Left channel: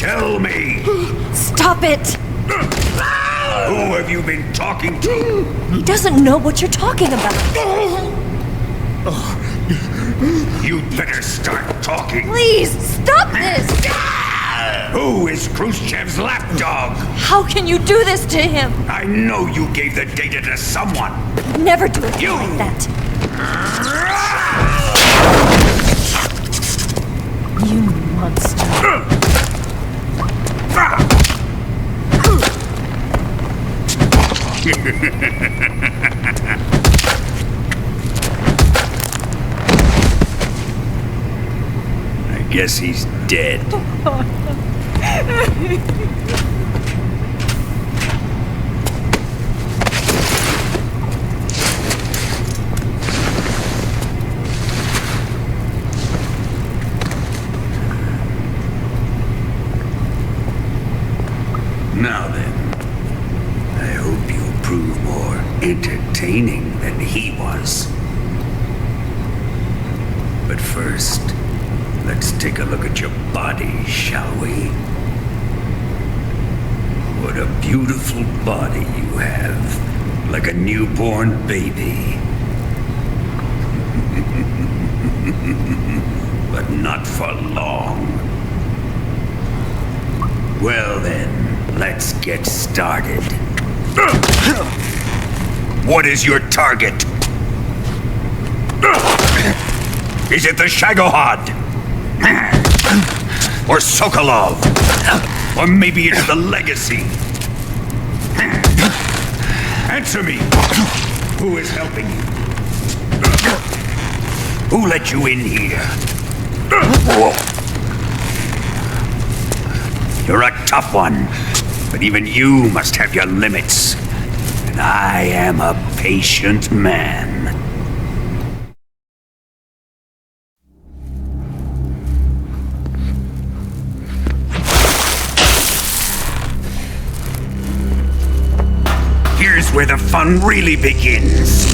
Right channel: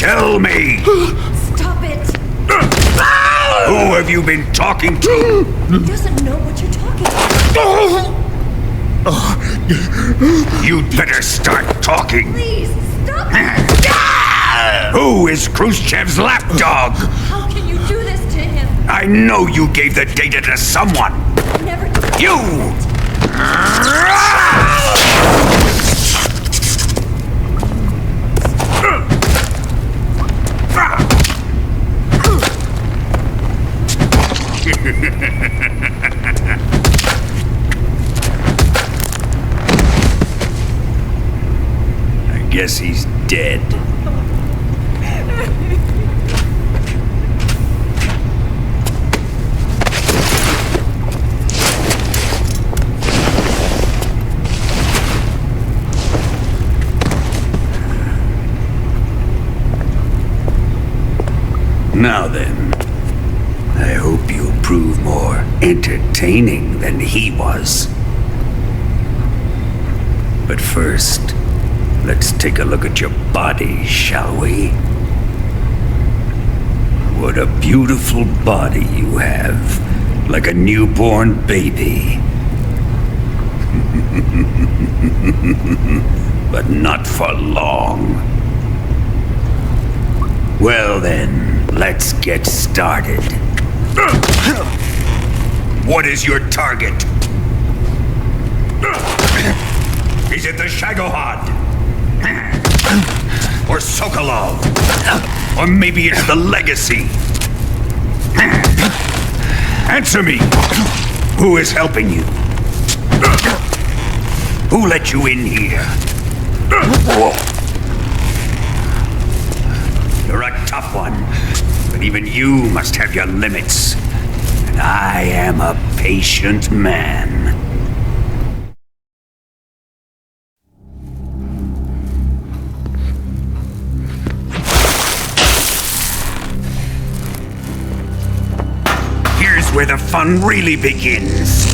Tell me! Stop it! Who have you been talking to? He doesn't know what you're talking about. You'd better start talking. Please, stop this! Who is Khrushchev's lapdog? How can you do this to him? I know you gave the data to someone. Never do You! that. You monster. I guess he's dead. Now then, I hope you'll prove more entertaining than he was. But first, let's take a look at your body, shall we? What a beautiful body you have, like a newborn baby. But not for long. Well then, let's get started. What is your target? Is it the Shagohod? Or Sokolov? Or maybe it's the Legacy? Answer me! Who is helping you? Who let you in here? You're a tough one, but even you must have your limits. And I am a patient man. Here's where the fun really begins.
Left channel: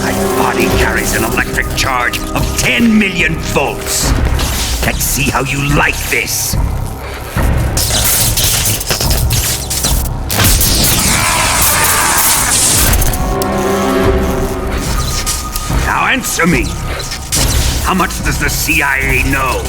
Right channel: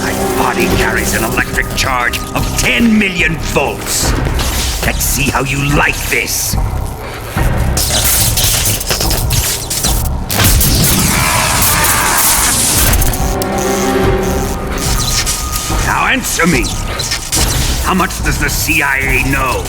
My body carries an electric charge of 10 million volts. Let's see how you like this. Now answer me. How much does the CIA know?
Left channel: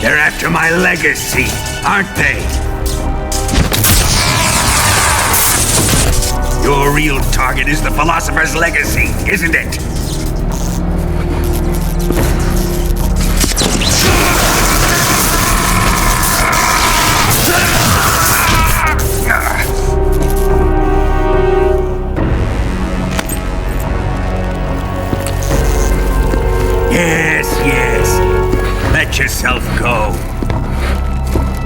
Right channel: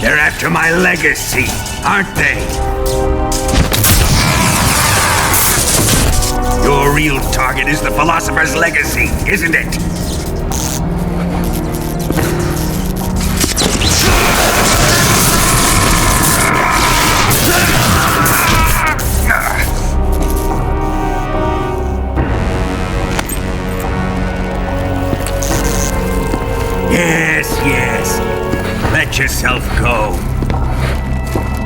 They're after my legacy, aren't they? Your real target is the philosopher's legacy, isn't it? Yes. Let yourself go.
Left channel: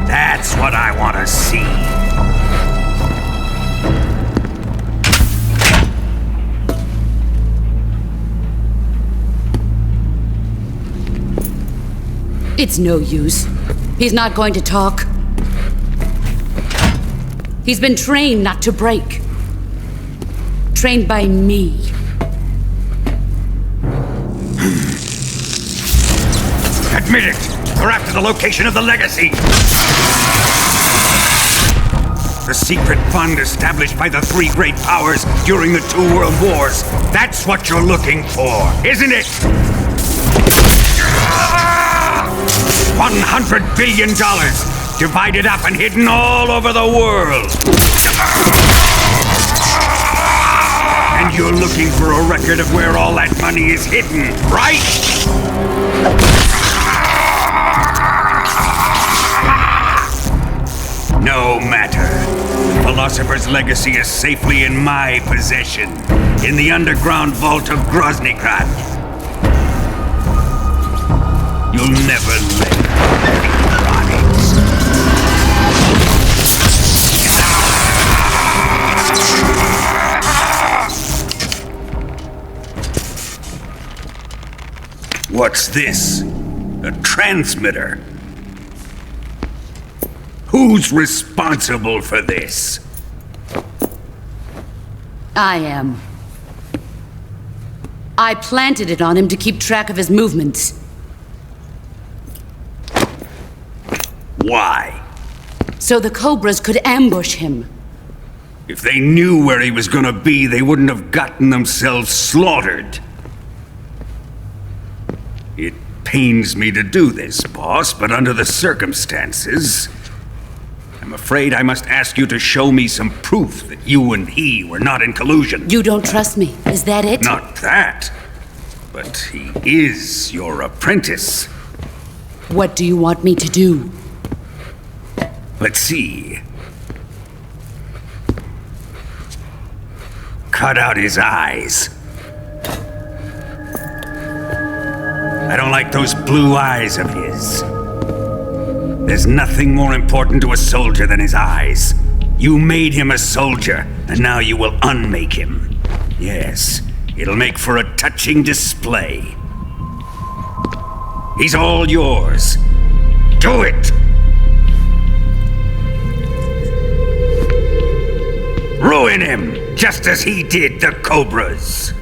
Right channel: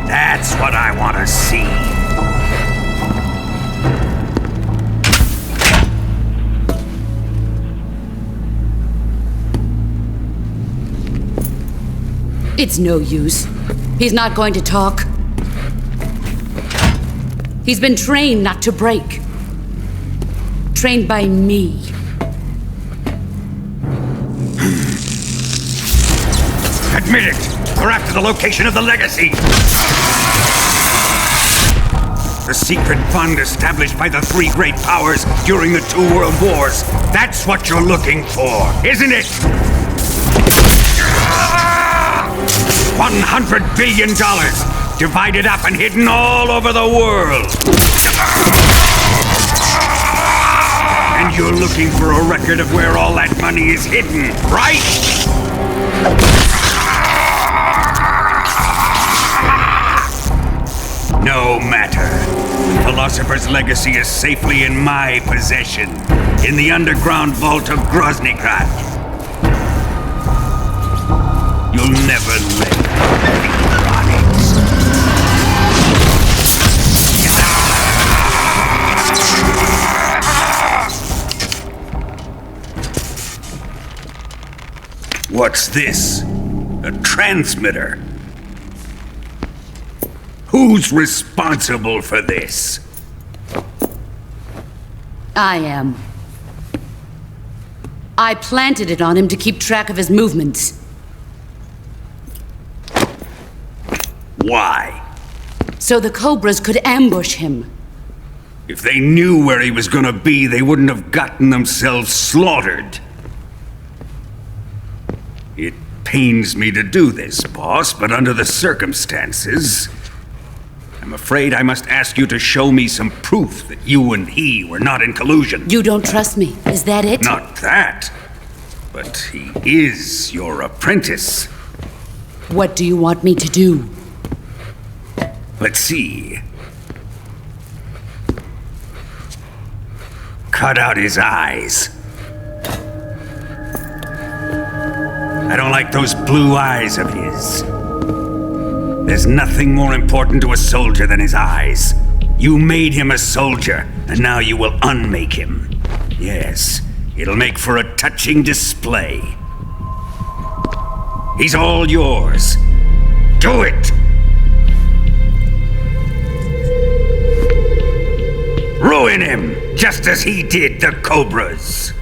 That's what I want to see. It's no use. He's not going to talk. He's been trained not to break. Trained by me. Admit it! We're after the location of the legacy! The secret fund established by the three great powers during the 2 world wars. That's what you're looking for, isn't it? $100 billion, divided up and hidden all over the world. And you're looking for a record of where all that money is hidden, right? No matter. The Philosopher's Legacy is safely in my possession, in the underground vault of Groznygrad. You'll never live on it. What's this? A transmitter? Who's responsible for this? I am. I planted it on him to keep track of his movements. Why? So the Cobras could ambush him. If they knew where he was gonna be, they wouldn't have gotten themselves slaughtered. It pains me to do this, boss, but under the circumstances, I'm afraid I must ask you to show me some proof that you and he were not in collusion. You don't trust me, is that it? Not that, but he is your apprentice. What do you want me to do? Let's see. Cut out his eyes. I don't like those blue eyes of his. There's nothing more important to a soldier than his eyes. You made him a soldier, and now you will unmake him. Yes, it'll make for a touching display. He's all yours. Do it! Ruin him, just as he did the Cobras.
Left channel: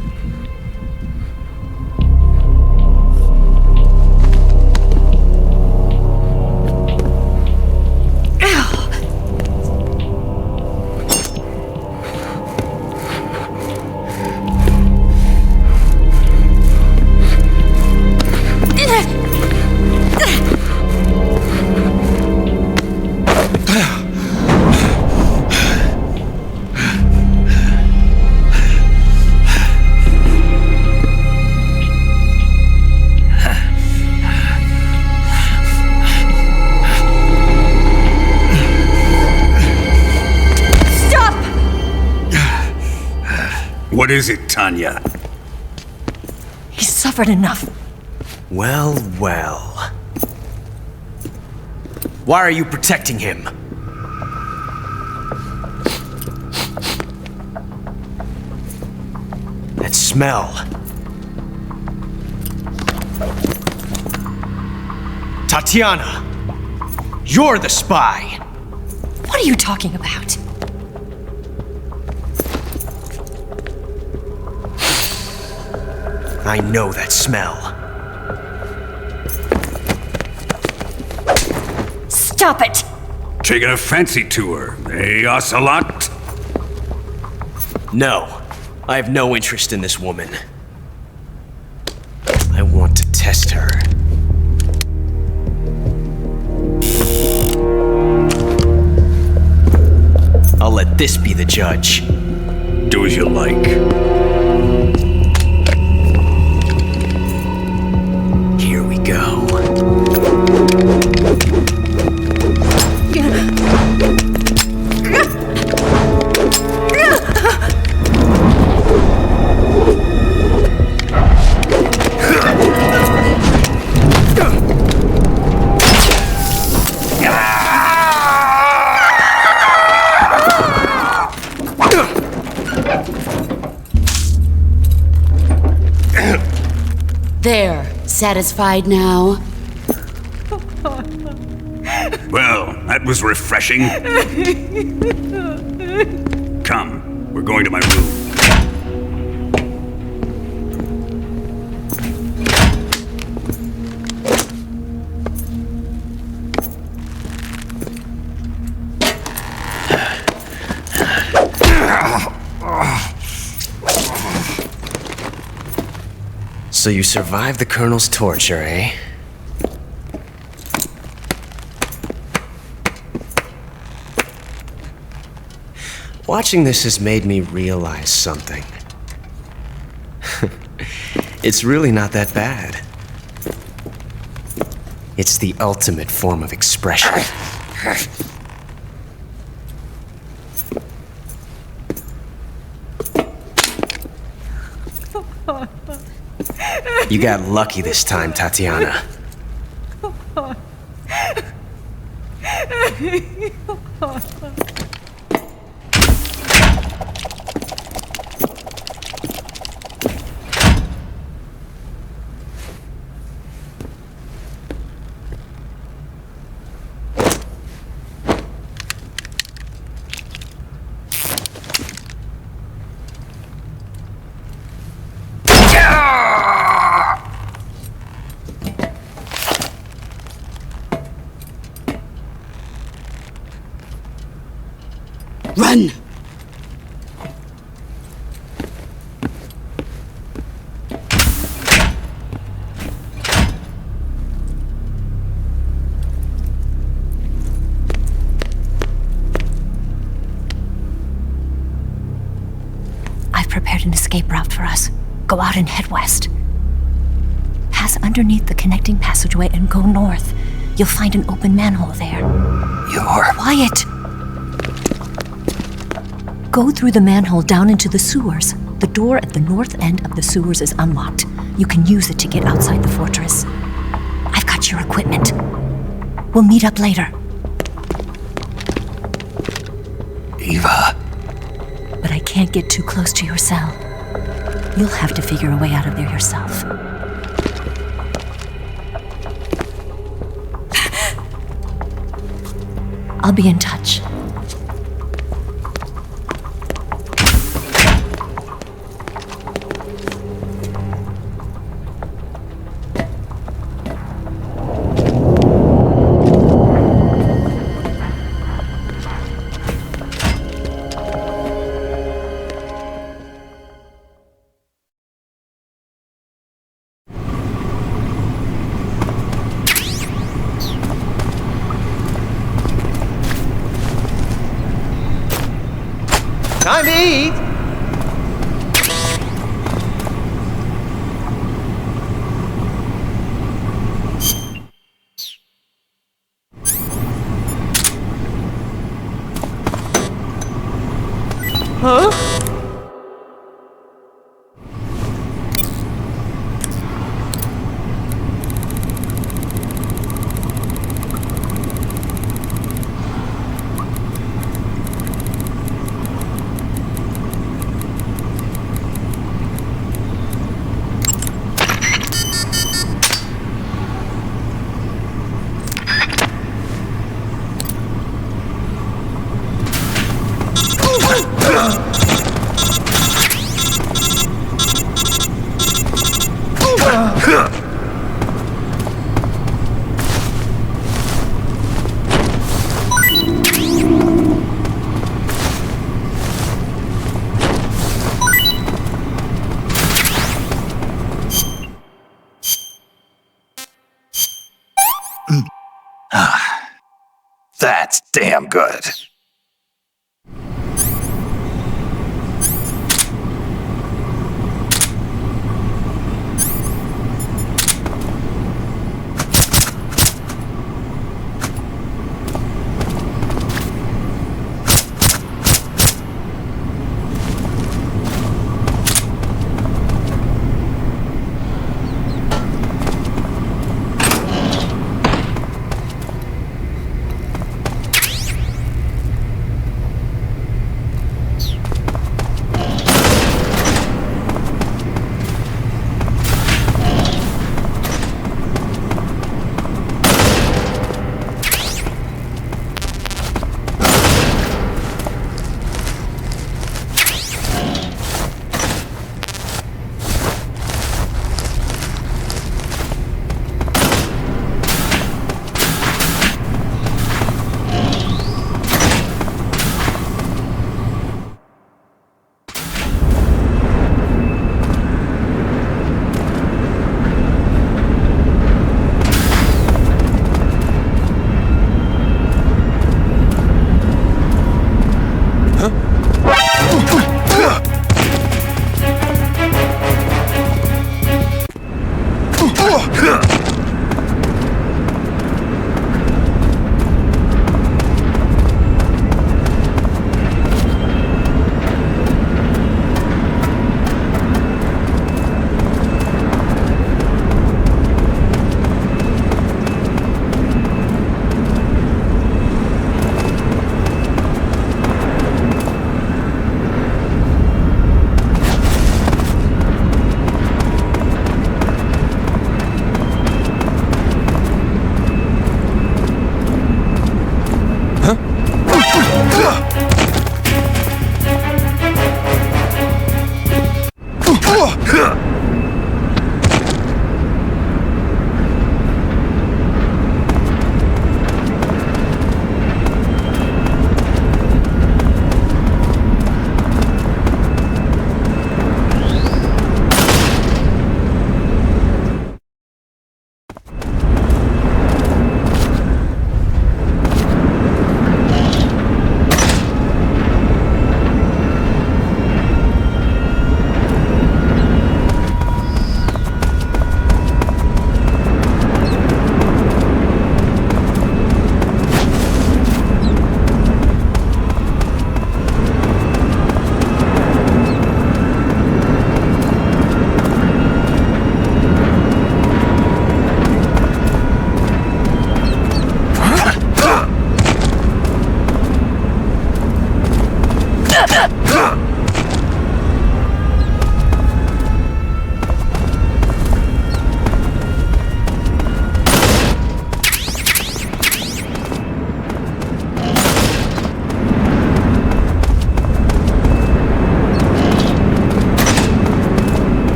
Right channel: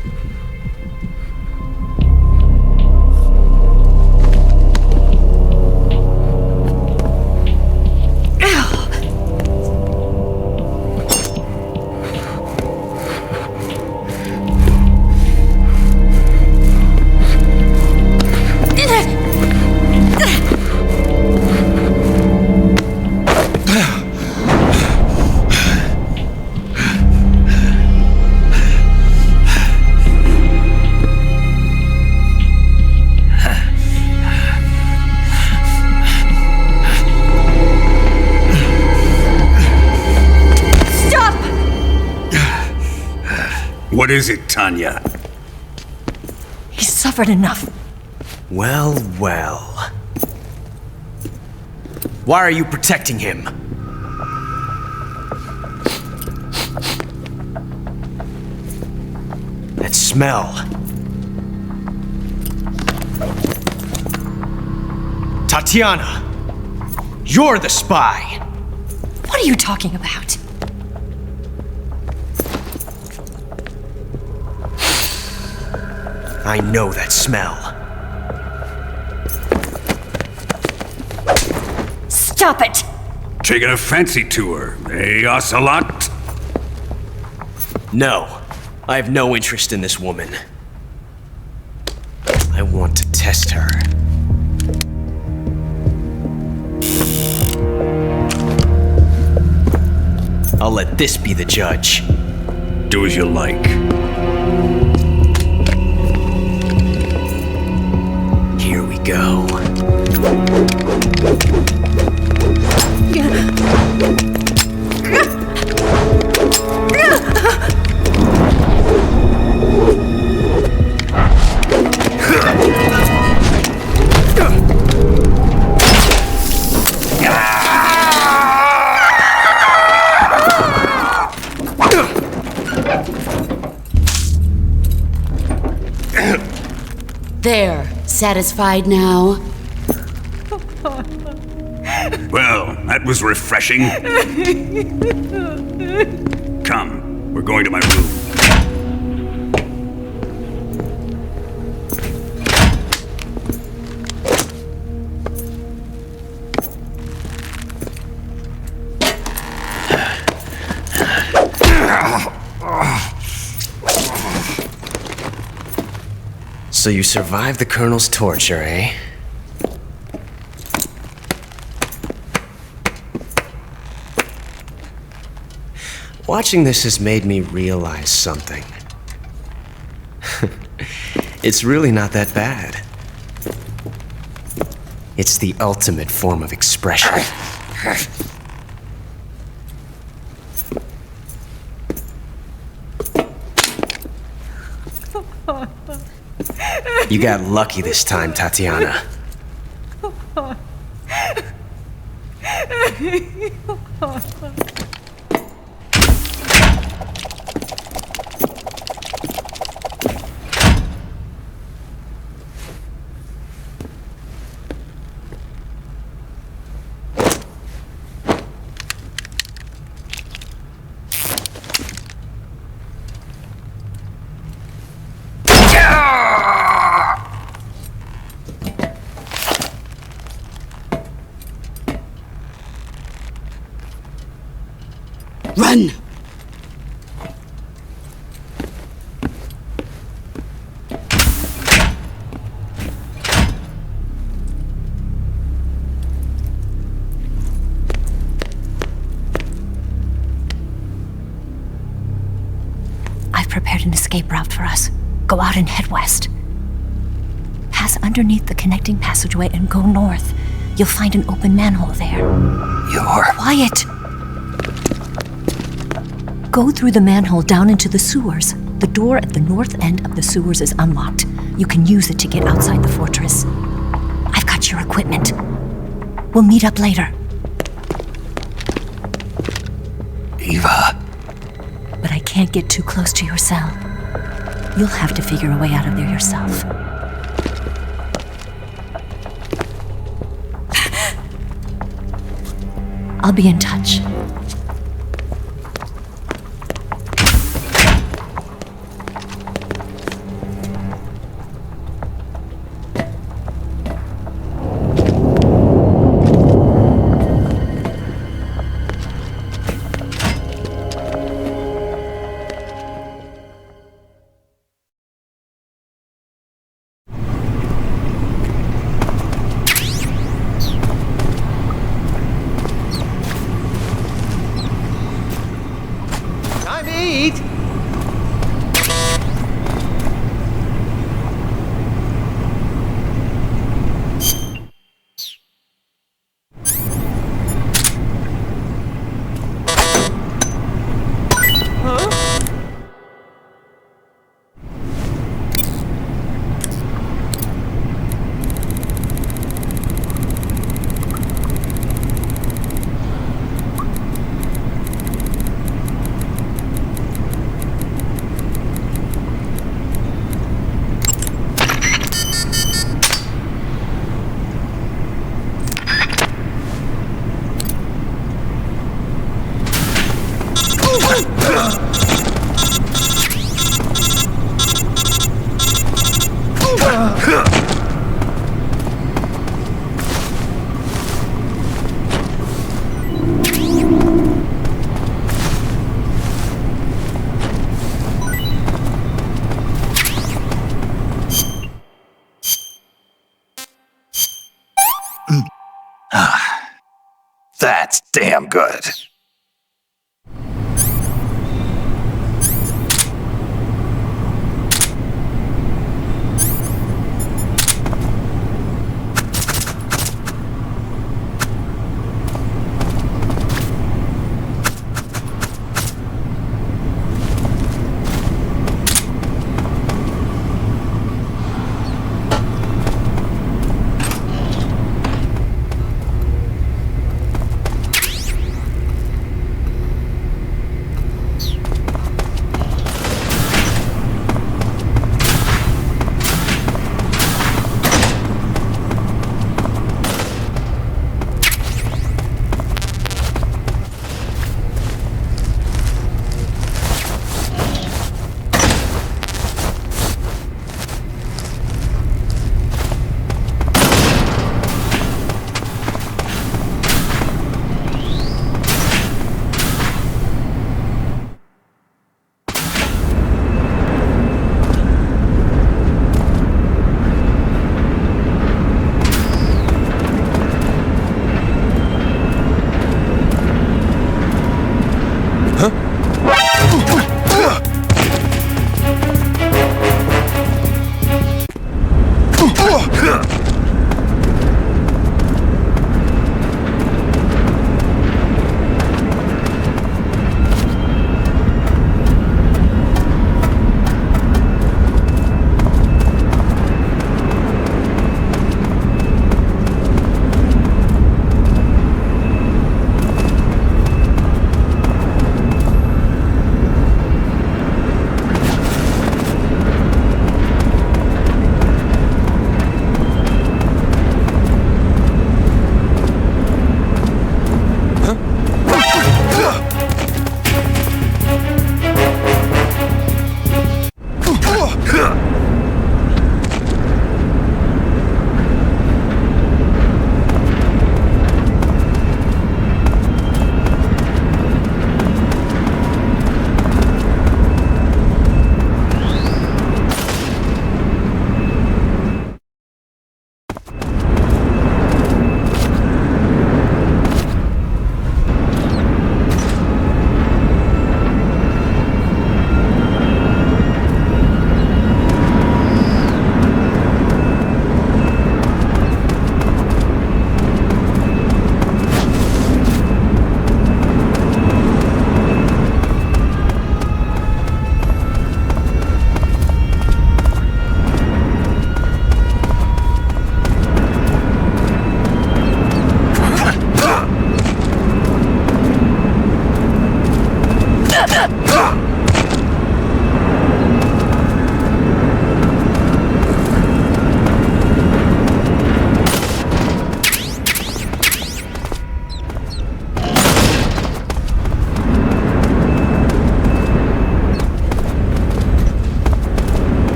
What is it, Tanya? He's suffered enough. Well, well. Why are you protecting him? That smell. Tatiana! You're the spy! What are you talking about? I know that smell. Stop it! Taking a fancy to her, eh, Ocelot? No, I have no interest in this woman. I want to test her. I'll let this be the judge. Do as you like. Here we go. There, satisfied now? Well, that was refreshing. Come, we're going to my room. So you survived the Colonel's torture, eh? Watching this has made me realize something. It's really not that bad. It's the ultimate form of expression. You got lucky this time, Tatiana. Run! I've prepared an escape route for us. Go out and head west. Pass underneath the connecting passageway and go north. You'll find an open manhole there. You're... Quiet! Go through the manhole down into the sewers. The door at the north end of the sewers is unlocked. You can use it to get outside the fortress. I've got your equipment. We'll meet up later. Eva... But I can't get too close to your cell. You'll have to figure a way out of there yourself. I'll be in touch. That's damn good.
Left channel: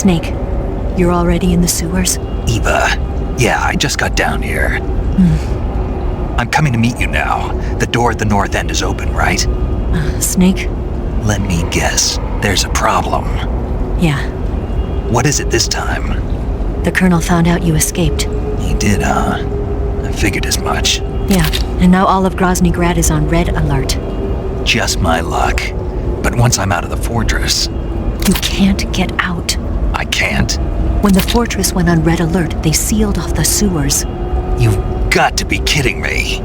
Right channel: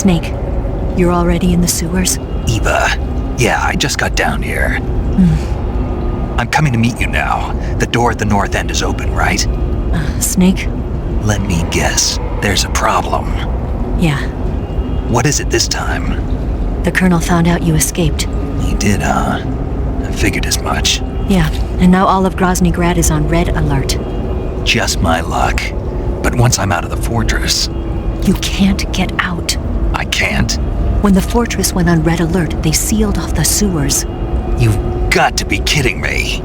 Snake, you're already in the sewers? Eva, yeah, I just got down here. I'm coming to meet you now. The door at the north end is open, right? Snake? Let me guess. There's a problem. Yeah. What is it this time? The Colonel found out you escaped. He did, huh? I figured as much. Yeah, and now all of Grozny Grad is on red alert. Just my luck. But once I'm out of the fortress... You can't get out. I can't? When the fortress went on red alert, they sealed off the sewers. You've got to be kidding me.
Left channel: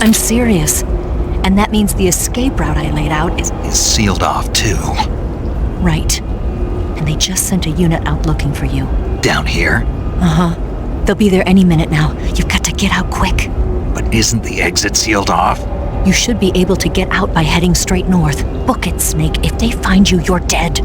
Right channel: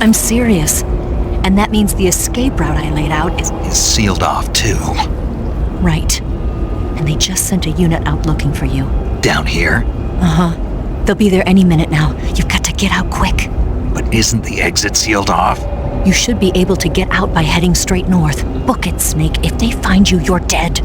I'm serious. And that means the escape route I laid out is sealed off, too. Right. And they just sent a unit out looking for you. Down here? Uh-huh. They'll be there any minute now. You've got to get out quick. But isn't the exit sealed off? You should be able to get out by heading straight north. Book it, Snake. If they find you, you're dead.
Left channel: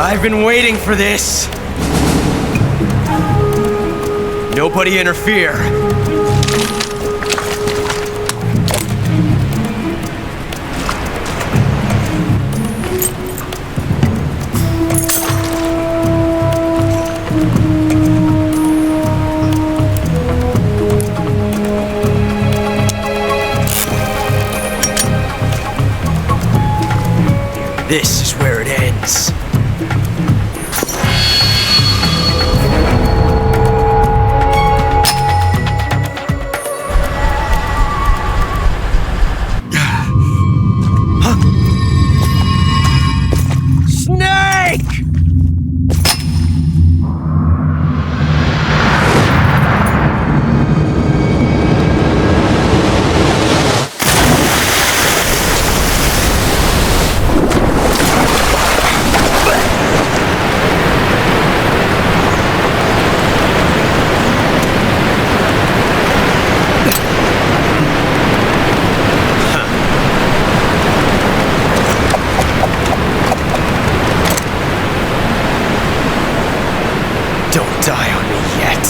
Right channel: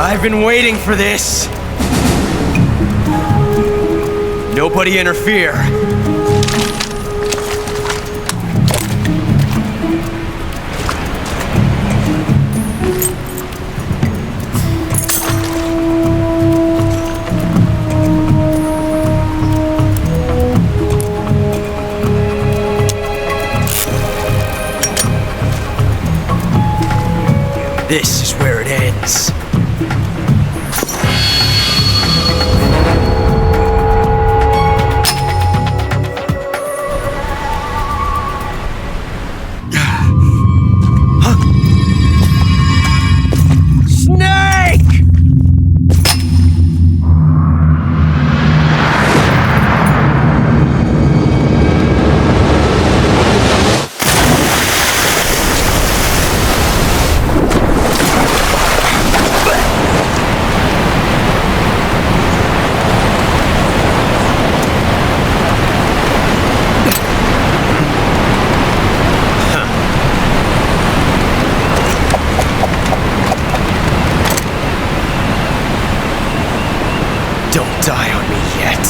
I've been waiting for this. Nobody interfere. This is where it ends. Don't die on me yet.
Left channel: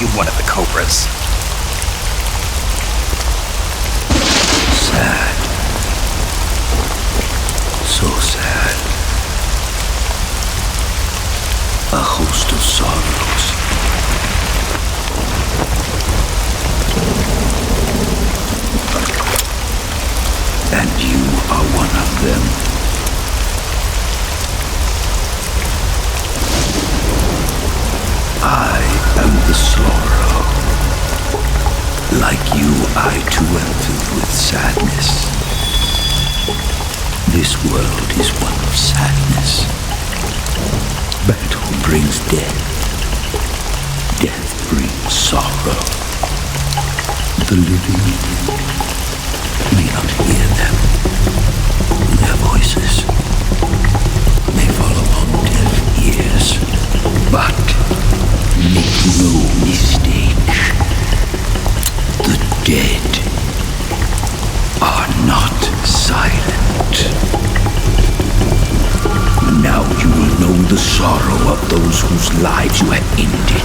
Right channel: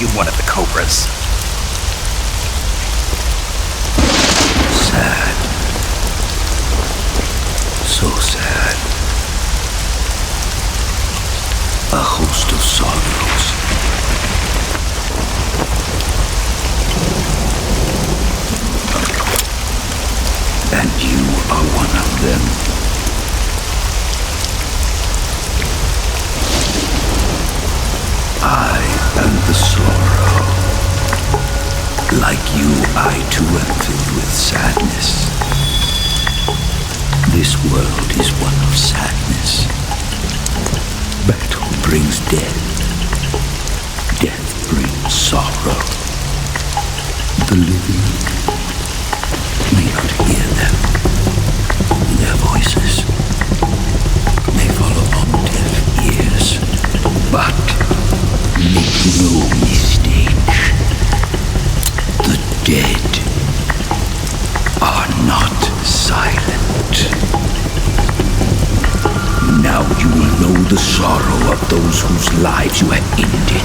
you one of the Cobras? Sad. So sad. A host of sorrows. And you are one of them. I am the sorrow. Like you, I too am filled with sadness. This world is one of sadness. Battle brings death. Death brings sorrow. The living may not hear them. Their voices may fall upon deaf ears. But make no mistake. The dead are not silent. Now you will know the sorrow of those whose lives you have ended.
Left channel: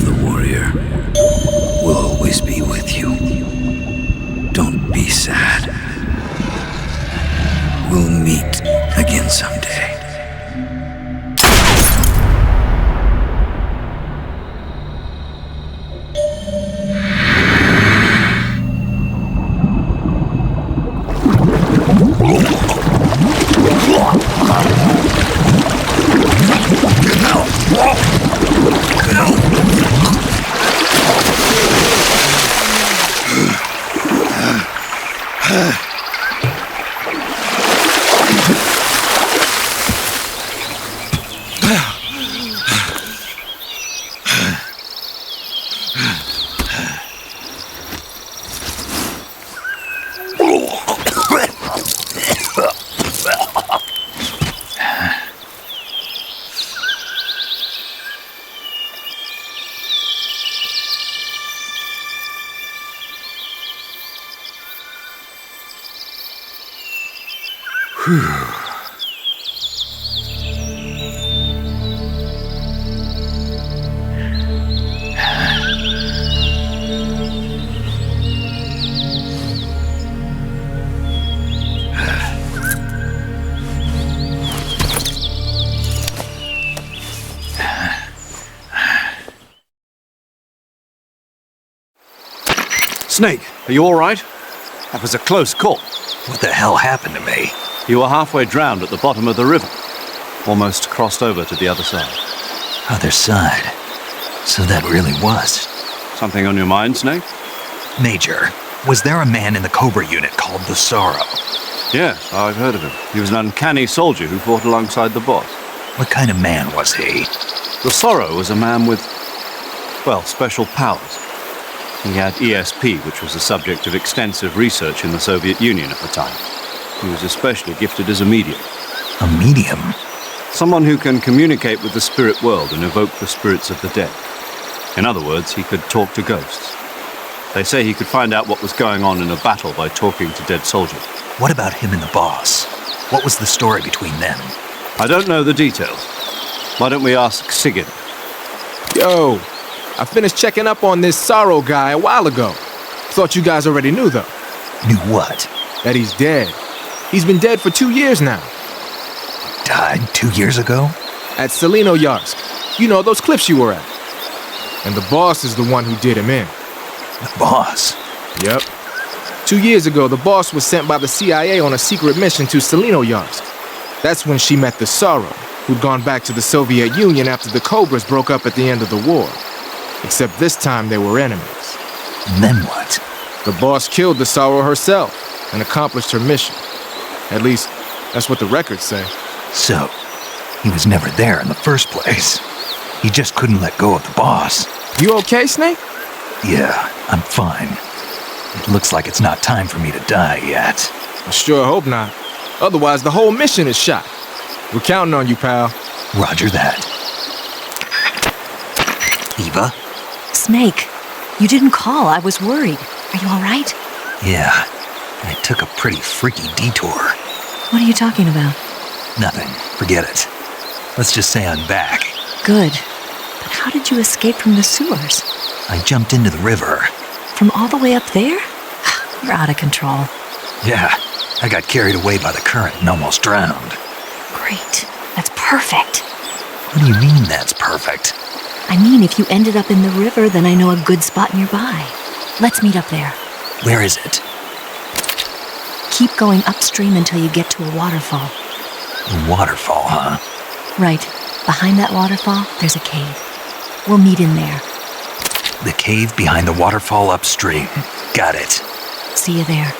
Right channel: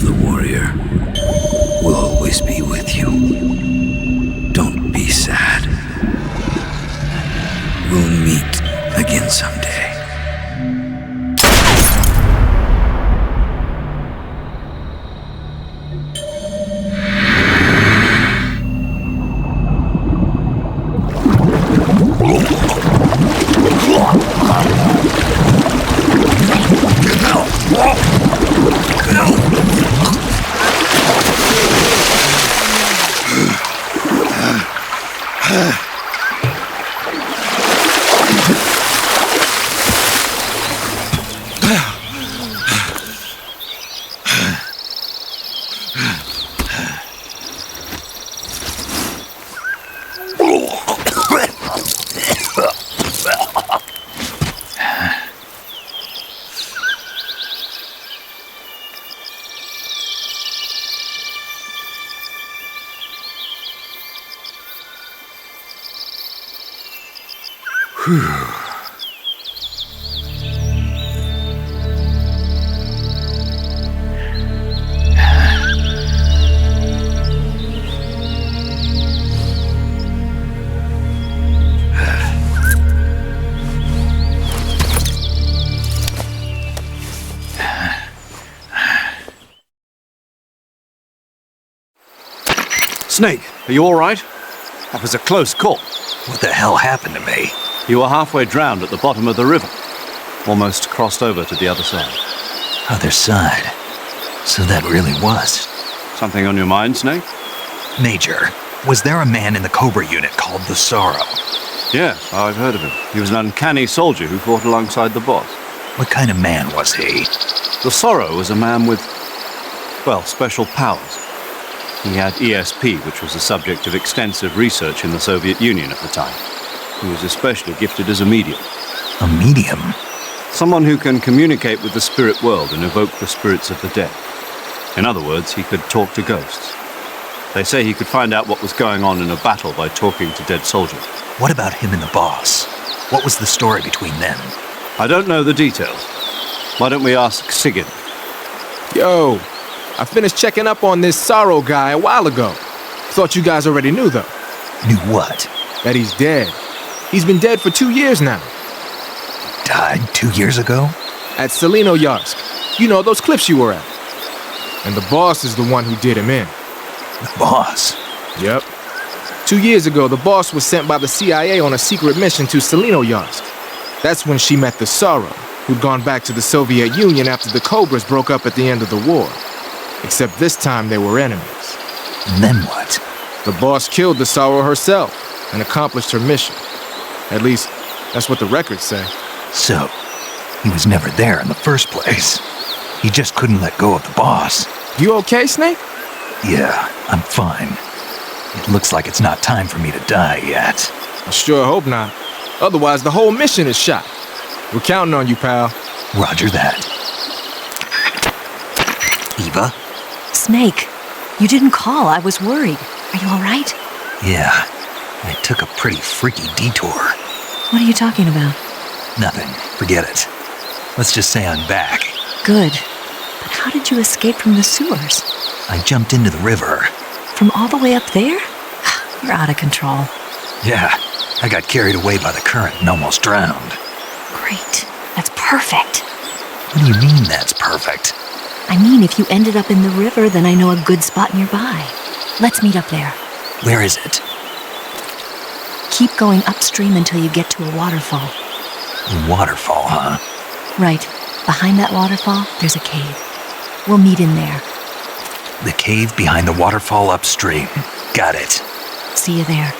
of the warrior will always be with you. Don't be sad. We'll meet again someday. Snake, are you all right? That was a close call. What the hell happened to me? You were halfway drowned at the bottom of the river. Almost crossed over to the other side. Other side. So that really was. Something on your mind, Snake? Major, was there a man in the Cobra unit called the Sorrow? Yes, I've heard of him. He was an uncanny soldier who fought alongside the boss. What kind of man was he? The Sorrow was a man with, well, special powers. He had ESP, which was the subject of extensive research in the Soviet Union at the time. He was especially gifted as a medium. A medium? Someone who can communicate with the spirit world and evoke the spirits of the dead. In other words, he could talk to ghosts. They say he could find out what was going on in a battle by talking to dead soldiers. What about him and the boss? What was the story between them? I don't know the details. Why don't we ask Sigurd? Yo, I finished checking up on this Sorrow guy a while ago. Thought you guys already knew, though. Knew what? That he's dead. He's been dead for 2 years now. Died 2 years ago? At Selino-Yarsk. You know, those cliffs you were at. And the boss is the one who did him in. The boss? Yep. 2 years ago, the boss was sent by the CIA on a secret mission to Selino-Yarsk. That's when she met the Sorrow, who'd gone back to the Soviet Union after the Cobras broke up at the end of the war. Except this time they were enemies. And then what? The boss killed the Sorrow herself and accomplished her mission. At least, that's what the records say. So, he was never there in the first place. He just couldn't let go of the boss. You okay, Snake? Yeah, I'm fine. It looks like it's not time for me to die yet. I sure hope not. Otherwise, the whole mission is shot. We're counting on you, pal. Roger that. Eva? Snake, you didn't call. I was worried. Are you all right? Yeah, I took a pretty freaky detour. What are you talking about? Nothing. Forget it. Let's just say I'm back. Good. But how did you escape from the sewers? I jumped into the river. From all the way up there? You're out of control. Yeah, I got carried away by the current and almost drowned. Great. That's perfect. What do you mean that's perfect? I mean, if you ended up in the river, then I know a good spot nearby. Let's meet up there. Where is it? Keep going upstream until you get to a waterfall. A waterfall, huh? Right. Behind that waterfall, there's a cave. We'll meet in there. The cave behind the waterfall upstream. Got it. See you there.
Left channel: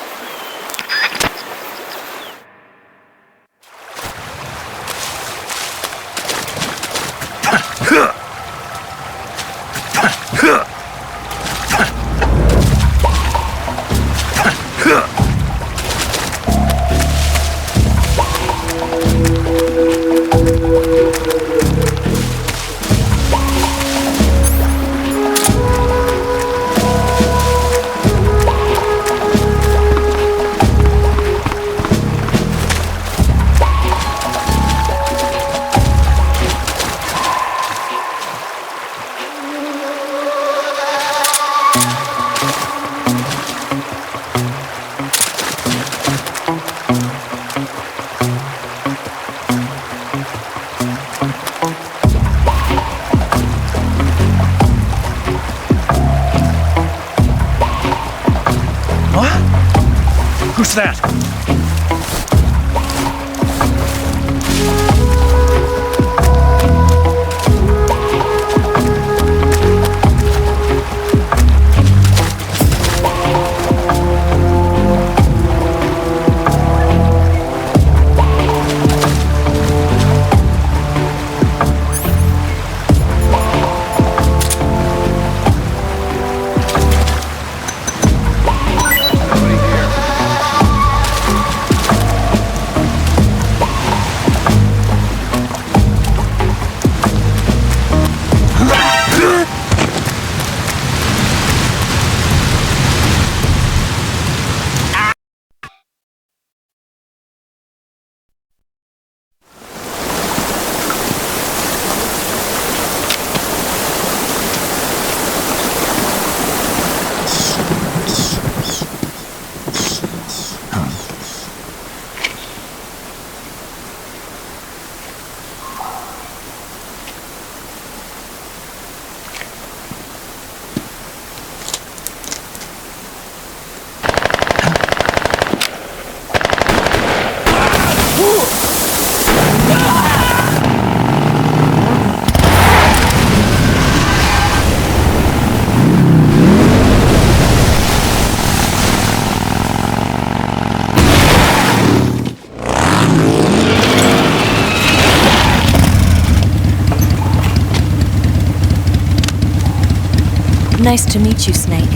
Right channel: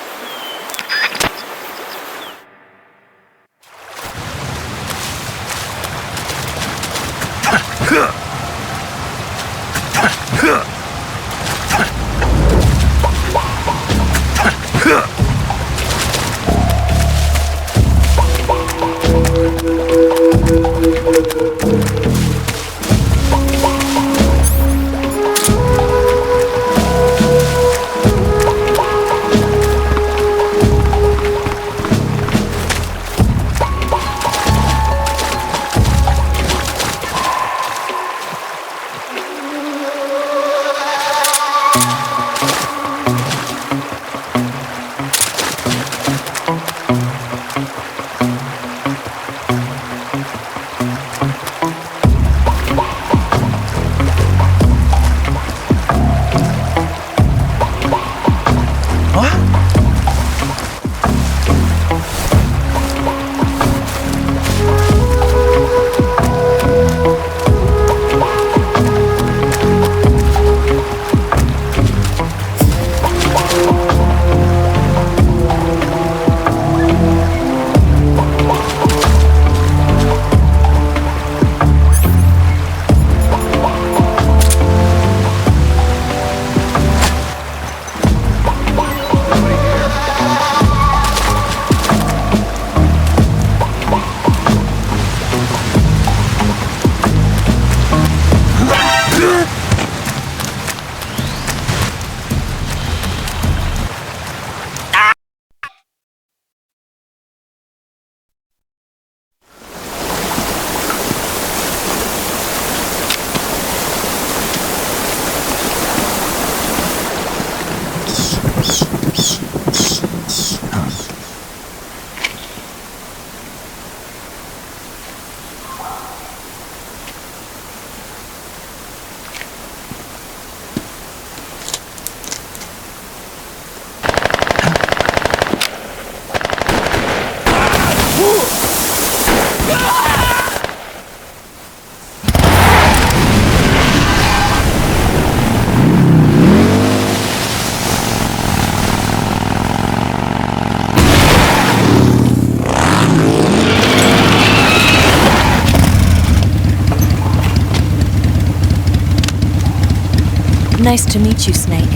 Nice to meet you, Snake.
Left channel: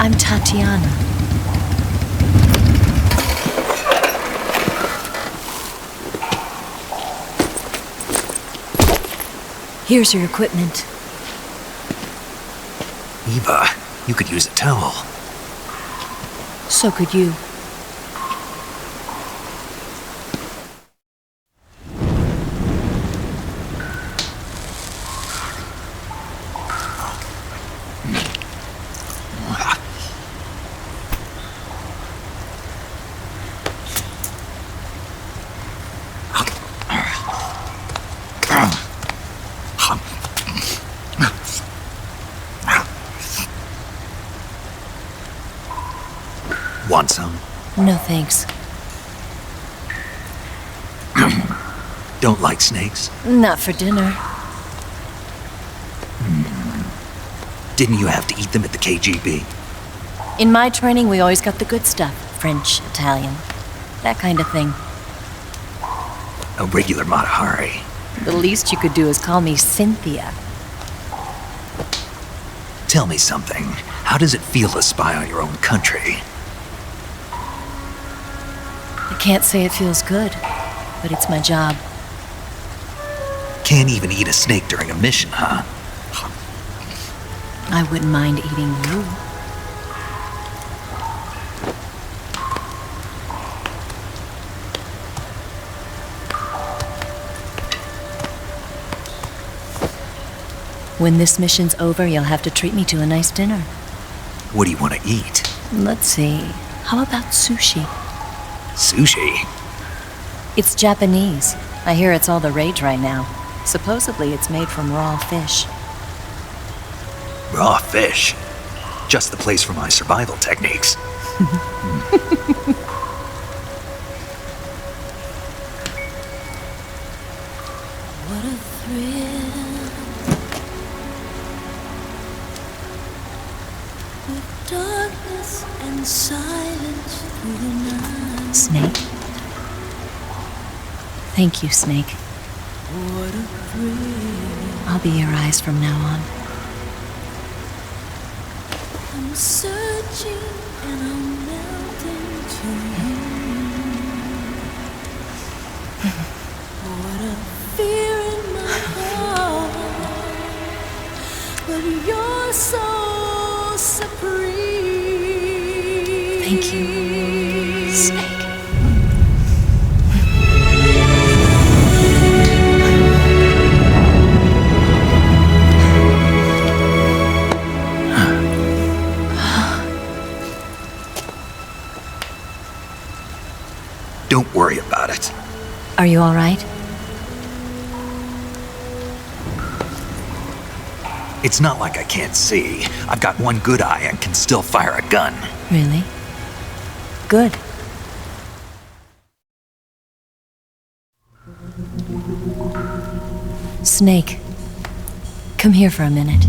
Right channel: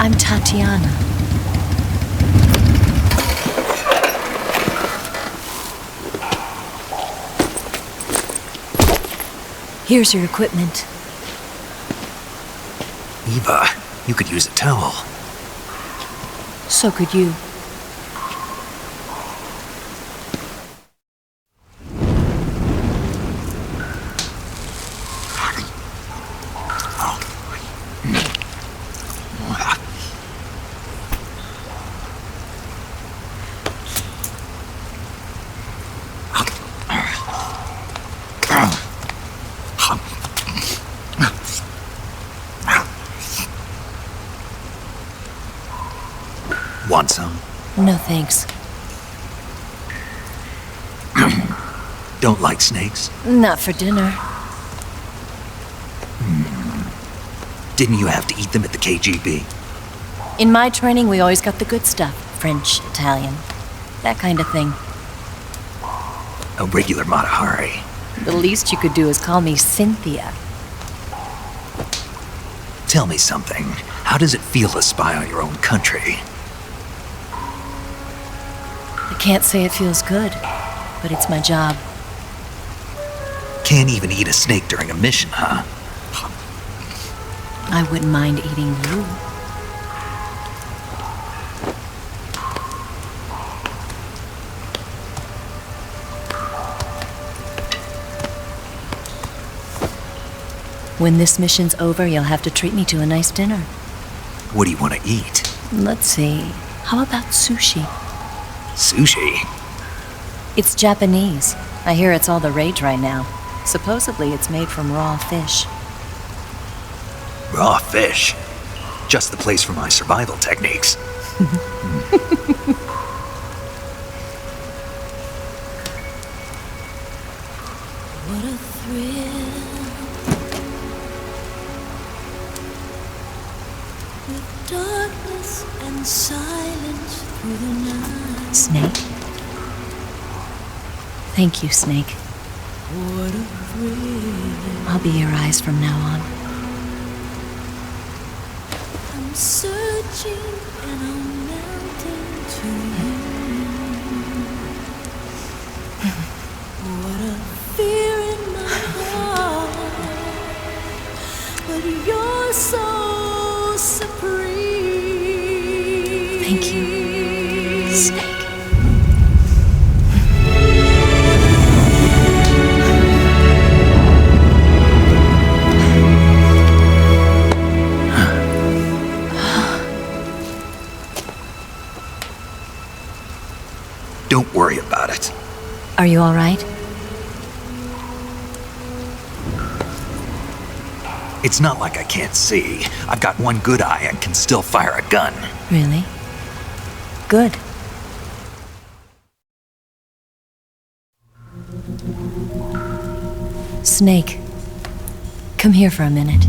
I'm Tatiana. Here's your equipment. Eva, you could use a towel. So could you. Want some? No thanks. Don't like snakes? Not for dinner. Didn't you have to eat them at the KGB? In my training, we always got the good stuff. French, Italian, that kind of thing. A regular Matahari. The least you could do is call me Cynthia. Tell me something. How does it feel to spy on your own country? I can't say it feels good, but it's my job. Can't even eat a snake during a mission, huh? I wouldn't mind eating you. When this mission's over, you'll have to treat me to a nice dinner. What do you want to eat? Let's see. How about sushi? Sushi? It's Japanese. I hear it's all the rage right now. Supposedly it's made from raw fish. Raw fish? Just the place for my survival techniques. What a thrill. With darkness and silence through the night. Snake? Thank you, Snake. What a thrill. I'll be your eyes from now on. I'm searching and I'm melting to you. What a fear in my heart. But you're so supreme. Thank you, Snake. Don't worry about it. Are you all right? It's not like I can't see. I've got one good eye and can still fire a gun. Really? Good. Snake, come here for a minute.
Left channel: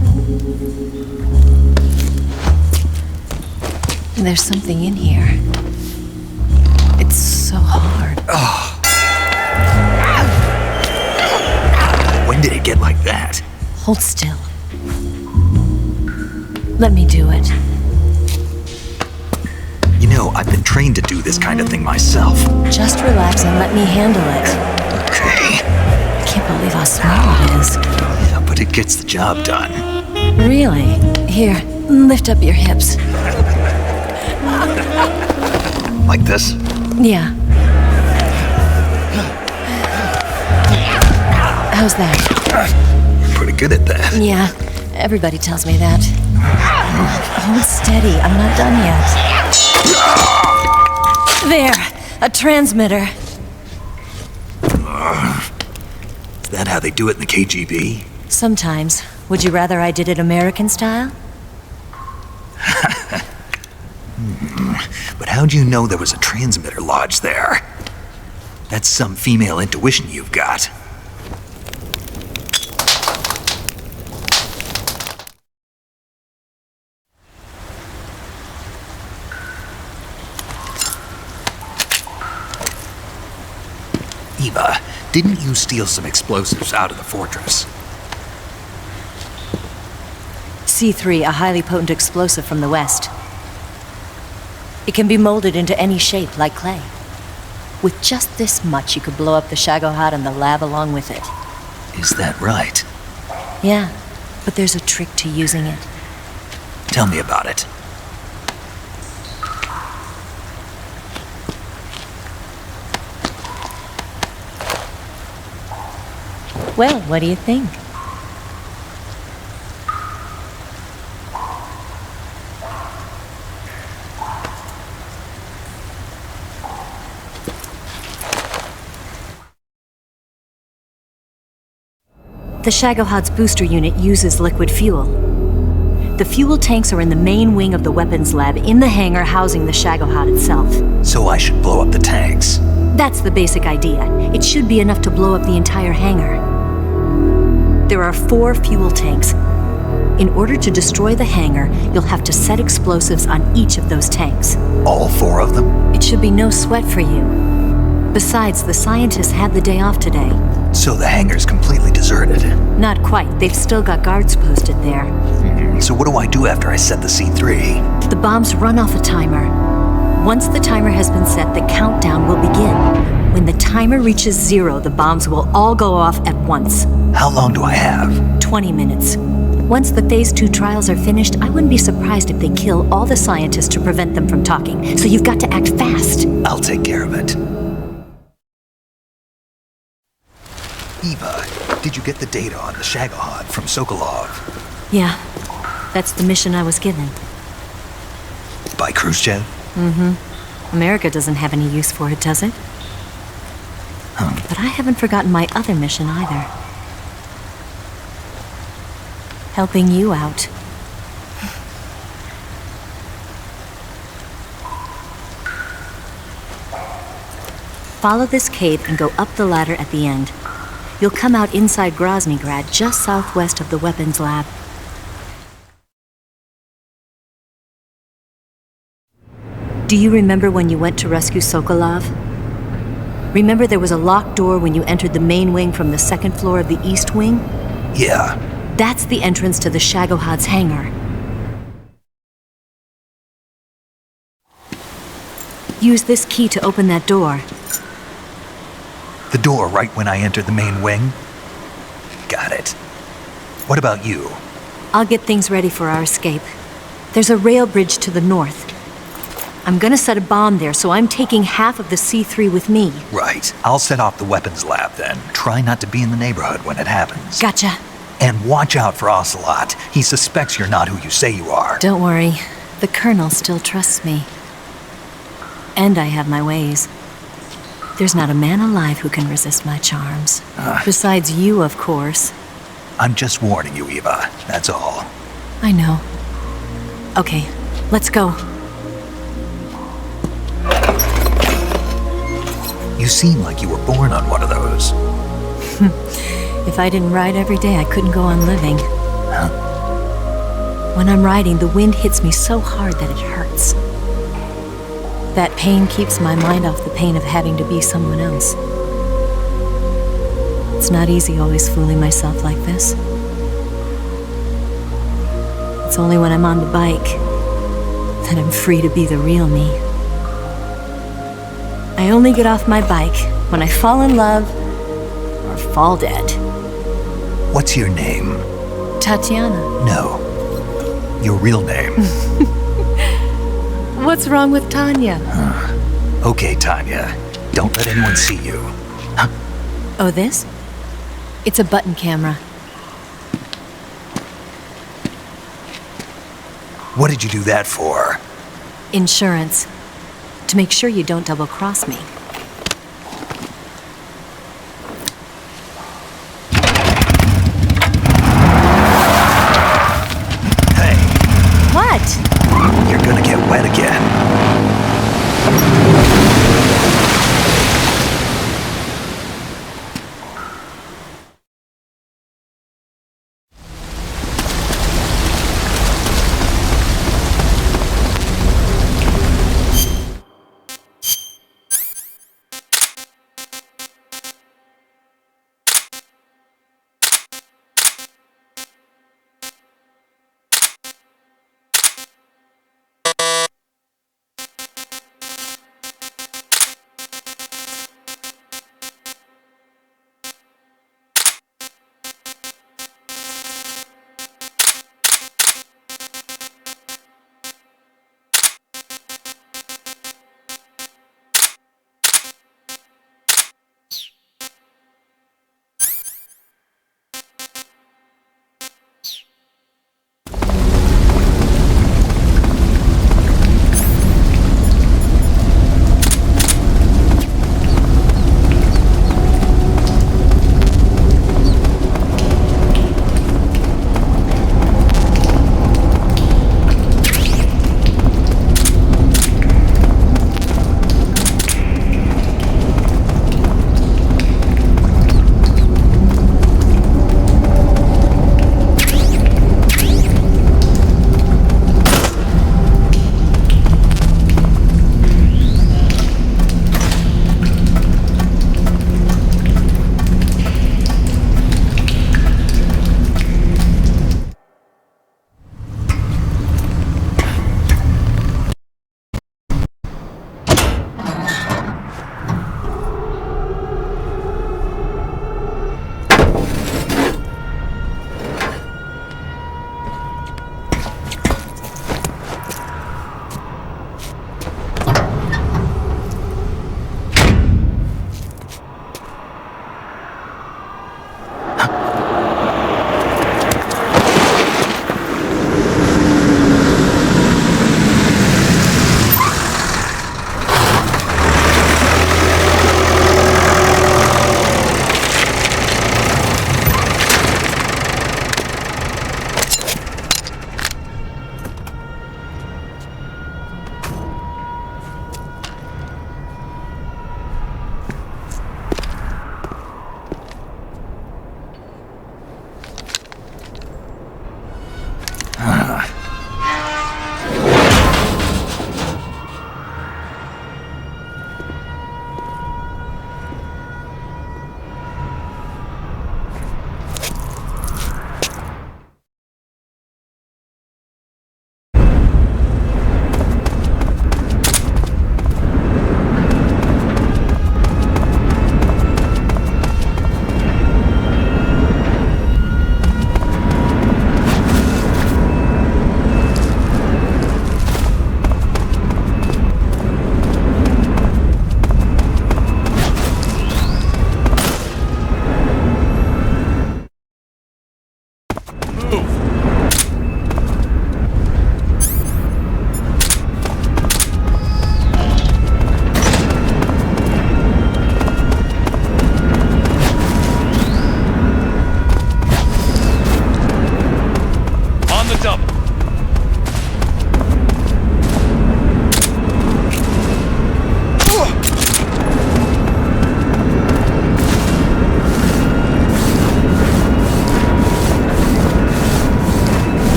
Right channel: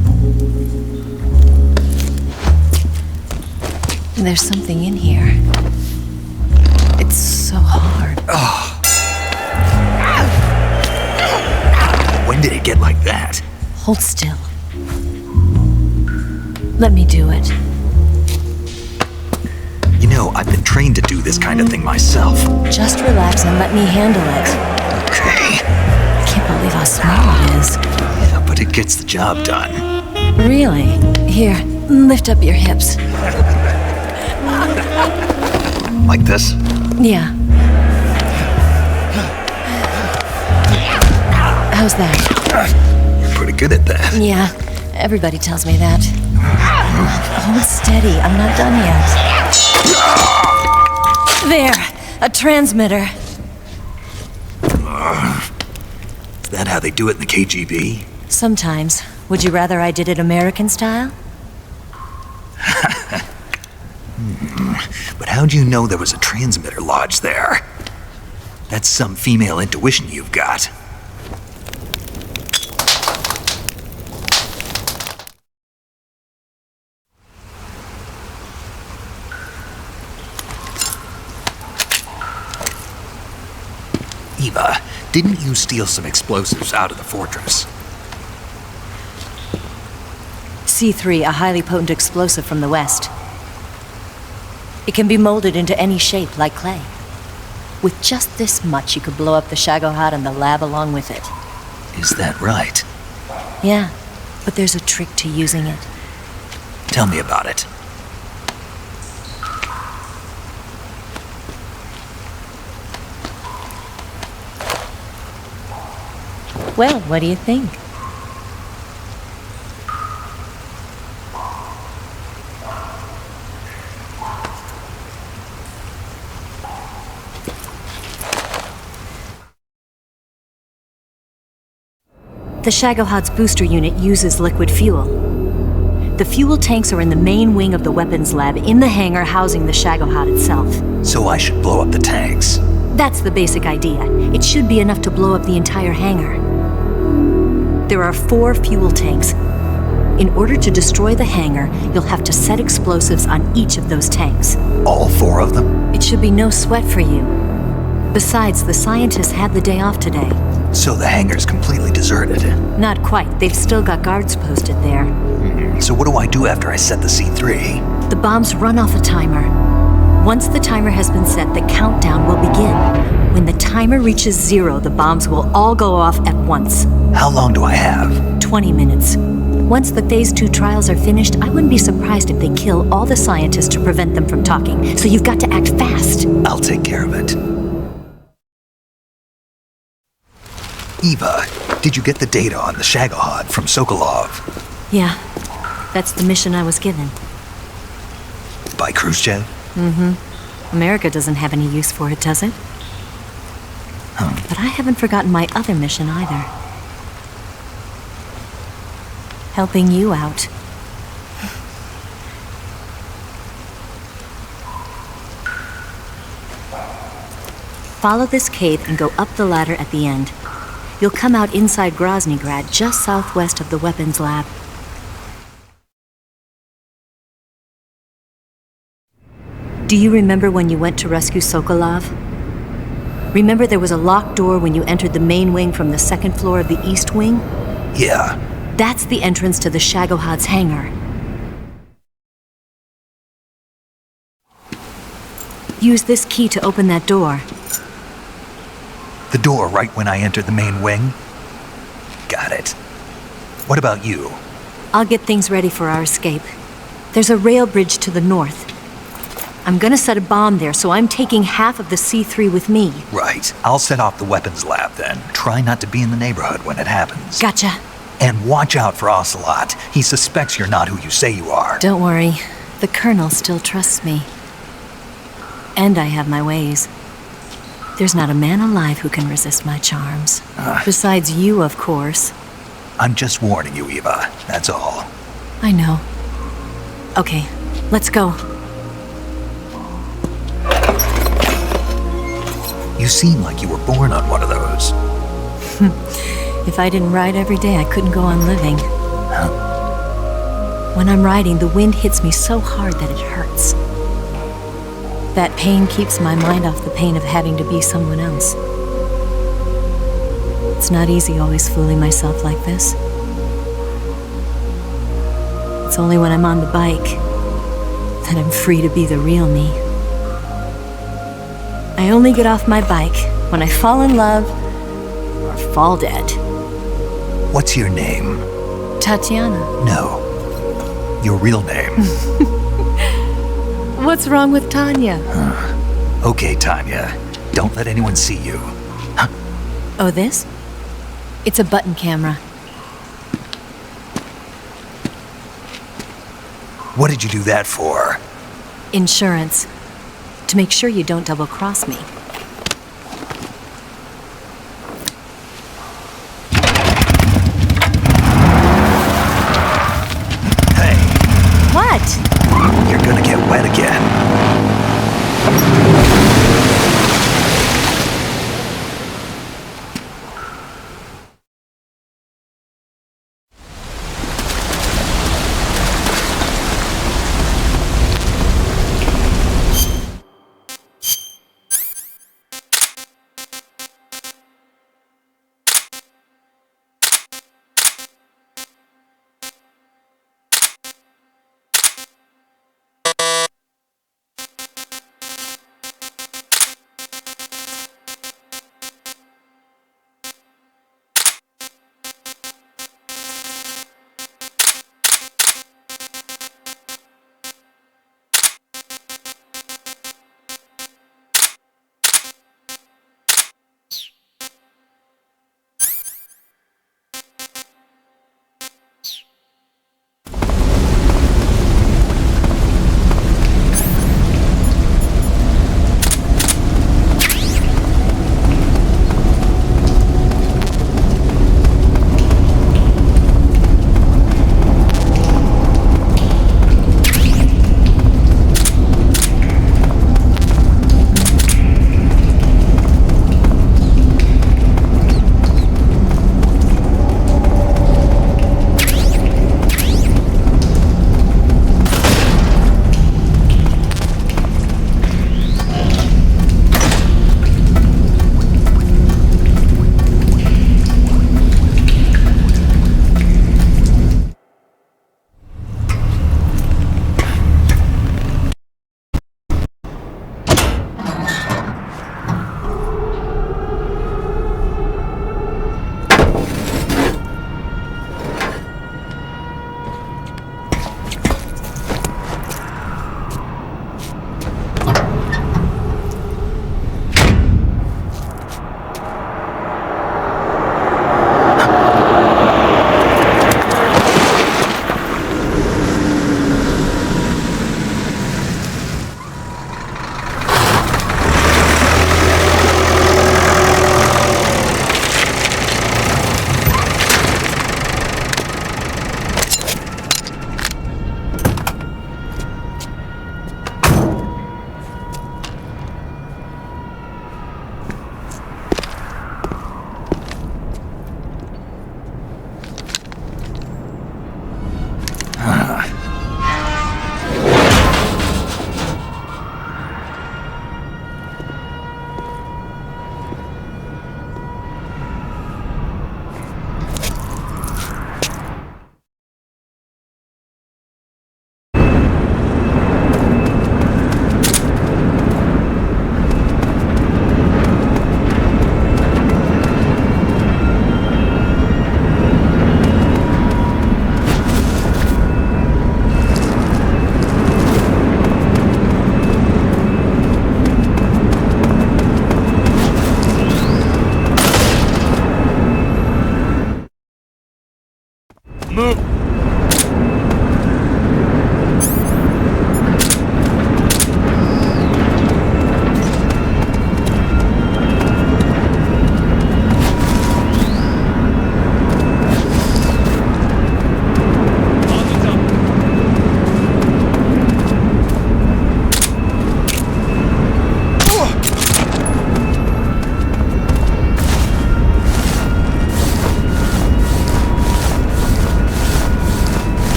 There's something in here. It's so hard. When did it get like that? Hold still. Let me do it. You know, I've been trained to do this kind of thing myself. Just relax and let me handle it. Okay. I can't believe how small it is. Yeah, but it gets the job done. Really? Here, lift up your hips. Like this? Yeah. How's that? You're pretty good at that. Yeah, everybody tells me that. Hold steady, I'm not done yet. There, a transmitter. Is that how they do it in the KGB? Sometimes. Would you rather I did it American style? But how'd you know there was a transmitter lodged there? That's some female intuition you've got. Eva, didn't you steal some explosives out of the fortress? C3, a highly potent explosive from the West. It can be molded into any shape, like clay. With just this much, you could blow up the Shagohod and the lab along with it. Is that right? Yeah, but there's a trick to using it. Tell me about it. Well, what do you think? The Shagohod's booster unit uses liquid fuel. The fuel tanks are in the main wing of the weapons lab in the hangar housing the Shagohod itself. So I should blow up the tanks. That's the basic idea. It should be enough to blow up the entire hangar. There are 4 fuel tanks. In order to destroy the hangar, you'll have to set explosives on each of those tanks. All 4 of them? It should be no sweat for you. Besides, the scientists had the day off today. So the hangar's completely deserted. Not quite. They've still got guards posted there. So what do I do after I set the C3? The bombs run off a timer. Once the timer has been set, the countdown will begin. When the timer reaches 0, the bombs will all go off at once. How long do I have? 20 minutes. Once the Phase 2 trials are finished, I wouldn't be surprised if they kill all the scientists to prevent them from talking. So you've got to act fast. I'll take care of it. Eva, did you get the data on the Shagohod from Sokolov? Yeah, that's the mission I was given. By Khrushchev? America doesn't have any use for it, does it? But I haven't forgotten my other mission either. Helping you out. Follow this cave and go up the ladder at the end. You'll come out inside Groznygrad, just southwest of the weapons lab. Do you remember when you went to rescue Sokolov? Remember there was a locked door when you entered the main wing from the second floor of the east wing? Yeah. That's the entrance to the Shagohod's hangar. Use this key to open that door. The door right when I entered the main wing? Got it. What about you? I'll get things ready for our escape. There's a rail bridge to the north. I'm gonna set a bomb there, so I'm taking half of the C3 with me. Right. I'll set off the weapons lab then. Try not to be in the neighborhood when it happens. Gotcha. And watch out for Ocelot. He suspects you're not who you say you are. Don't worry. The Colonel still trusts me. And I have my ways. There's not a man alive who can resist my charms. Besides you, of course. I'm just warning you, Eva. That's all. I know. Okay, let's go. You seem like you were born on one of those. If I didn't ride every day, I couldn't go on living. When I'm riding, the wind hits me so hard that it hurts. That pain keeps my mind off the pain of having to be someone else. It's not easy always fooling myself like this. It's only when I'm on the bike that I'm free to be the real me. I only get off my bike when I fall in love or fall dead. What's your name? Tatiana. No. Your real name. What's wrong with Tanya? Okay, Tanya. Don't let anyone see you. Oh, this? It's a button camera. What did you do that for? Insurance. To make sure you don't double-cross me. Hey. What? You're gonna get wet again. Move!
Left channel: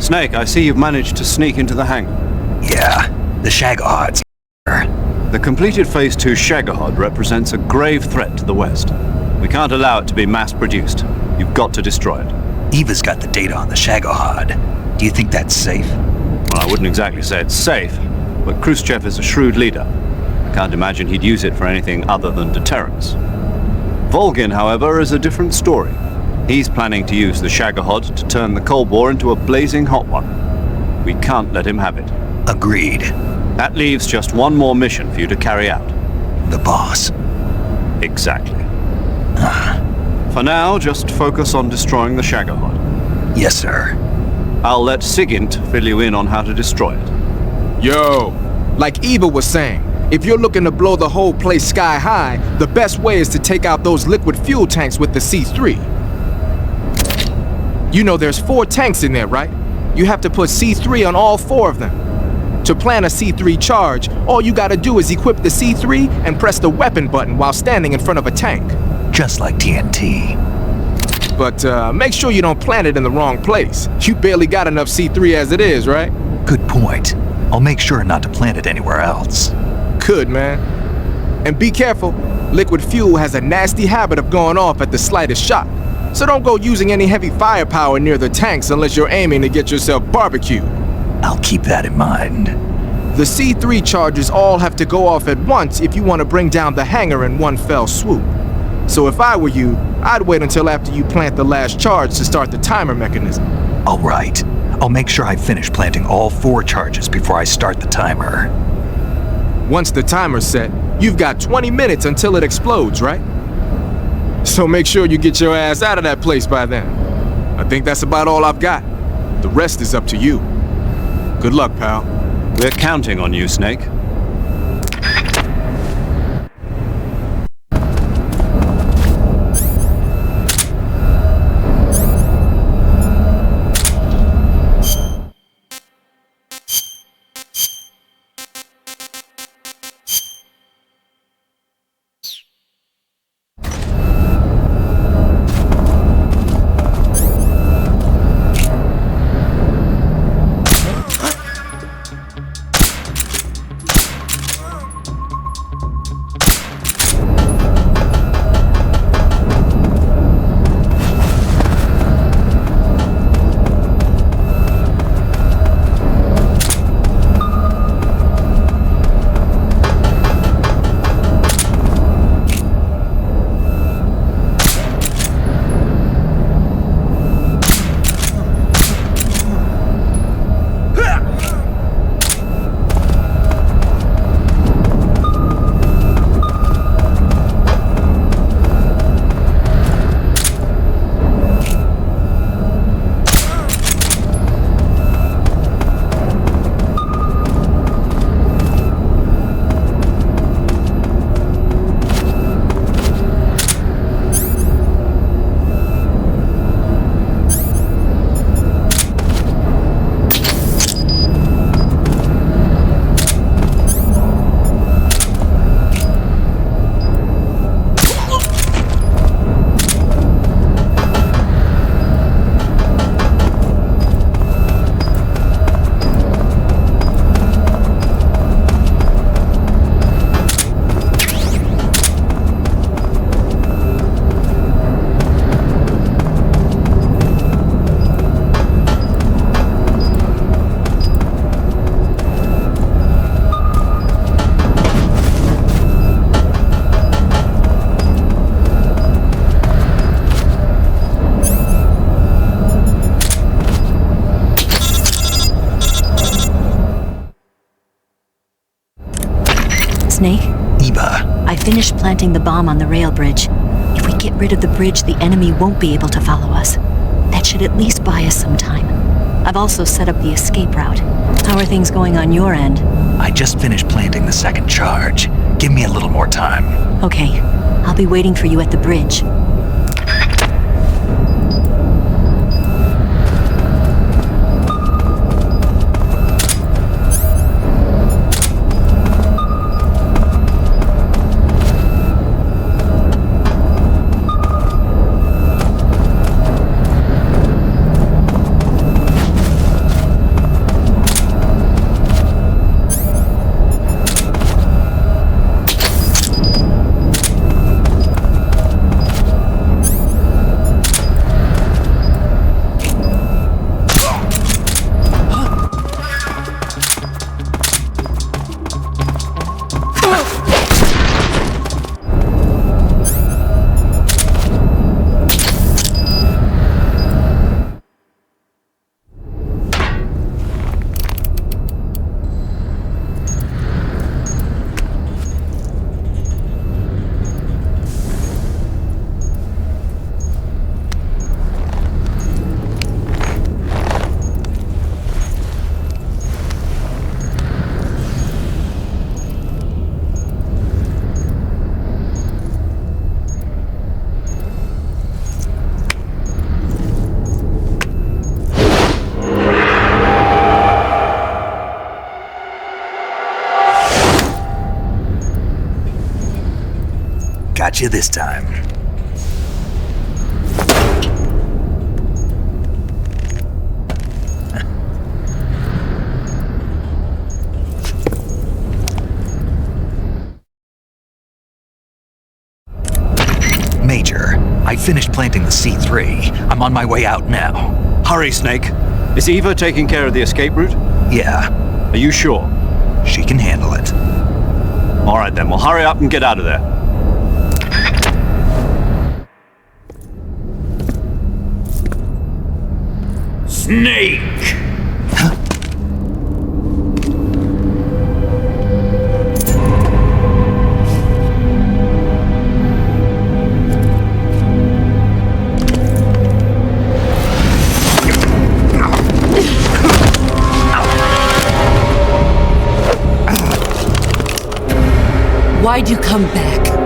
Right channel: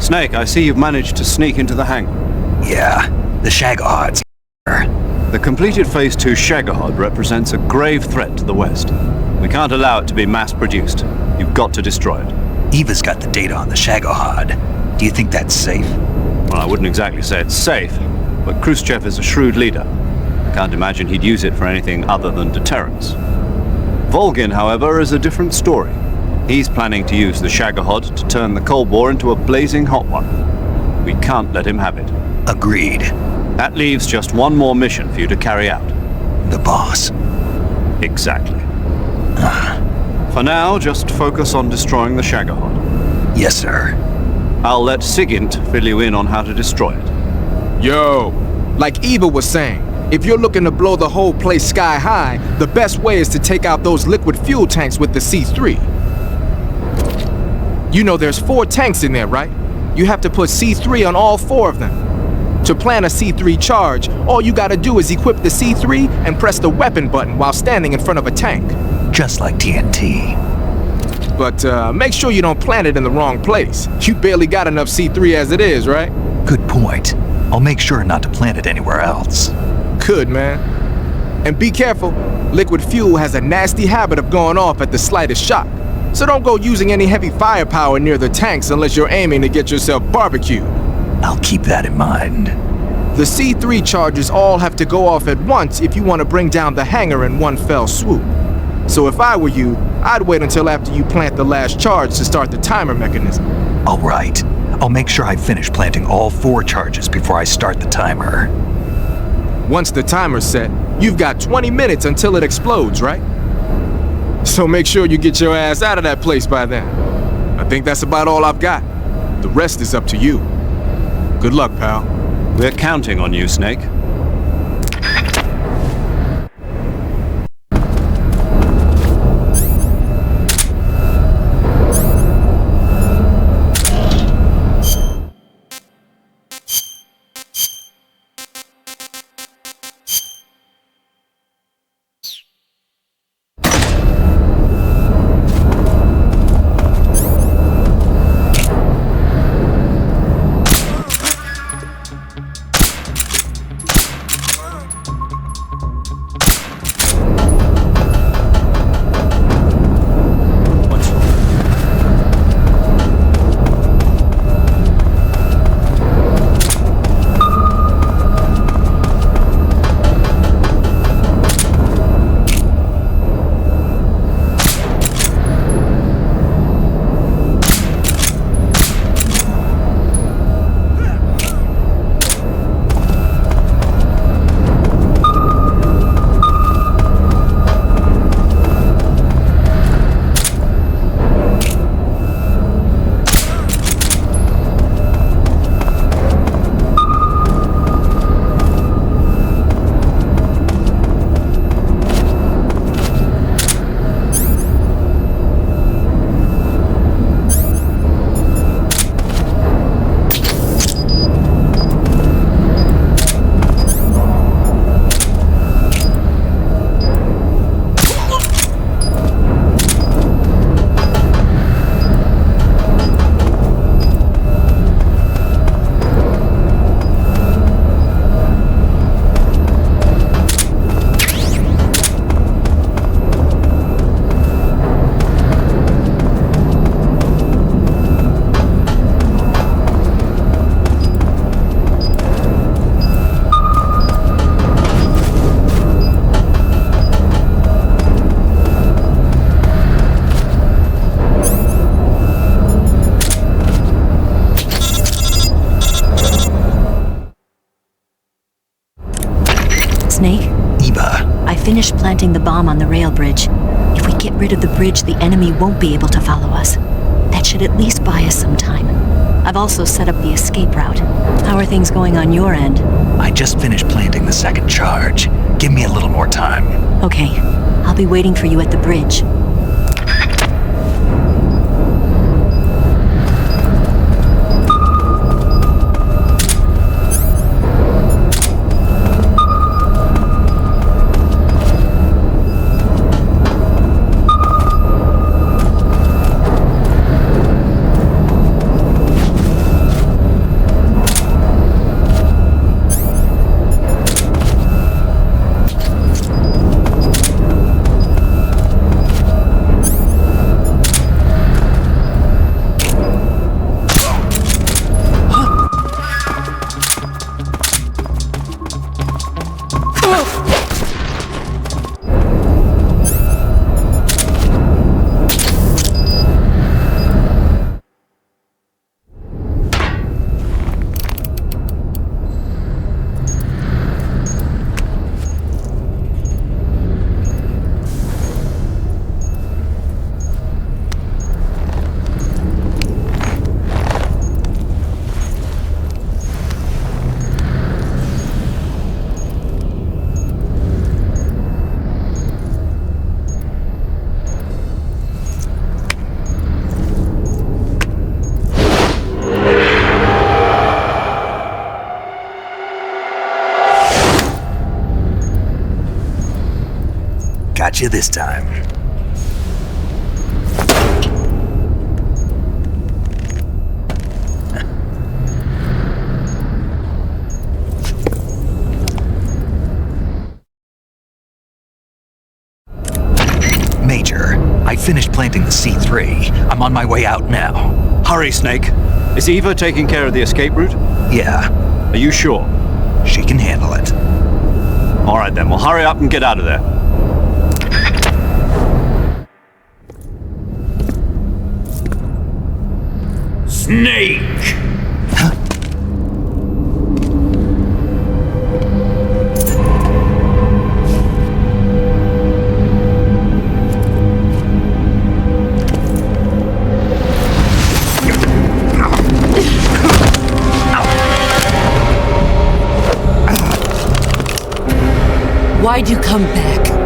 Snake, I see you've managed to sneak into the hangar. Yeah, the Shagohod's here. The completed Phase 2 Shagahod represents a grave threat to the West. We can't allow it to be mass-produced. You've got to destroy it. Eva's got the data on the Shagohod. Do you think that's safe? Well, I wouldn't exactly say it's safe, but Khrushchev is a shrewd leader. I can't imagine he'd use it for anything other than deterrence. Volgin, however, is a different story. He's planning to use the Shagahod to turn the Cold War into a blazing hot one. We can't let him have it. Agreed. That leaves just one more mission for you to carry out. The boss. Exactly. For now, just focus on destroying the Shagahod. Yes, sir. I'll let Sigint fill you in on how to destroy it. Yo, like Eva was saying, if you're looking to blow the whole place sky high, the best way is to take out those liquid fuel tanks with the C3. You know there's 4 tanks in there, right? You have to put C3 on all 4 of them. To plan a C3 charge, all you gotta do is equip the C3 and press the weapon button while standing in front of a tank. Just like TNT. But make sure you don't plant it in the wrong place. You barely got enough C3 as it is, right? Good point. I'll make sure not to plant it anywhere else. Good, man. And be careful. Liquid fuel has a nasty habit of going off at the slightest shock. So don't go using any heavy firepower near the tanks unless you're aiming to get yourself barbecued. I'll keep that in mind. The C3 charges all have to go off at once if you want to bring down the hangar in one fell swoop. So if I were you, I'd wait until after you plant the last charge to start the timer mechanism. All right. I'll make sure I finish planting all 4 charges before I start the timer. Once the timer's set, you've got 20 minutes until it explodes, right? So make sure you get your ass out of that place by then. I think that's about all I've got. The rest is up to you. Good luck, pal. We're counting on you, Snake. Snake? Eva. I finished planting the bomb on the rail bridge. If we get rid of the bridge, the enemy won't be able to follow us. That should at least buy us some time. I've also set up the escape route. How are things going on your end? I just finished planting the 2nd charge. Give me a little more time. Okay. I'll be waiting for you at the bridge. Got you this time. Major, I finished planting the C3. I'm on my way out now. Hurry, Snake. Is Eva taking care of the escape route? Yeah, Are you sure? she can handle it. All right then, well hurry up and get out of there. Snake! Why'd you come back?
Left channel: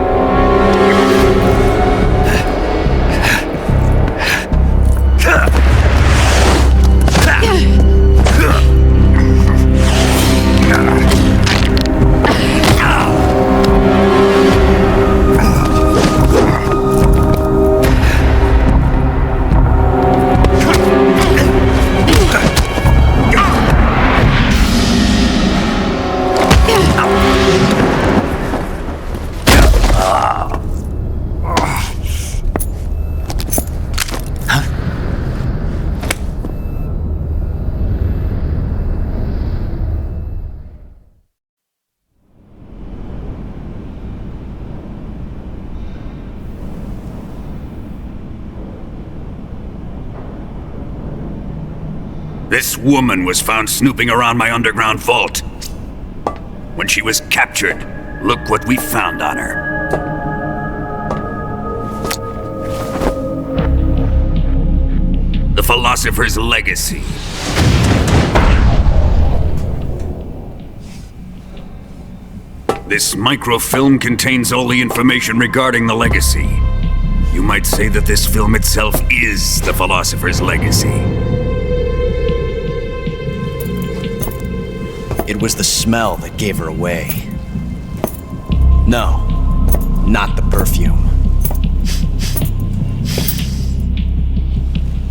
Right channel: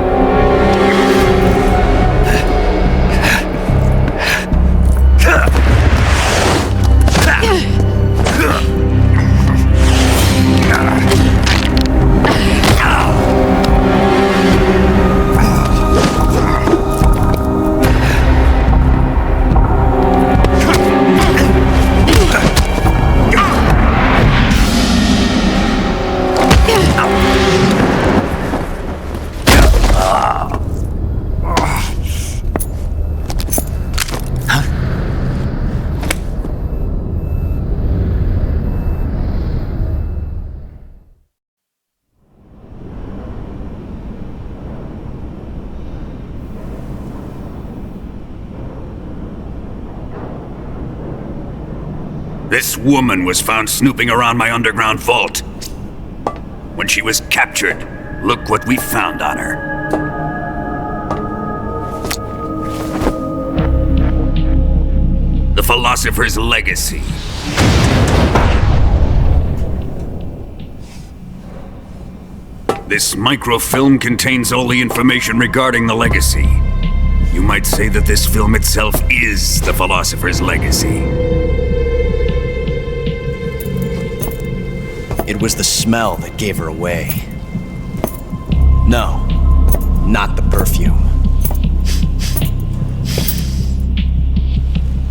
This woman was found snooping around my underground vault. When she was captured, look what we found on her. The philosopher's legacy. This microfilm contains all the information regarding the legacy. You might say that this film itself is the philosopher's legacy. It was the smell that gave her away. No, not the perfume.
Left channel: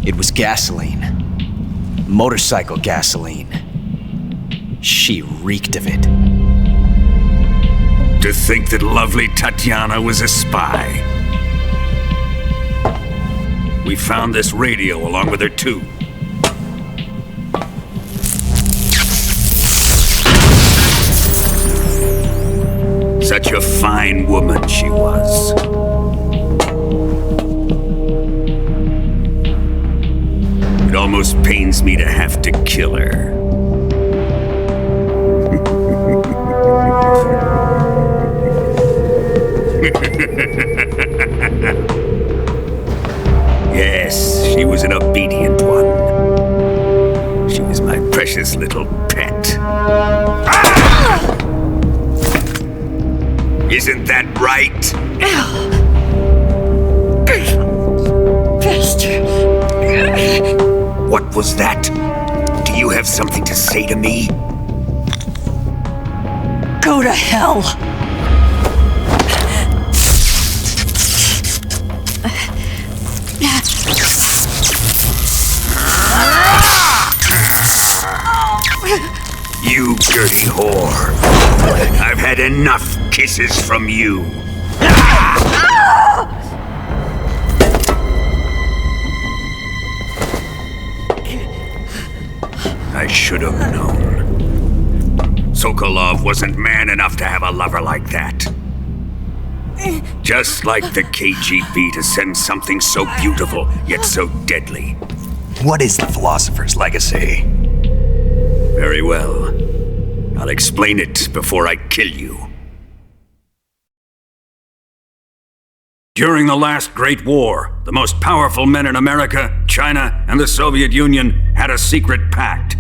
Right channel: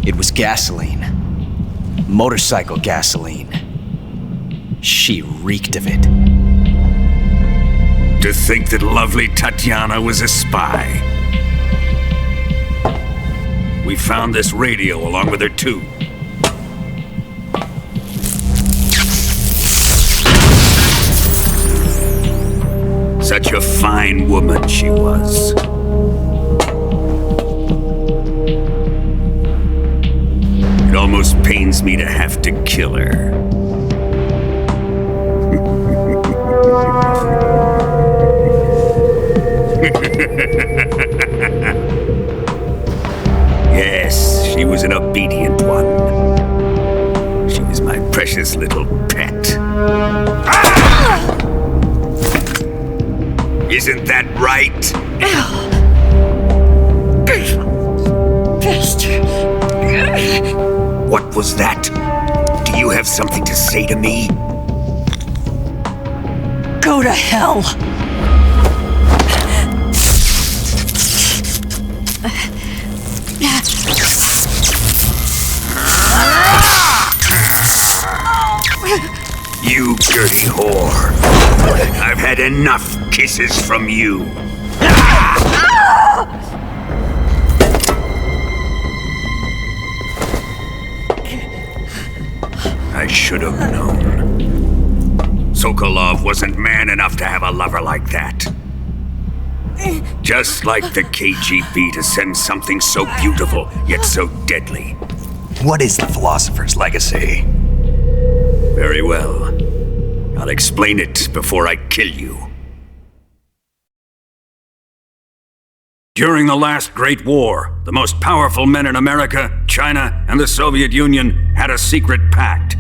It was gasoline. Motorcycle gasoline. She reeked of it. To think that lovely Tatiana was a spy. We found this radio along with her too. Such a fine woman she was. It almost pains me to have to kill her. Yes, she was an obedient one. She was my precious little pet. Ah! Isn't that right? Bastard. What was that? Do you have something to say to me? Go to hell. You dirty whore. I've had enough kisses from you. I should have known. Sokolov wasn't man enough to have a lover like that. Just like the KGB to send something so beautiful, yet so deadly. What is the philosopher's legacy? Very well. I'll explain it before I kill you. During the last Great War, the most powerful men in America, China, and the Soviet Union had a secret pact.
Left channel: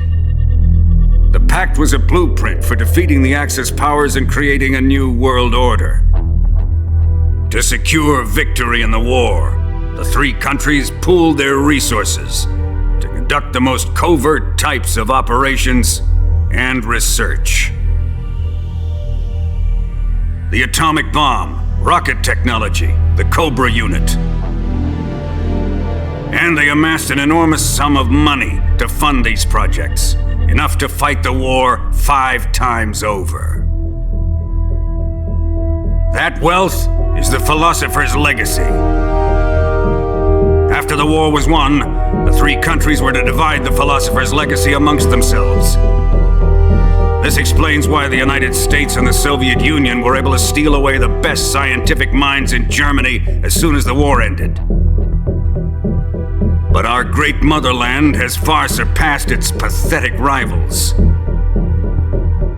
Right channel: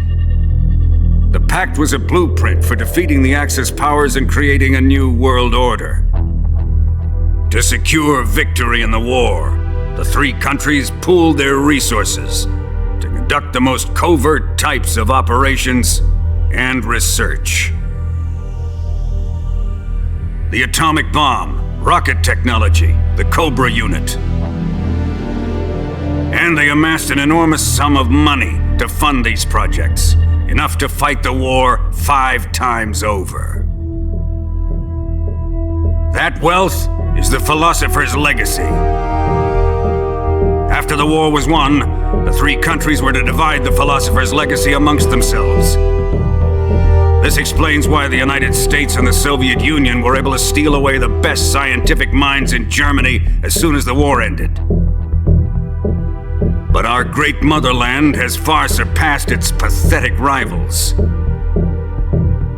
The pact was a blueprint for defeating the Axis powers and creating a new world order. To secure victory in the war, the three countries pooled their resources to conduct the most covert types of operations and research. The atomic bomb, rocket technology, the Cobra unit. And they amassed an enormous sum of money to fund these projects, enough to fight the war 5 times over. That wealth is the philosopher's legacy. After the war was won, the three countries were to divide the philosopher's legacy amongst themselves. This explains why the United States and the Soviet Union were able to steal away the best scientific minds in Germany as soon as the war ended. But our great motherland has far surpassed its pathetic rivals.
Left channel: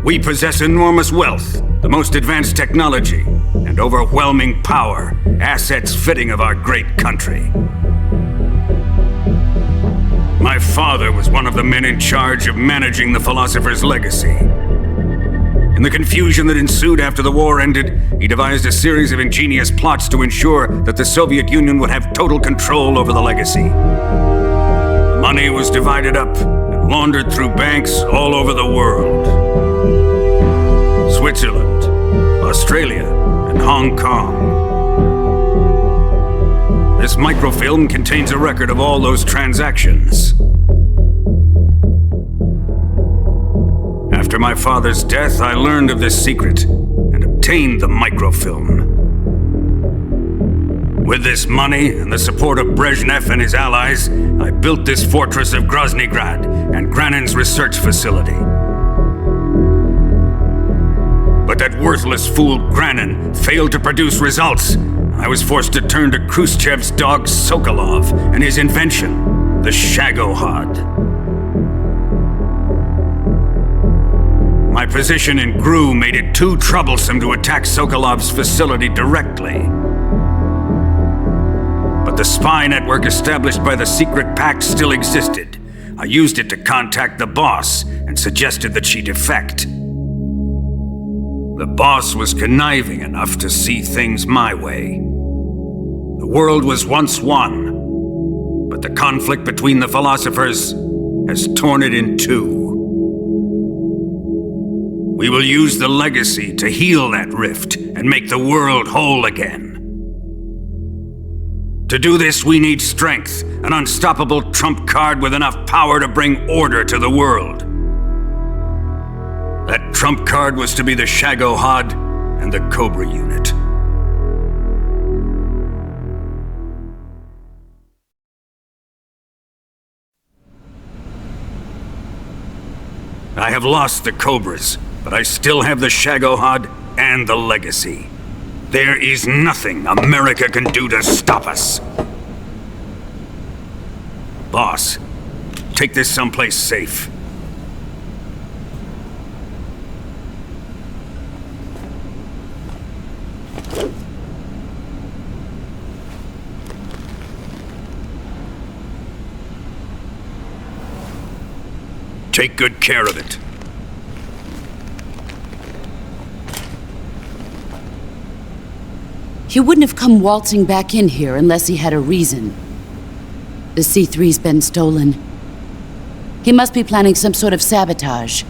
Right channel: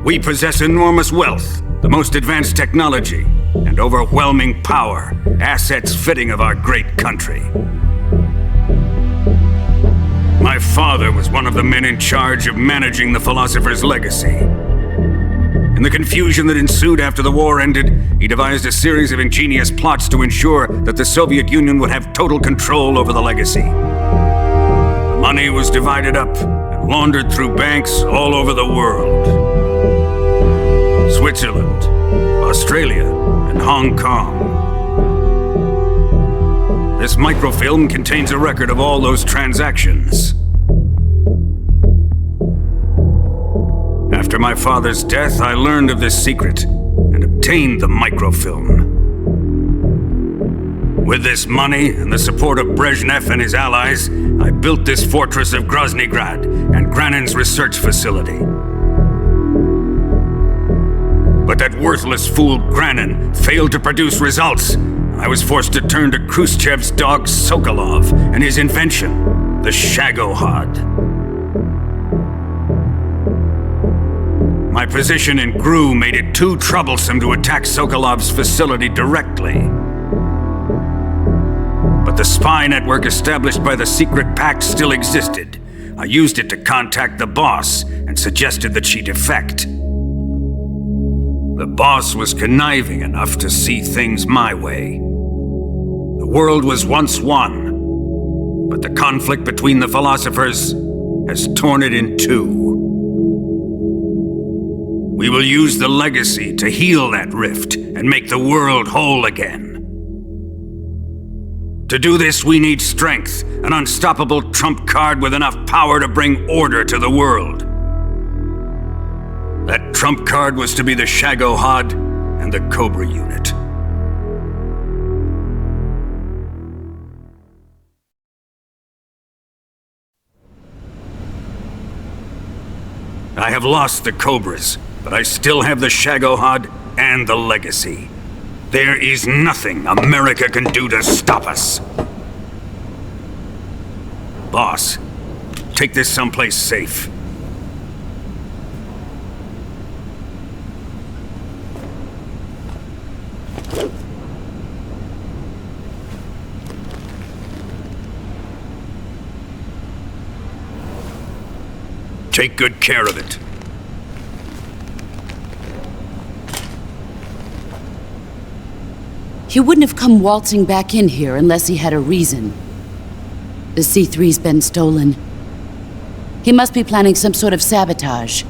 We possess enormous wealth, the most advanced technology, and overwhelming power, assets fitting of our great country. My father was one of the men in charge of managing the philosopher's legacy. In the confusion that ensued after the war ended, he devised a series of ingenious plots to ensure that the Soviet Union would have total control over the legacy. The money was divided up and laundered through banks all over the world. Switzerland, Australia, and Hong Kong. This microfilm contains a record of all those transactions. After my father's death, I learned of this secret and obtained the microfilm. With this money and the support of Brezhnev and his allies, I built this fortress of Groznygrad and Granin's research facility. But that worthless fool Granin failed to produce results. I was forced to turn to Khrushchev's dog Sokolov and his invention, the Shagohod. My position in GRU made it too troublesome to attack Sokolov's facility directly. But the spy network established by the secret pact still existed. I used it to contact the boss and suggested that she defect. The boss was conniving enough to see things my way. The world was once one, but the conflict between the philosophers has torn it in two. We will use the legacy to heal that rift and make the world whole again. To do this, we need strength, an unstoppable trump card with enough power to bring order to the world. That trump card was to be the Shagohod and the Cobra unit. I have lost the Cobras, but I still have the Shagohod and the legacy. There is nothing America can do to stop us. Boss, take this someplace safe. Take good care of it. He wouldn't have come waltzing back in here unless he had a reason. The C-3's been stolen. He must be planning some sort of sabotage.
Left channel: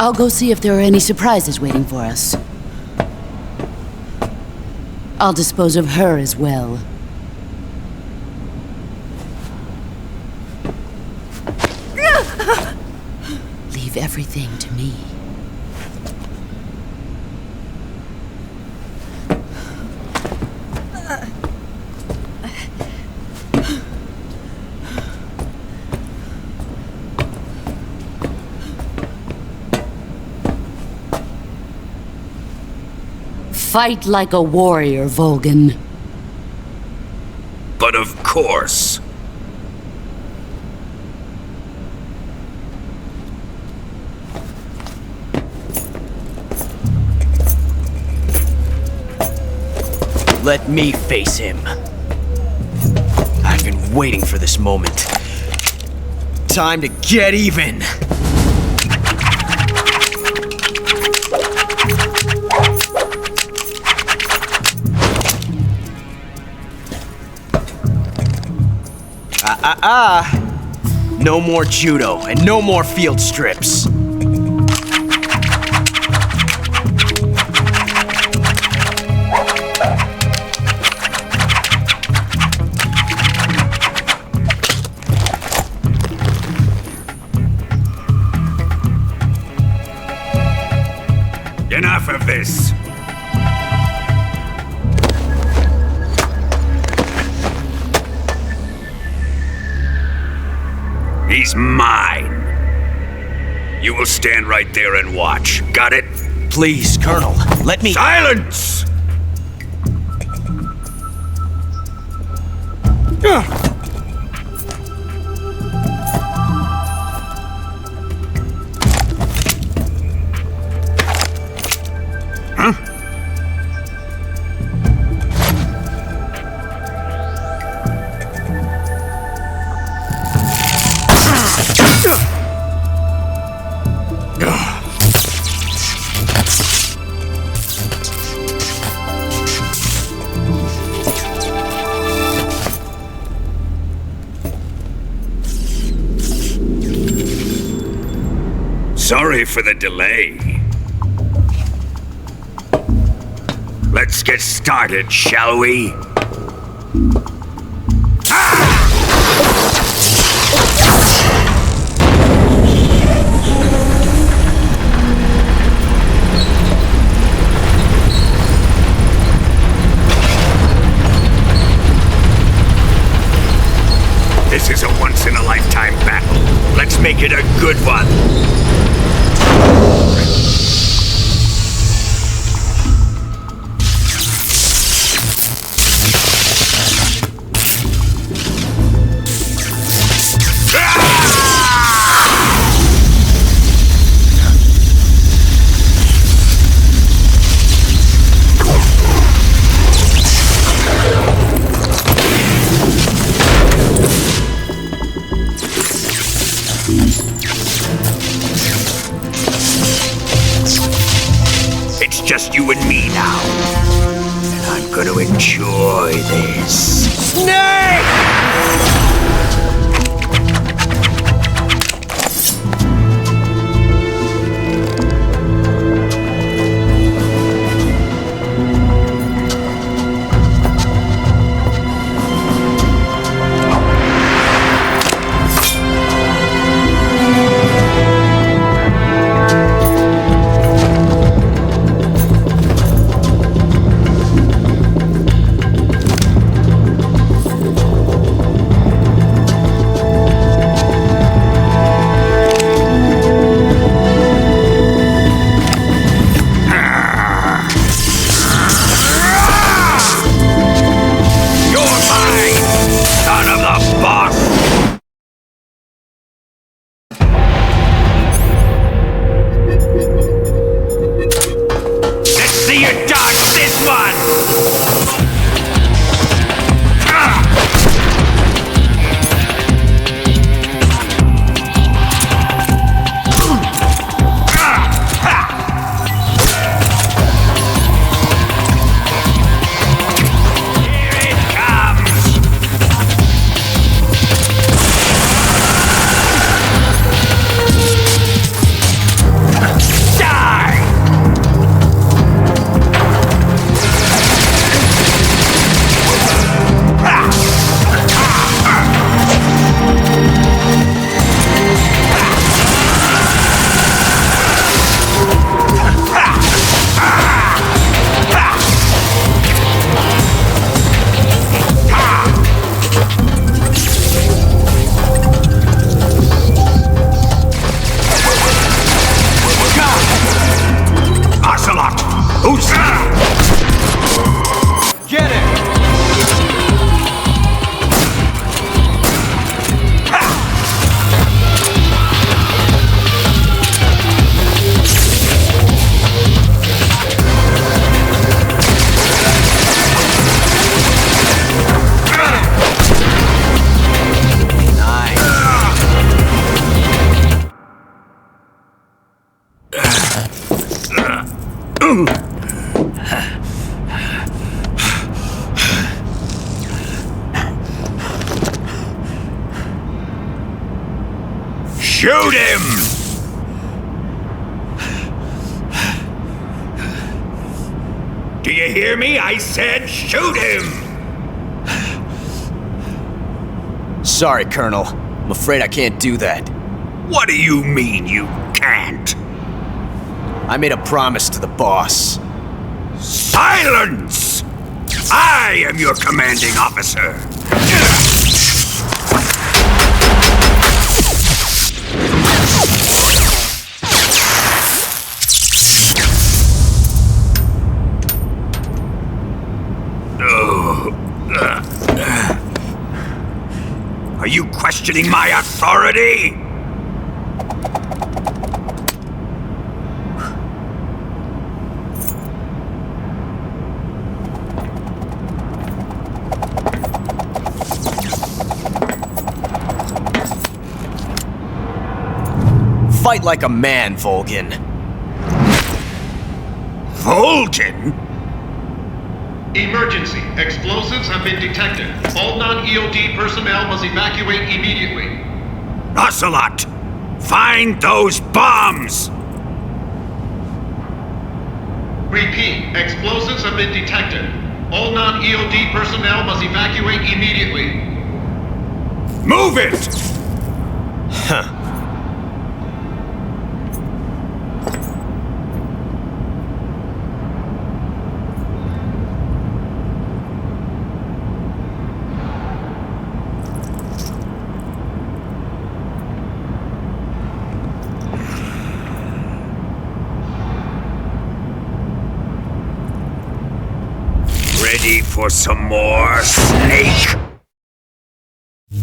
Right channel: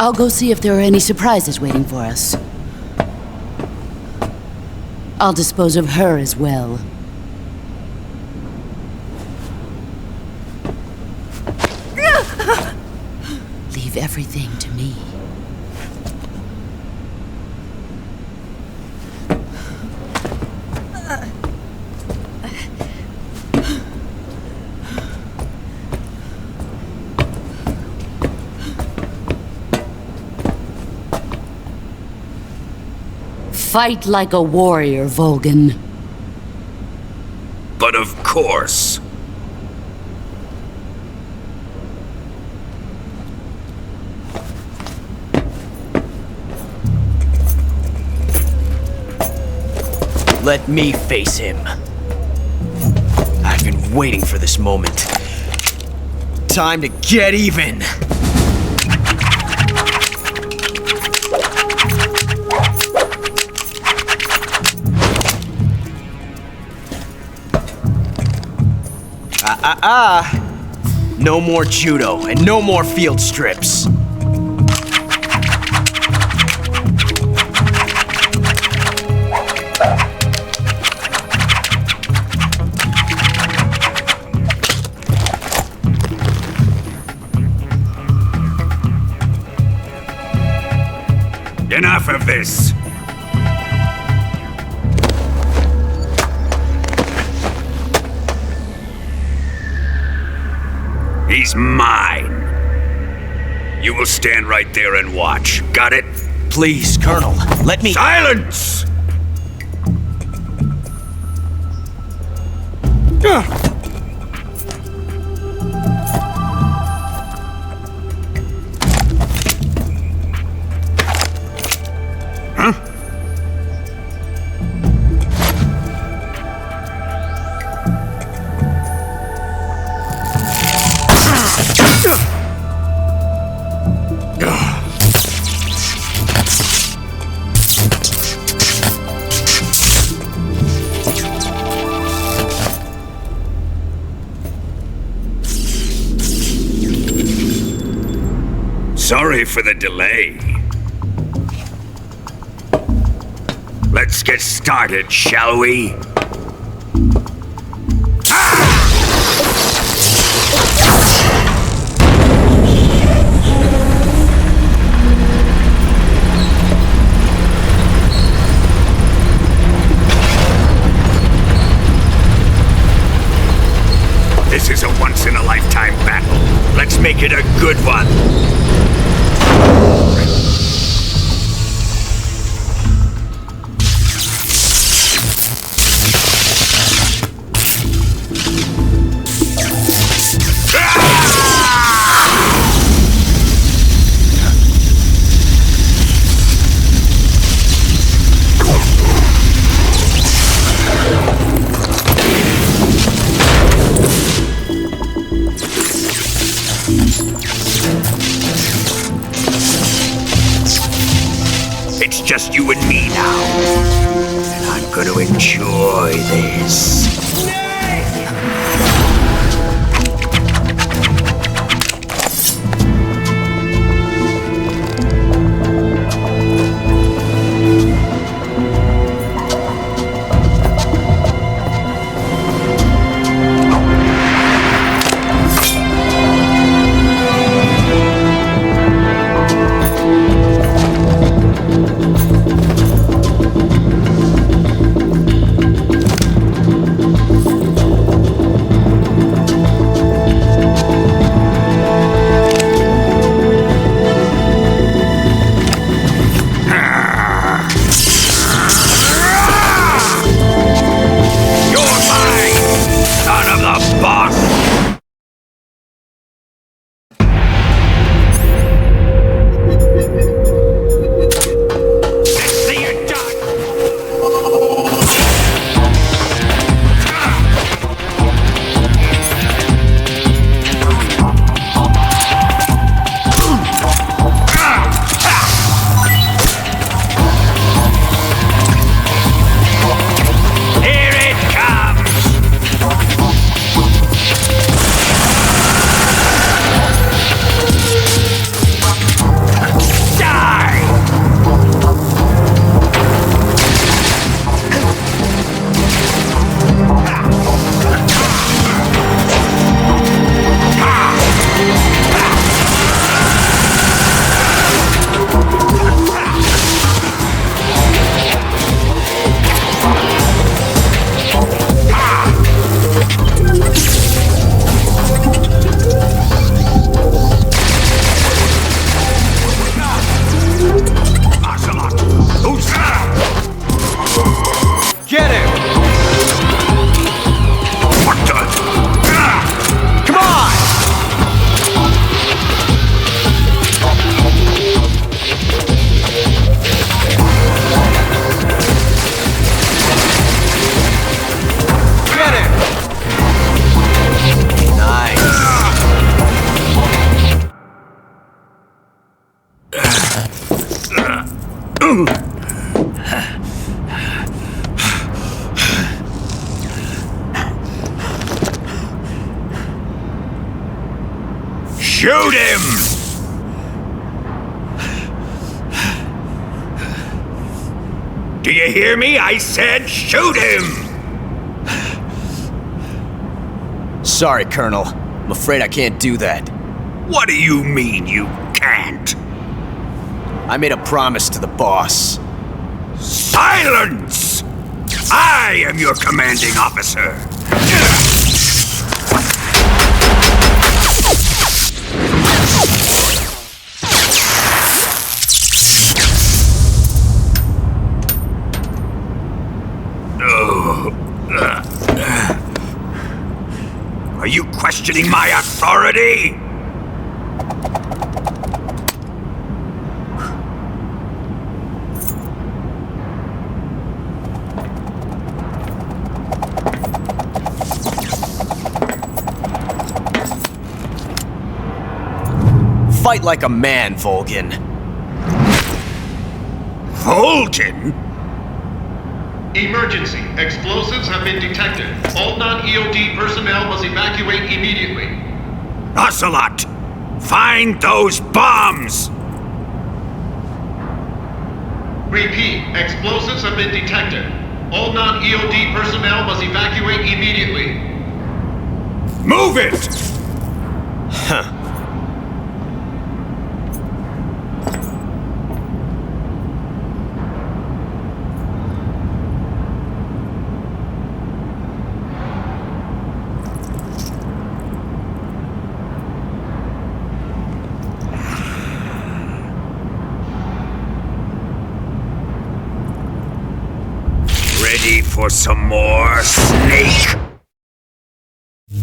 I'll go see if there are any surprises waiting for us. I'll dispose of her as well. Leave everything to me. Fight like a warrior, Volgan. But of course. Let me face him. I've been waiting for this moment. Time to get even! No more judo and no more field strips. Enough of this! He's mine. You will stand right there and watch. Got it? Please, Colonel, let me— Silence! Huh? Sorry for the delay. Let's get started, shall we? This is a once-in-a-lifetime battle. Let's make it a good one. It's just you and me now. And I'm gonna enjoy this. Snake! Shoot him! Do you hear me? I said shoot him! Sorry, Colonel. I'm afraid I can't do that. What do you mean you can't? I made a promise to the boss. Silence! I am your commanding officer. Are you questioning my authority? Fight like a man, Volgin. Volgin? Emergency. Explosives have been detected. All non-EOD personnel must evacuate immediately. Ocelot, Find those bombs! Repeat, explosives have been detected. All non-EOD personnel must evacuate immediately. Move it! Huh. Ready for some more, Snake?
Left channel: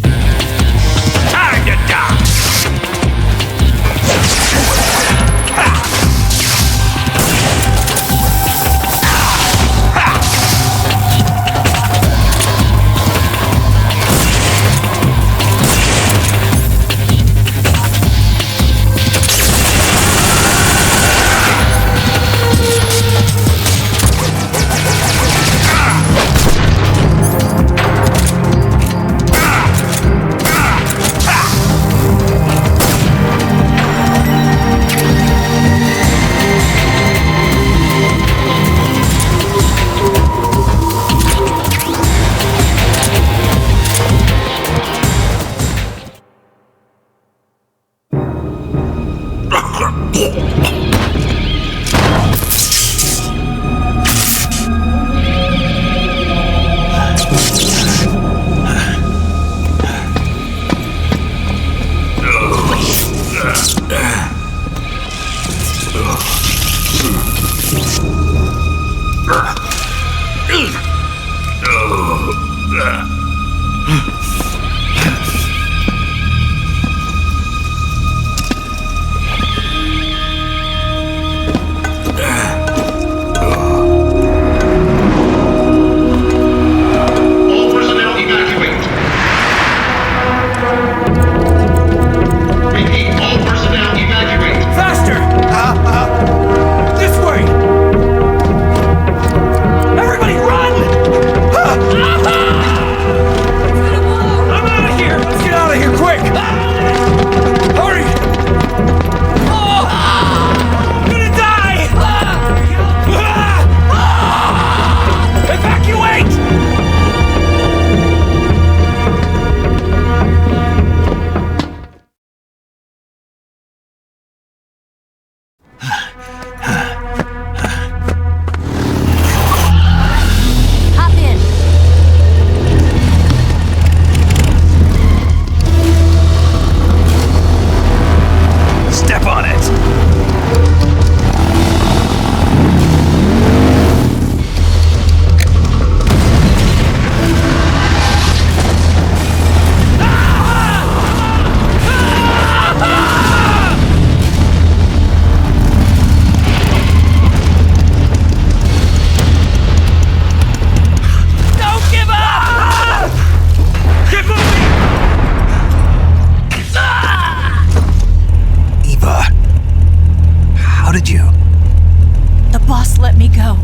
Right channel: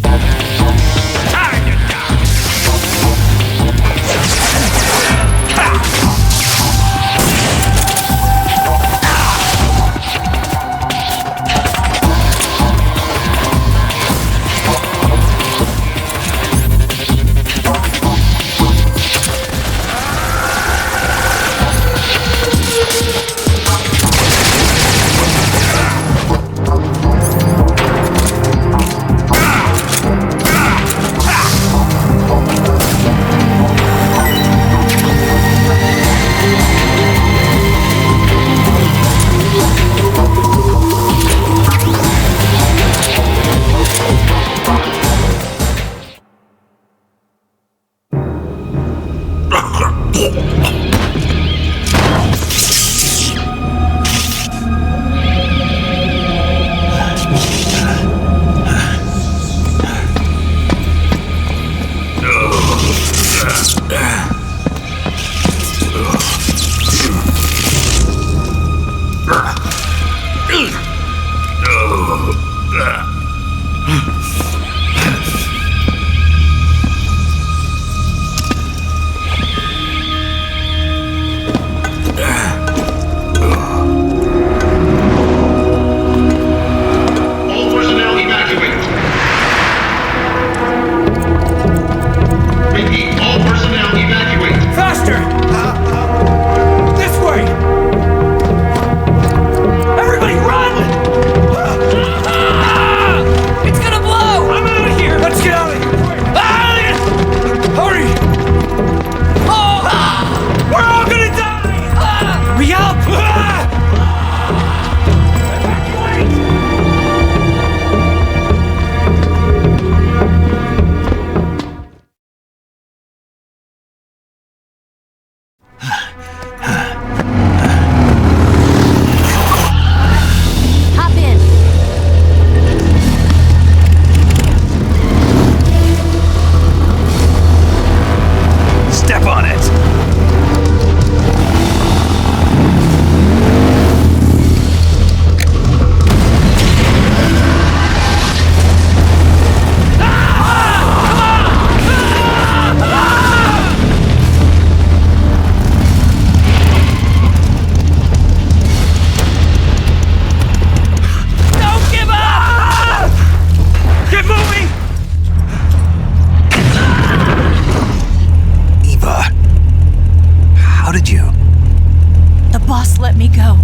Time to die! did you? The boss let me go.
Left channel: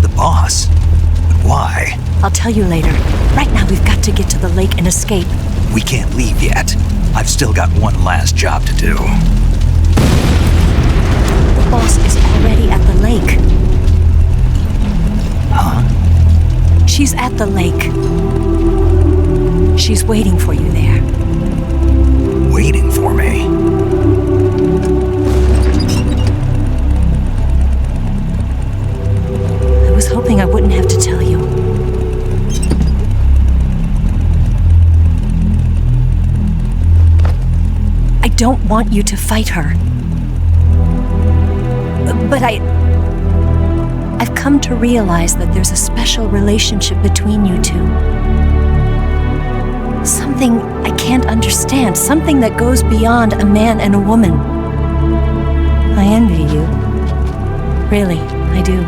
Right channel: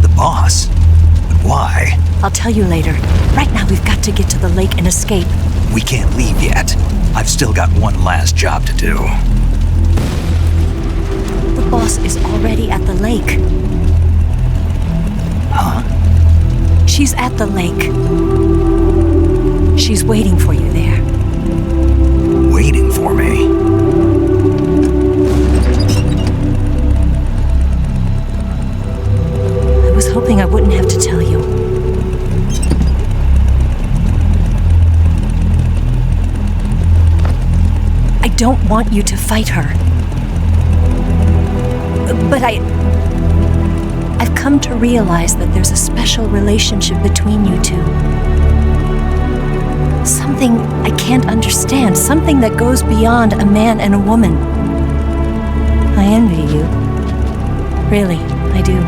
The boss? But why? I'll tell you later. Right now we've got to get to the lake and escape. We can't leave yet. I've still got one last job to do. The boss is already at the lake. Huh? She's at the lake. She's waiting for you there. Waiting for me? I was hoping I wouldn't have to tell you. I don't want you to fight her. But I've come to realize that there's a special relationship between you two. Something I can't understand, something that goes beyond a man and a woman. I envy you. Really, I do.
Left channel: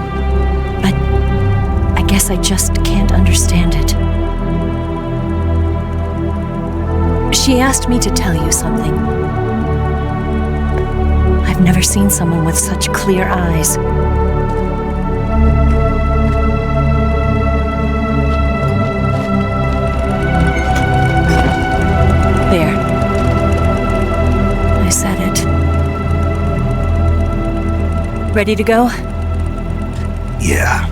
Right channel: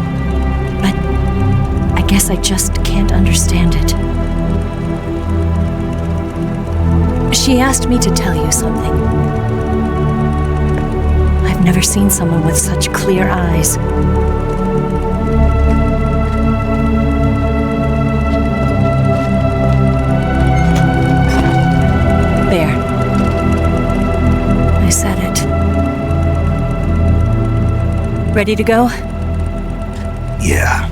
But I guess I just can't understand it. She asked me to tell you something. I've never seen someone with such clear eyes. There. I I said it. Ready to go? Yeah.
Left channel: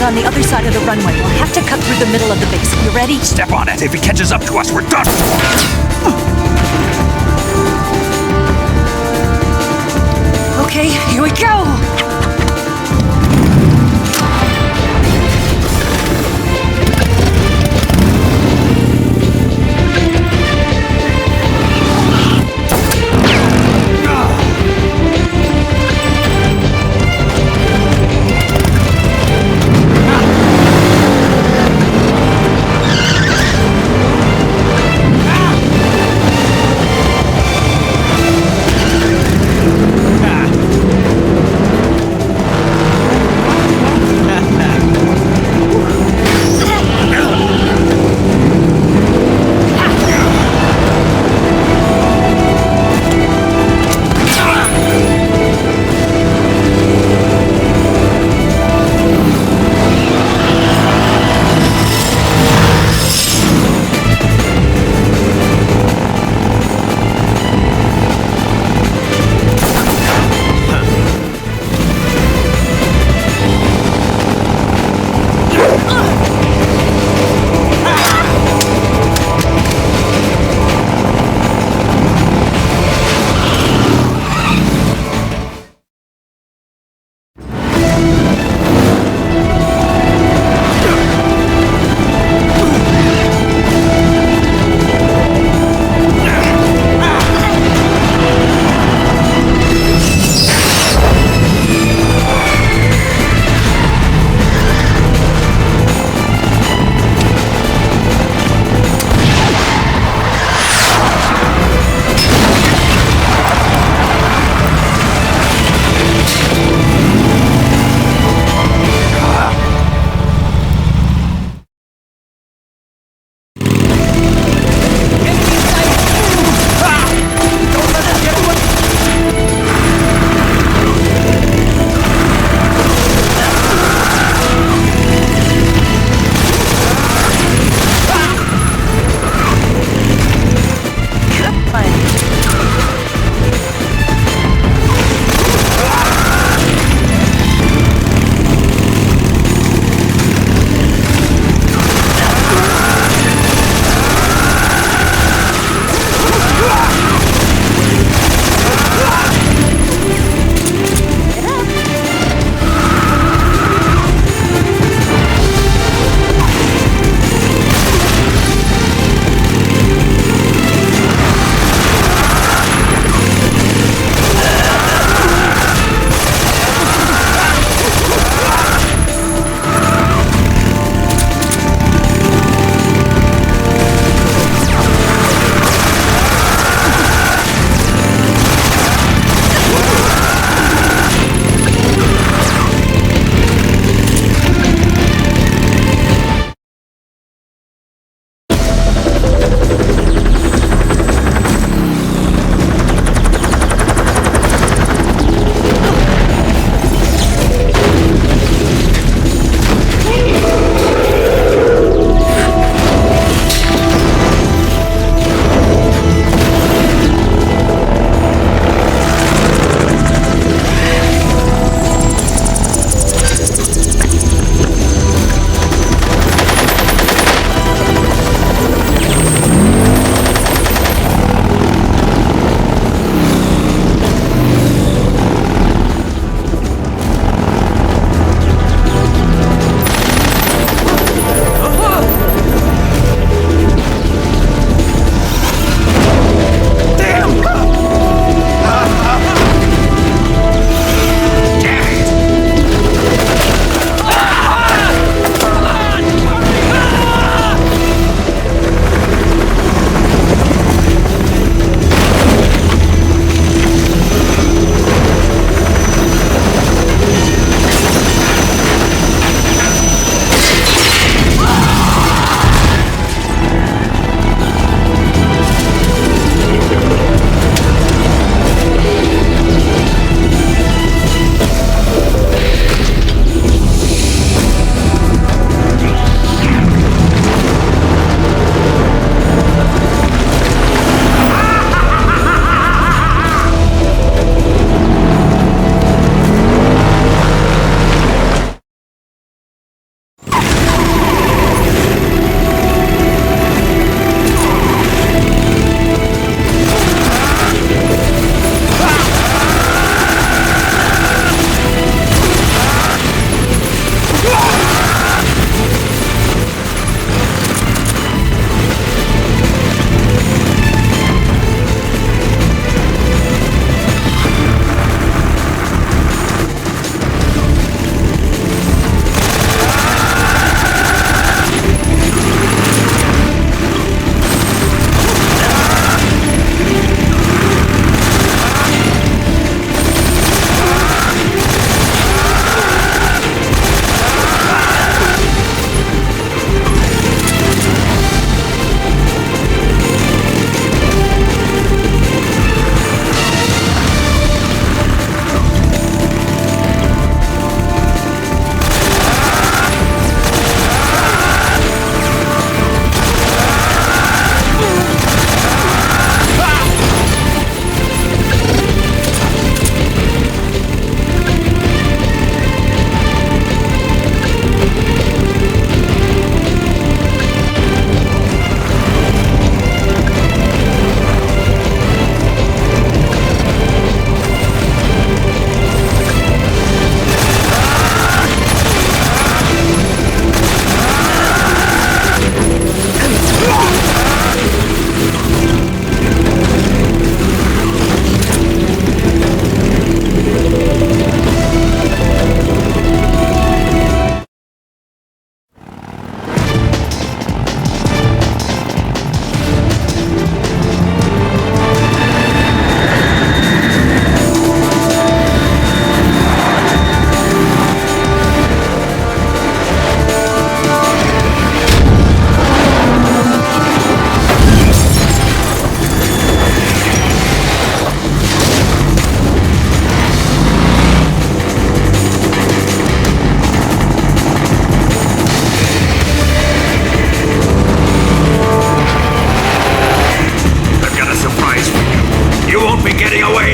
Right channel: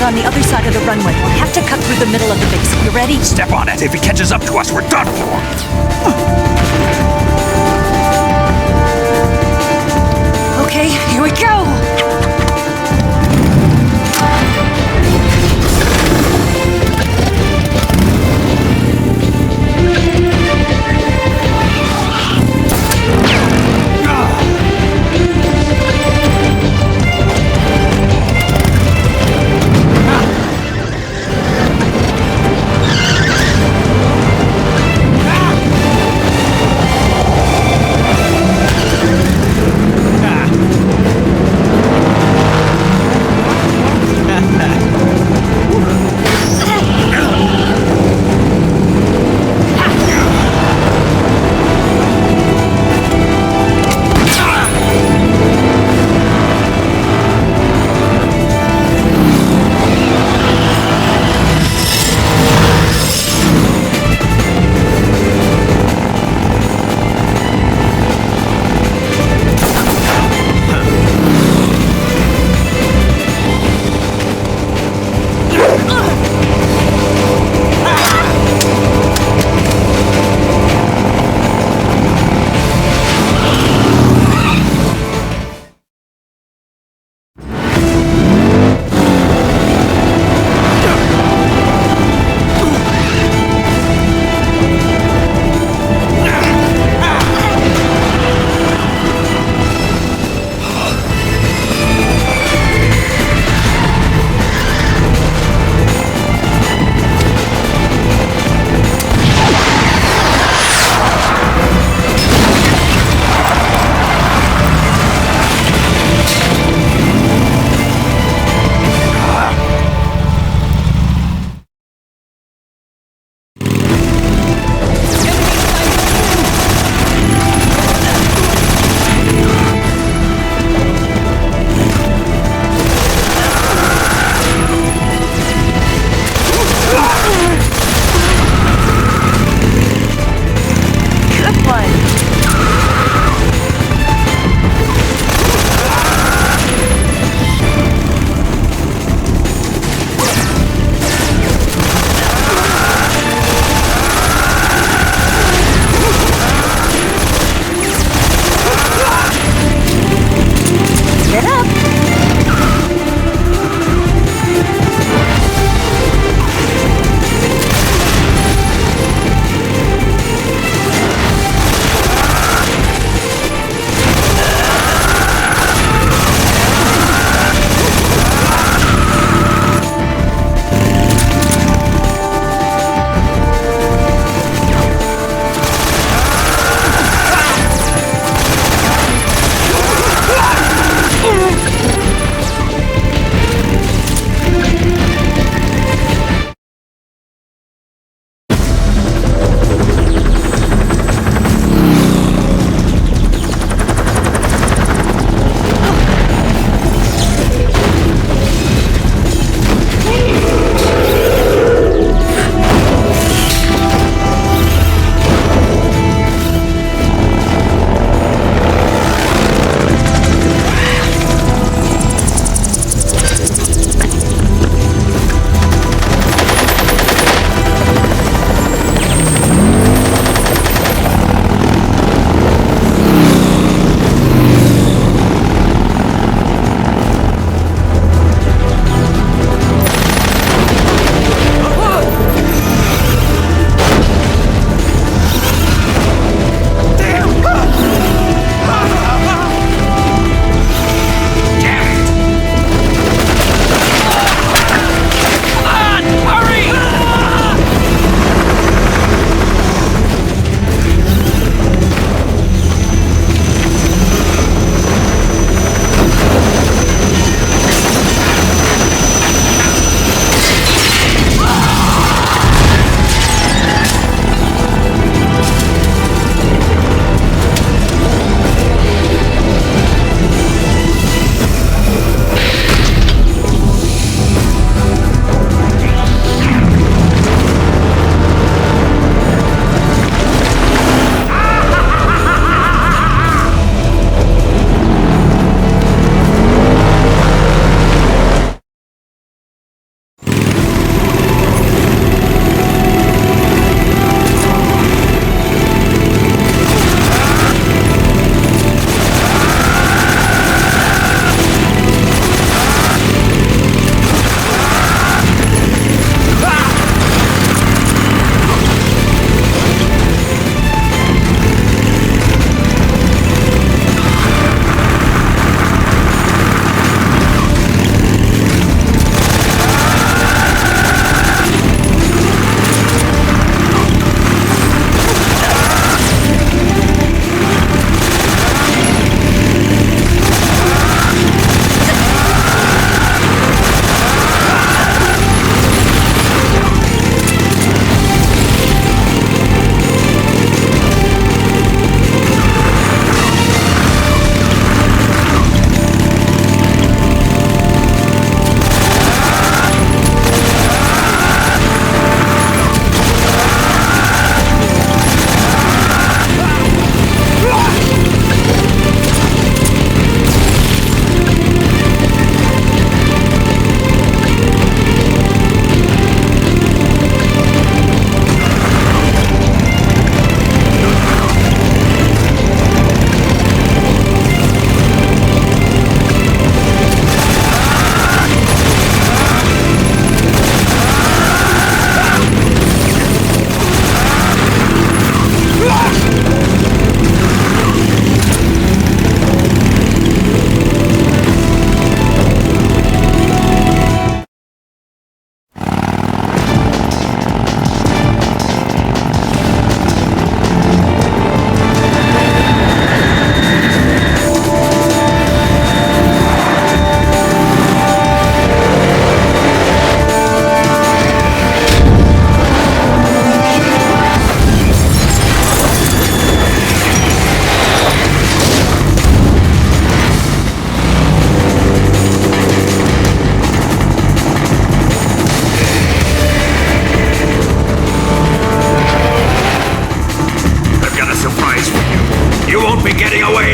On the other side of the runway. We'll have to cut through the middle of the base. You ready? Step on it. If he catches up to us, we're done for. Okay, here we go!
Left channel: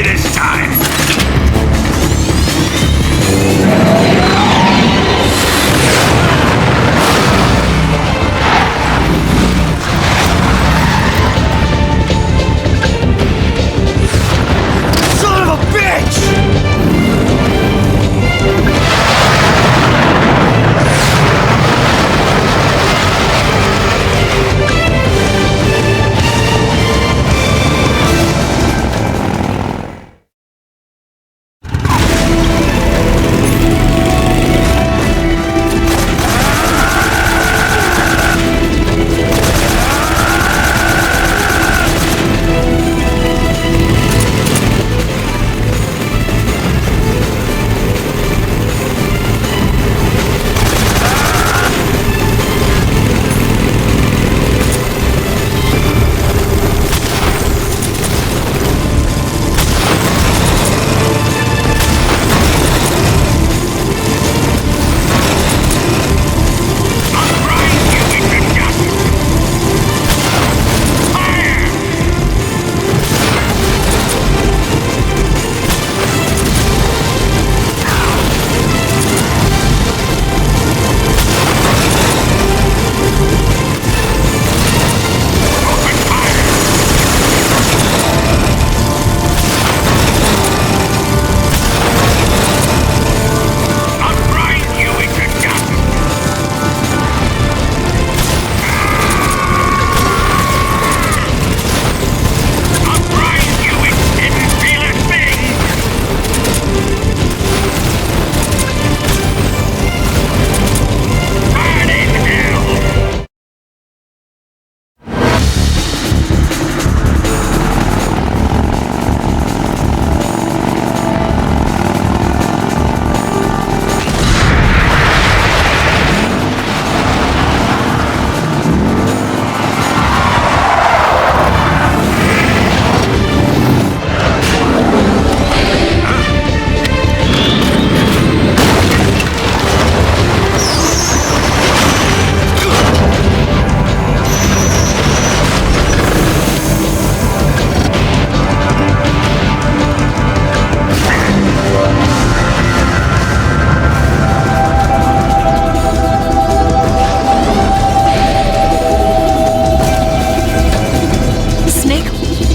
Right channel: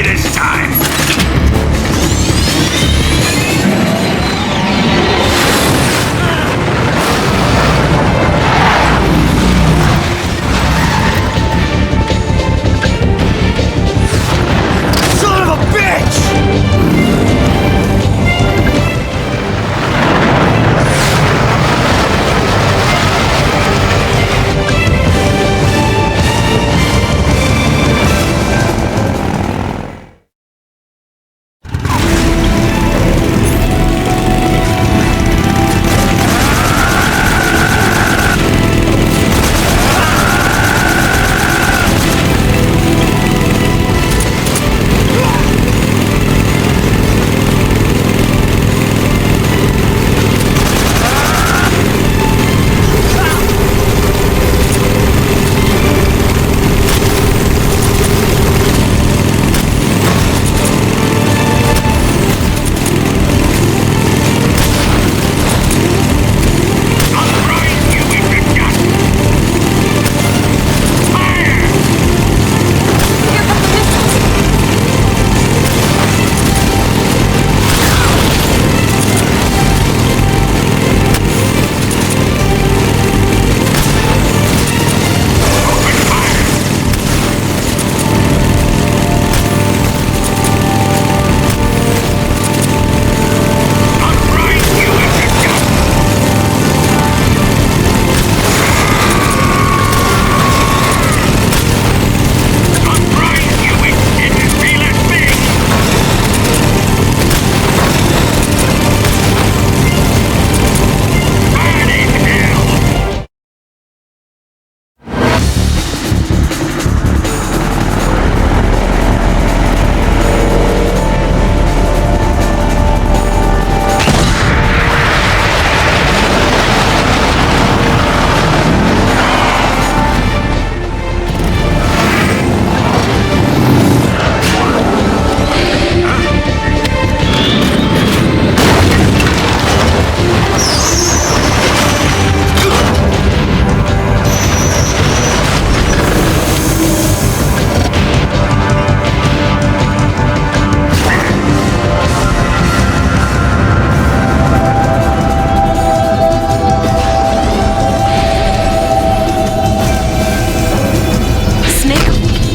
It is time. Son of a bitch!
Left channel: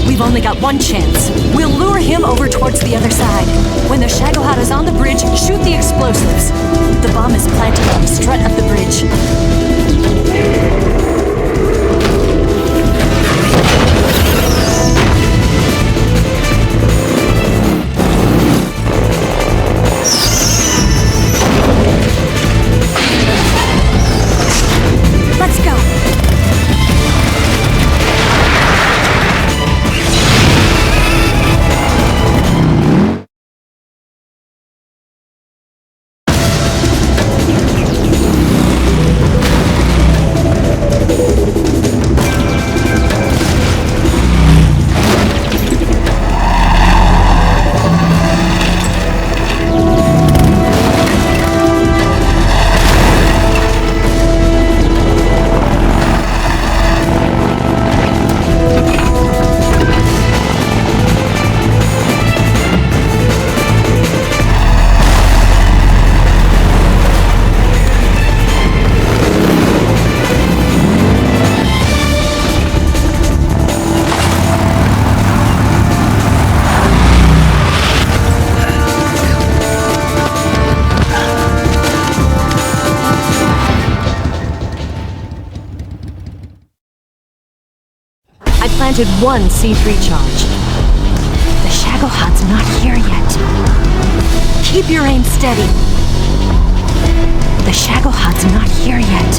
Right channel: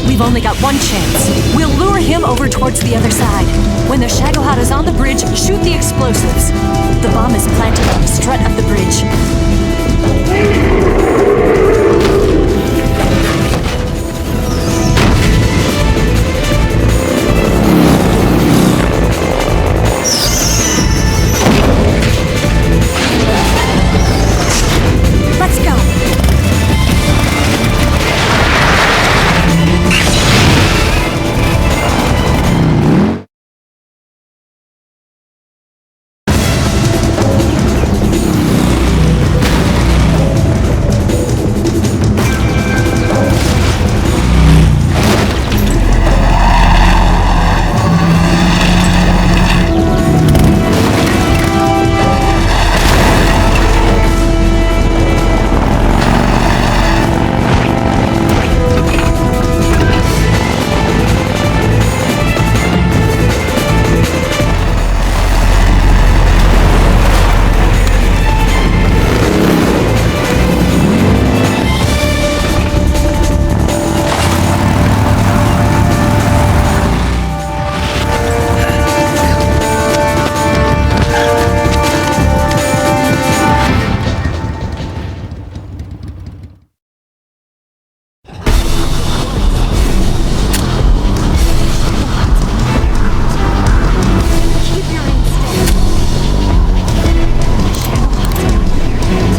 We've only got one chance. We'll lure him over towards the other side. When the Shagohod is on the bridge, shoot the explosives. The bomb is planted on the strut of the bridge. Let's go. One C3 charge. The Shagohod's not here yet. Keep your aim steady. The Shagohod's not here yet.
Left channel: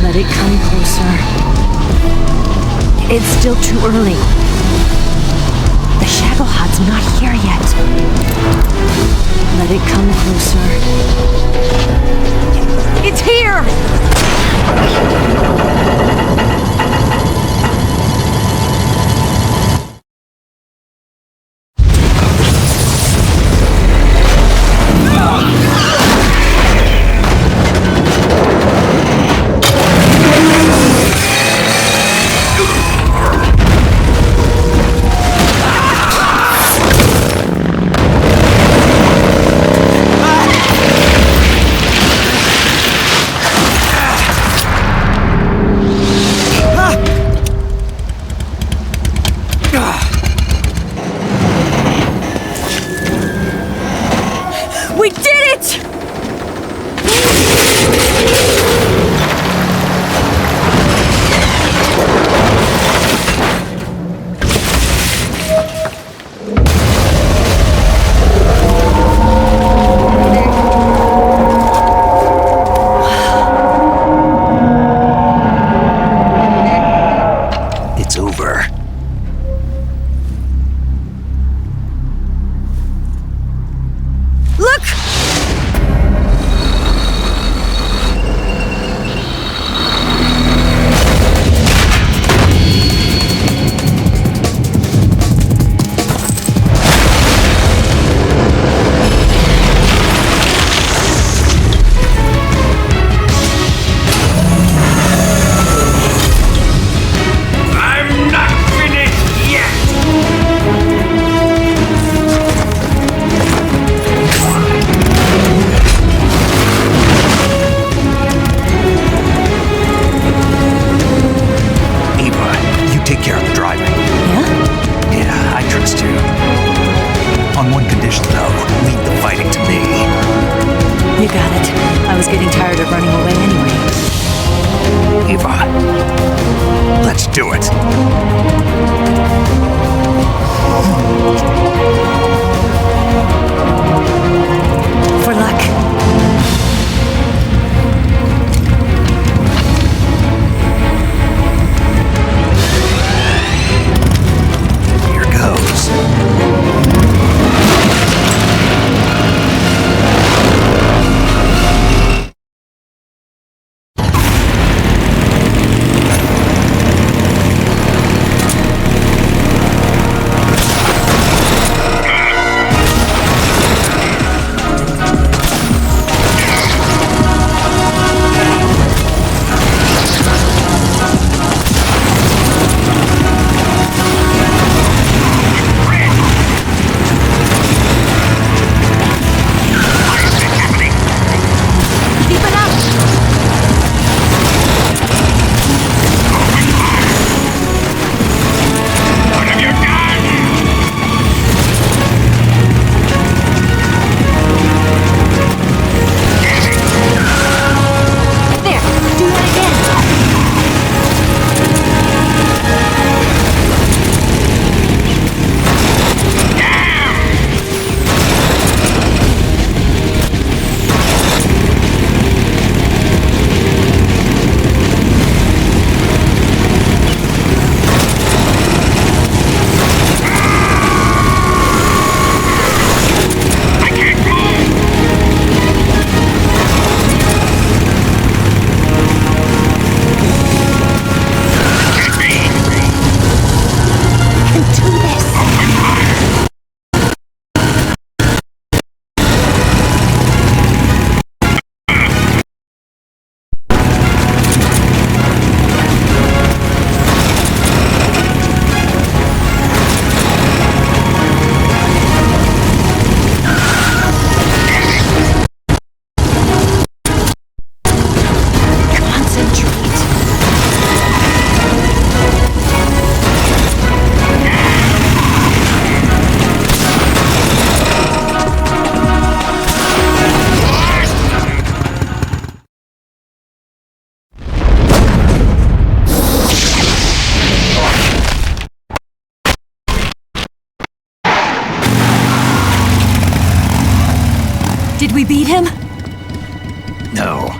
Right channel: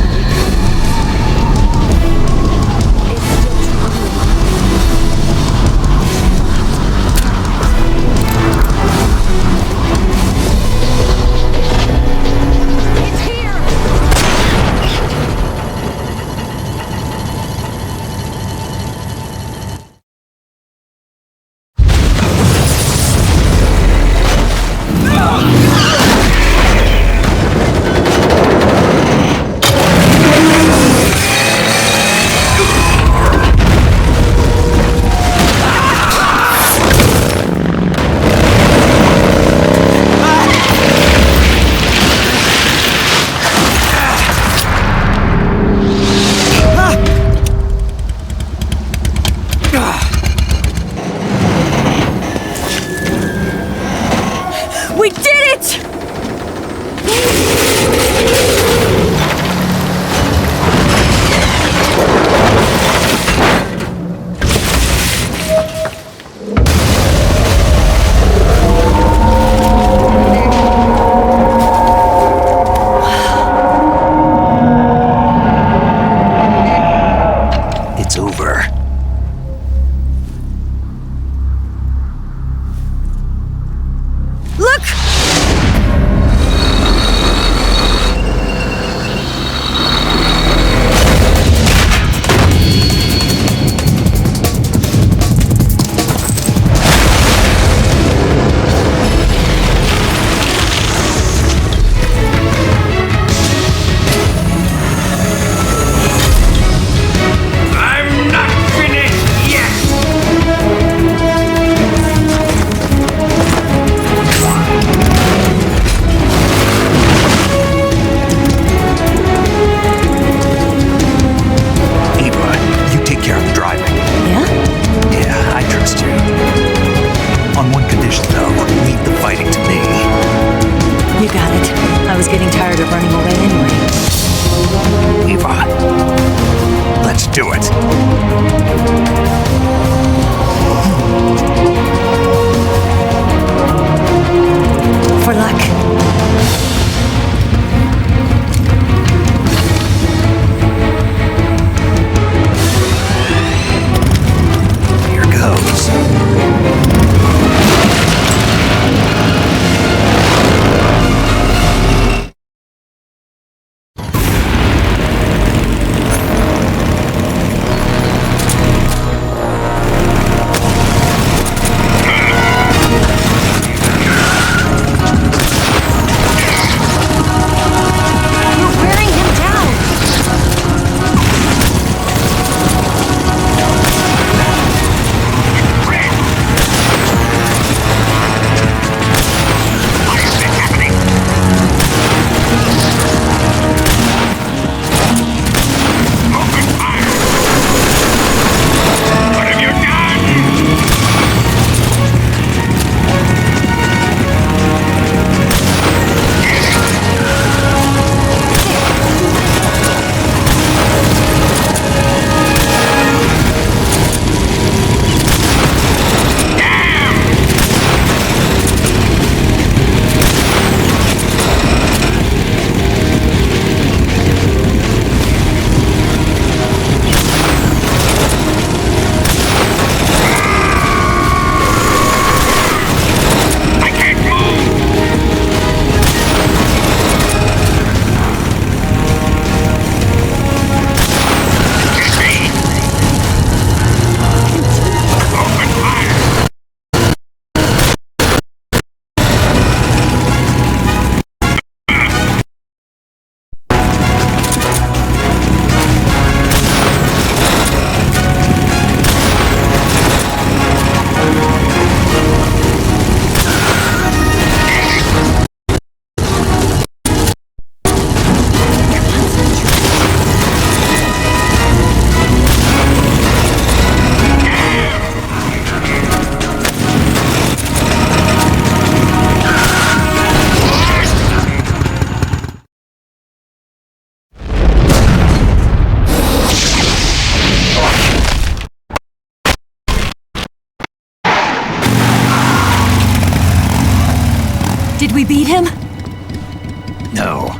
Let it come closer. It's still too early. The Shagohod's not here yet. Let it come closer. It's here! it's over. Look! You got it. I was getting tired of running away anyway. Eva, let's do it. For luck. Here goes. Did we beat him? No.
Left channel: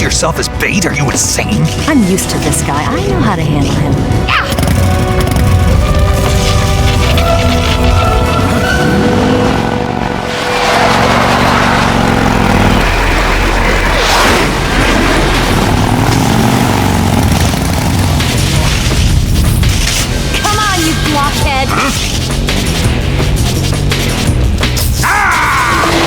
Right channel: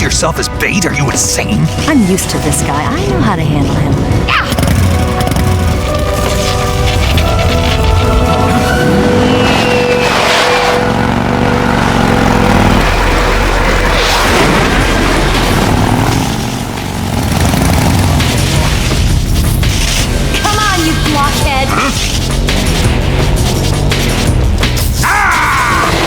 Yourself as bait? Are you insane? I'm used to this guy. I know how to handle him. Come on, you blockhead! Huh? Ah!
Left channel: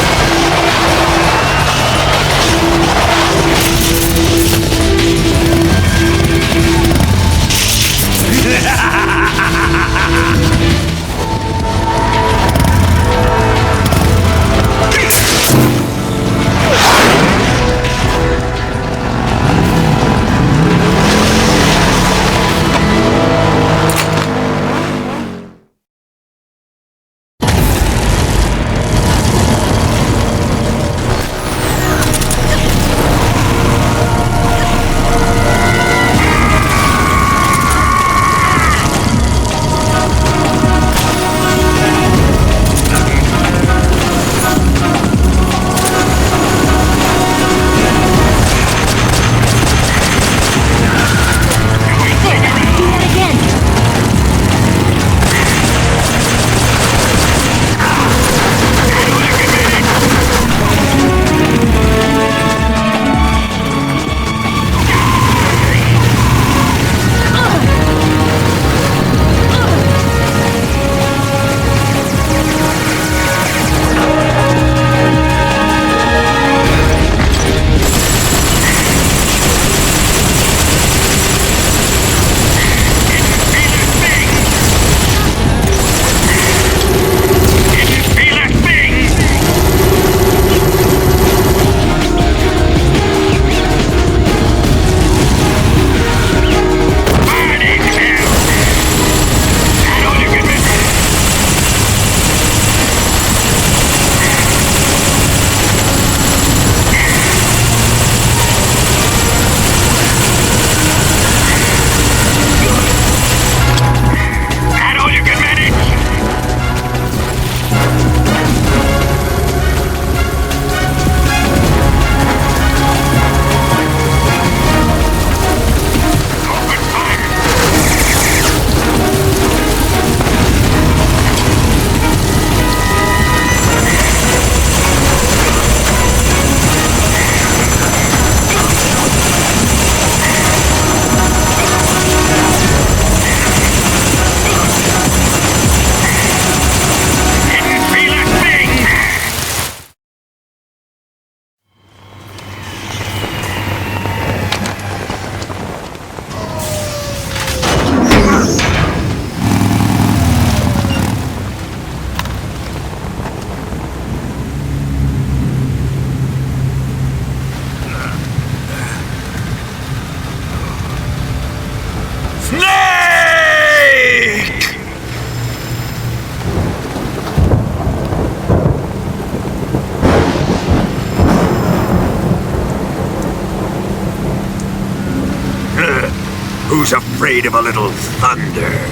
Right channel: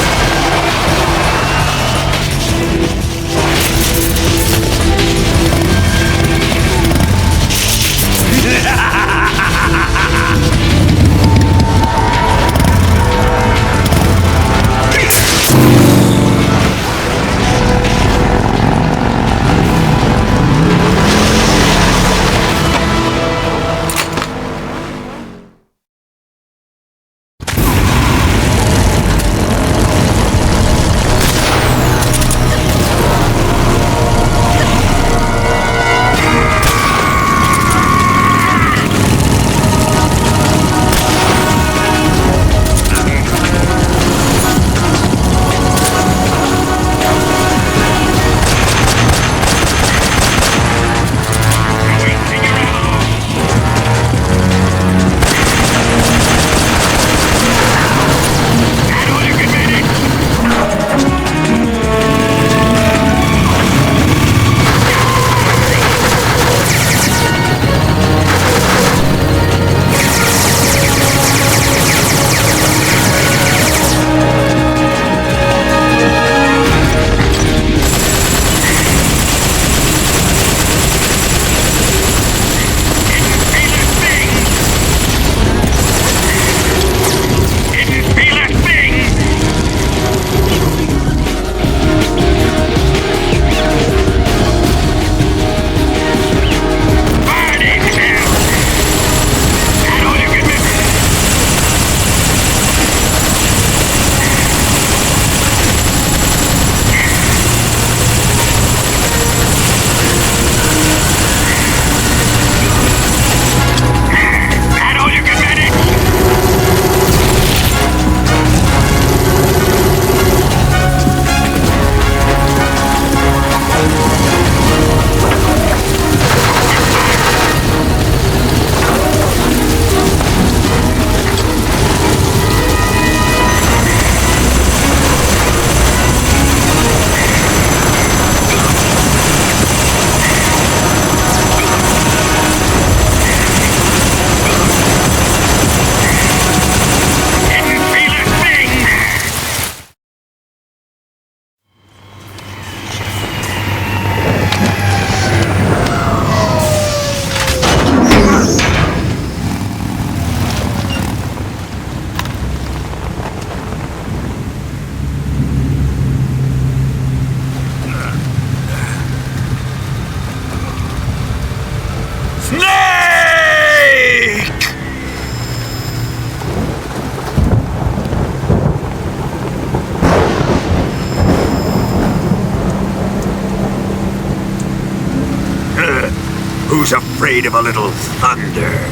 Who's afraid of a little thunder?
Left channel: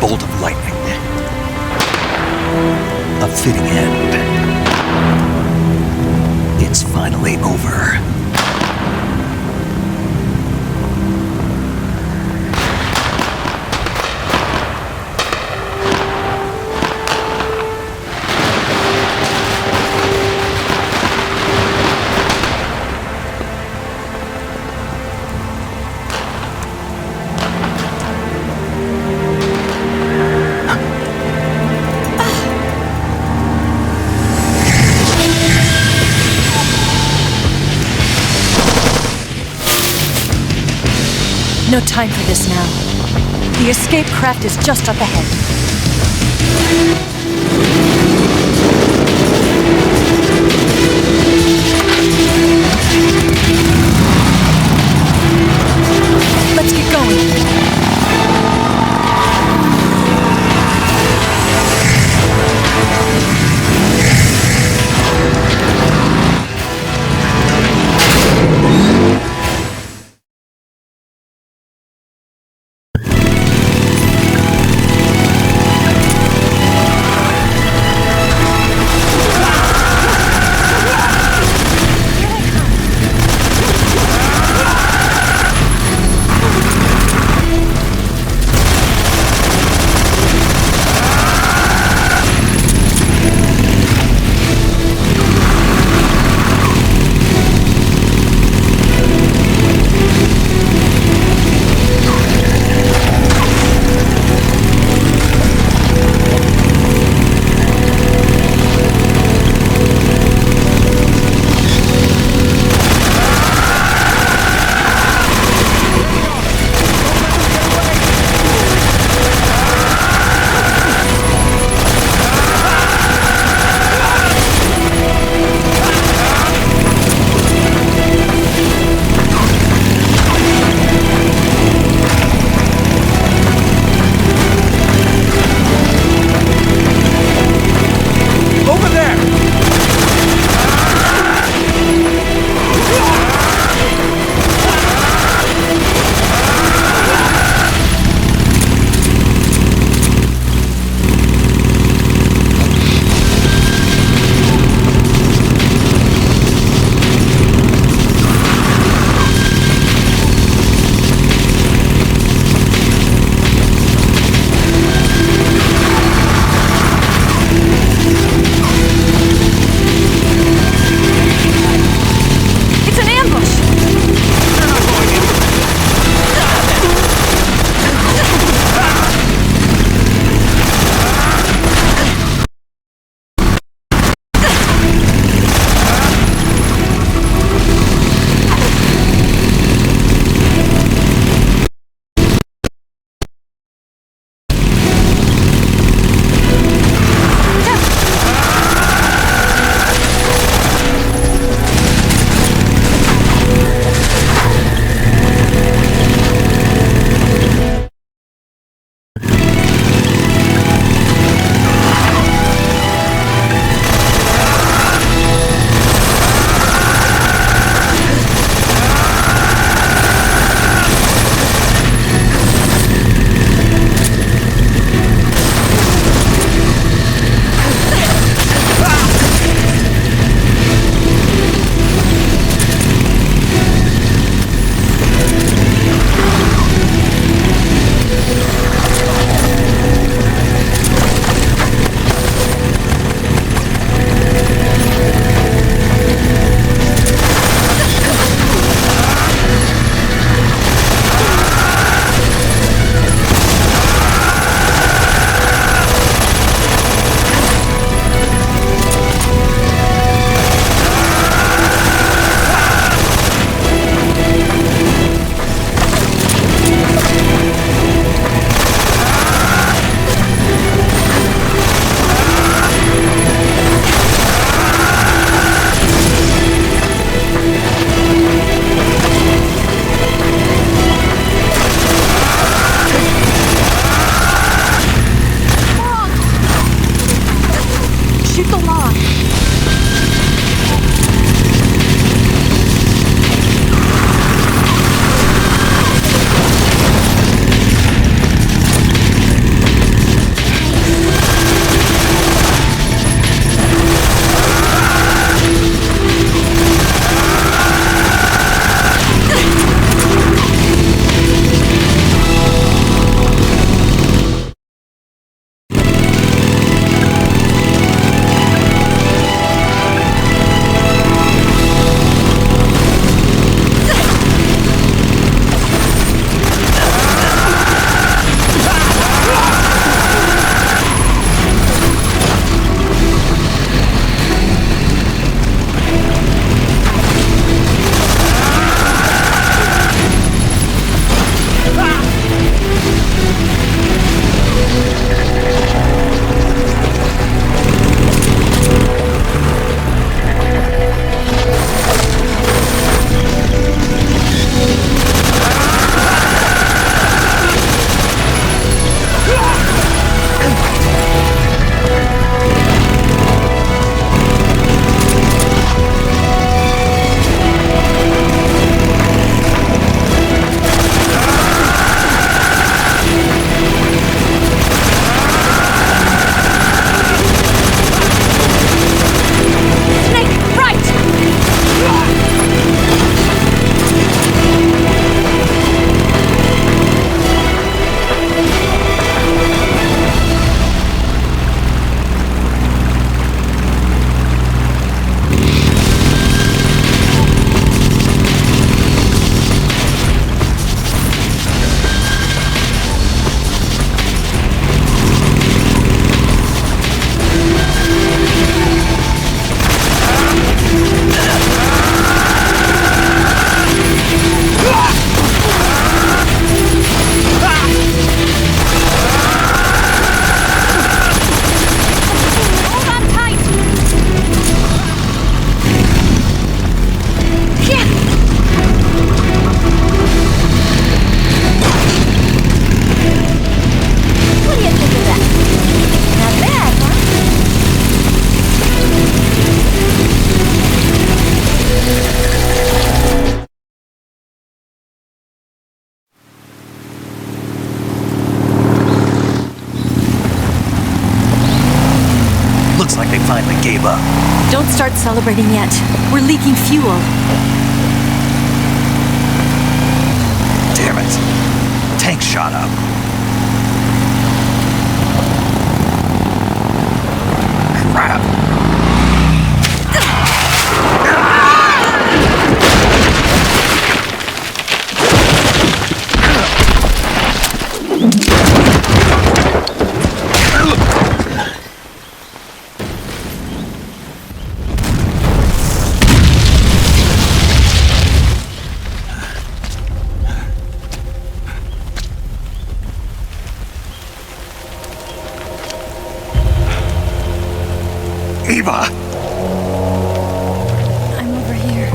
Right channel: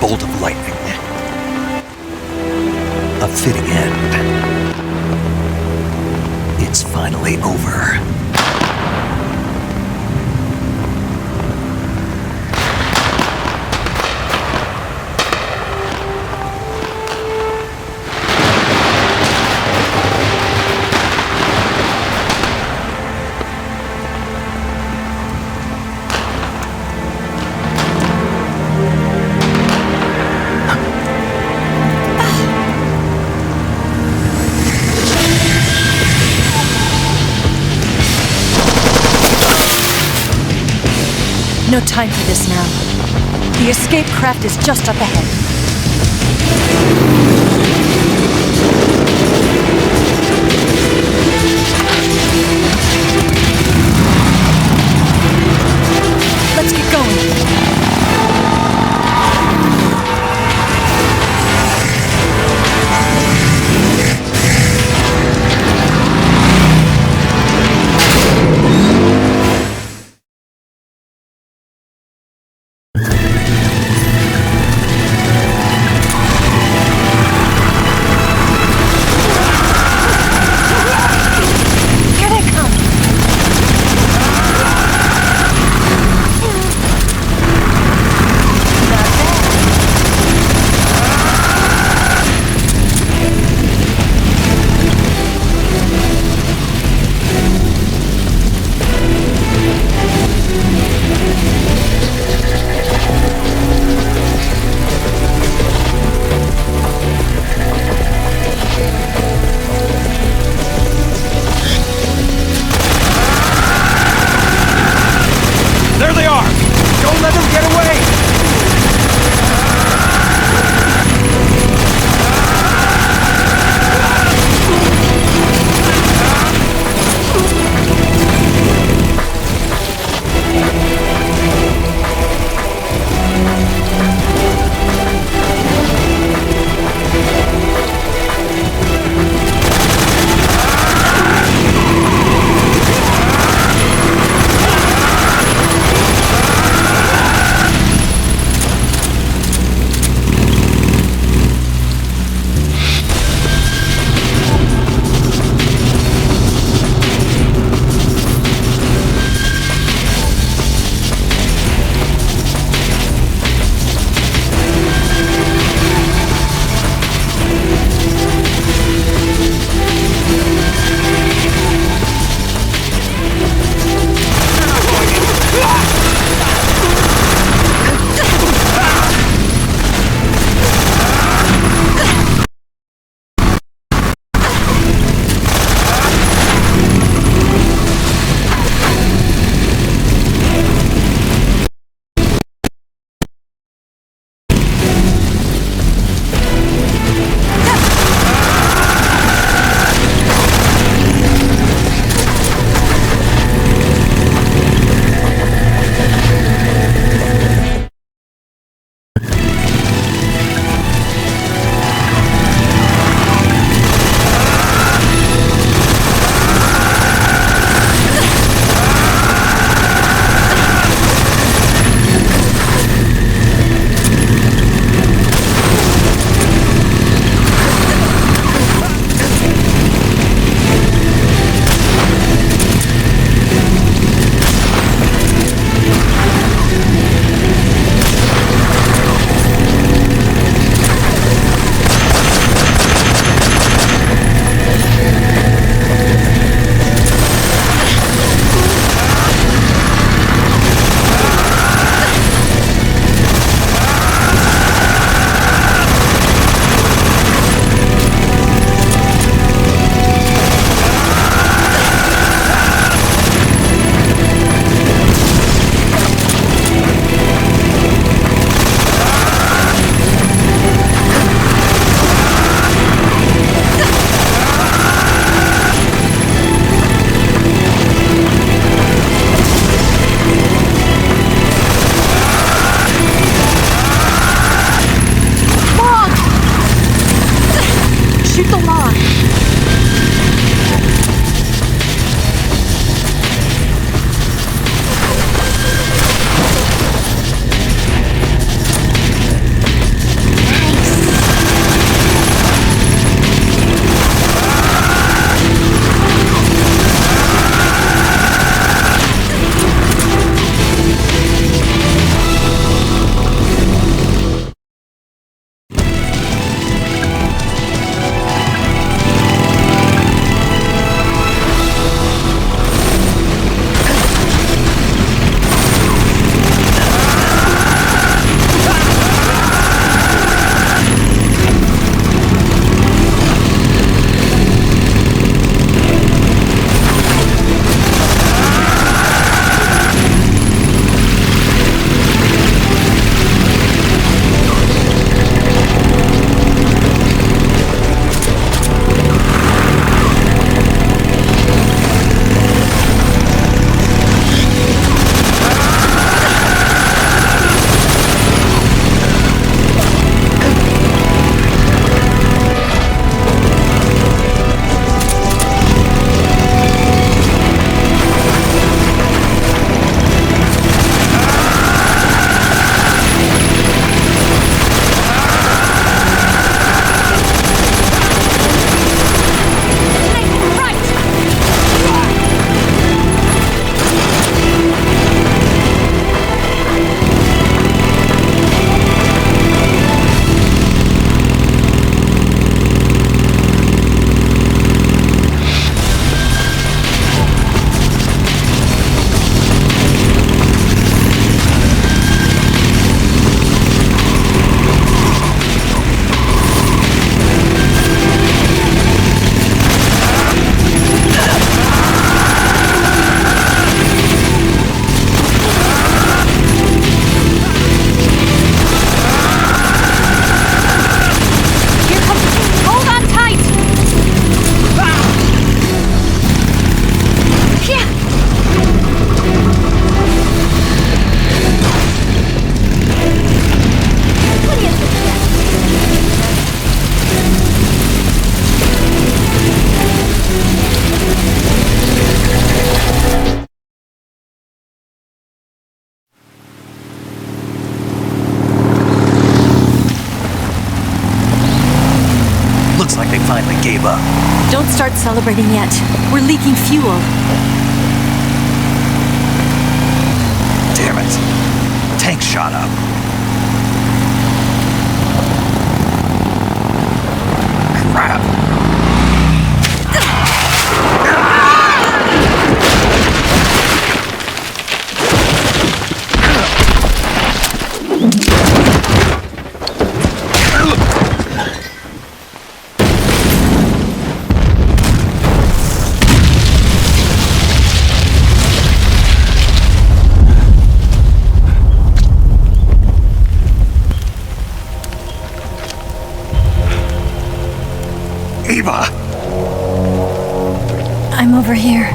Bolt of lightning. A fitting end. It's finally over. No time for this now. The escape craft is just up ahead. Let's get going. Looks like they finally gave up. Don't start celebrating yet. We're leaking fuel. Damn it. Tank shot up. Crap. Eva! I'm over here.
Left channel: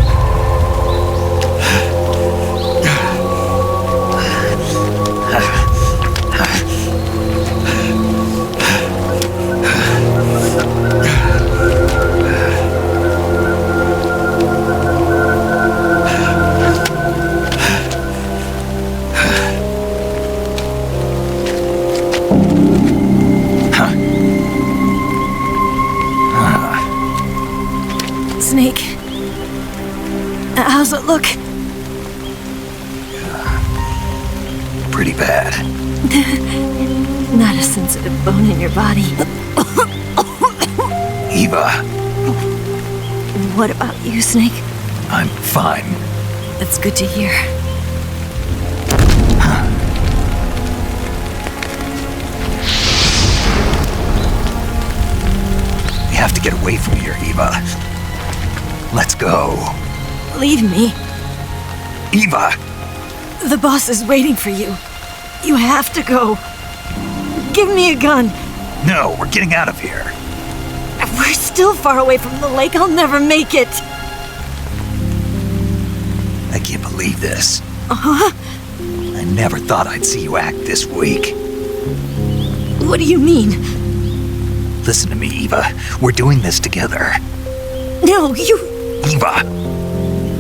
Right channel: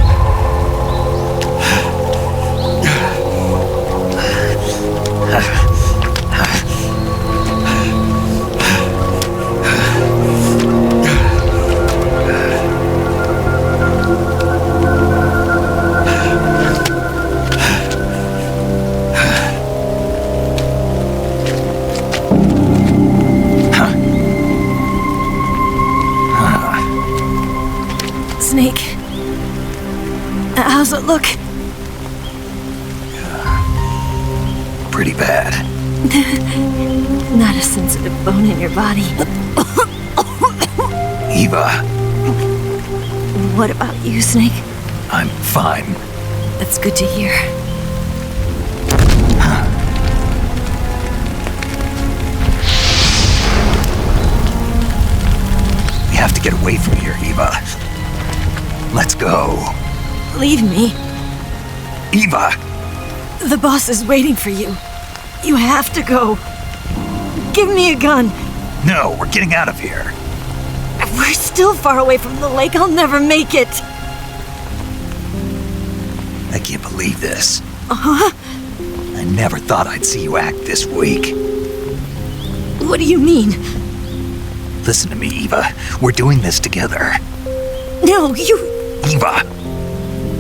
Snake, how's it look? Pretty bad. Not a sensitive bone in your body. Eva, What about you, Snake? I'm fine. That's good to hear. We have to get away from here, Eva. Let's go. Leave me. Eva! The boss is waiting for you. You have to go. Give me a gun. No, we're getting out of here. We're still far away from the lake. I'll never make it. I can't believe this. Uh-huh. I never thought I'd see you act this weak. What do you mean? Listen to me, Eva. We're doing this together. No, you... Eva,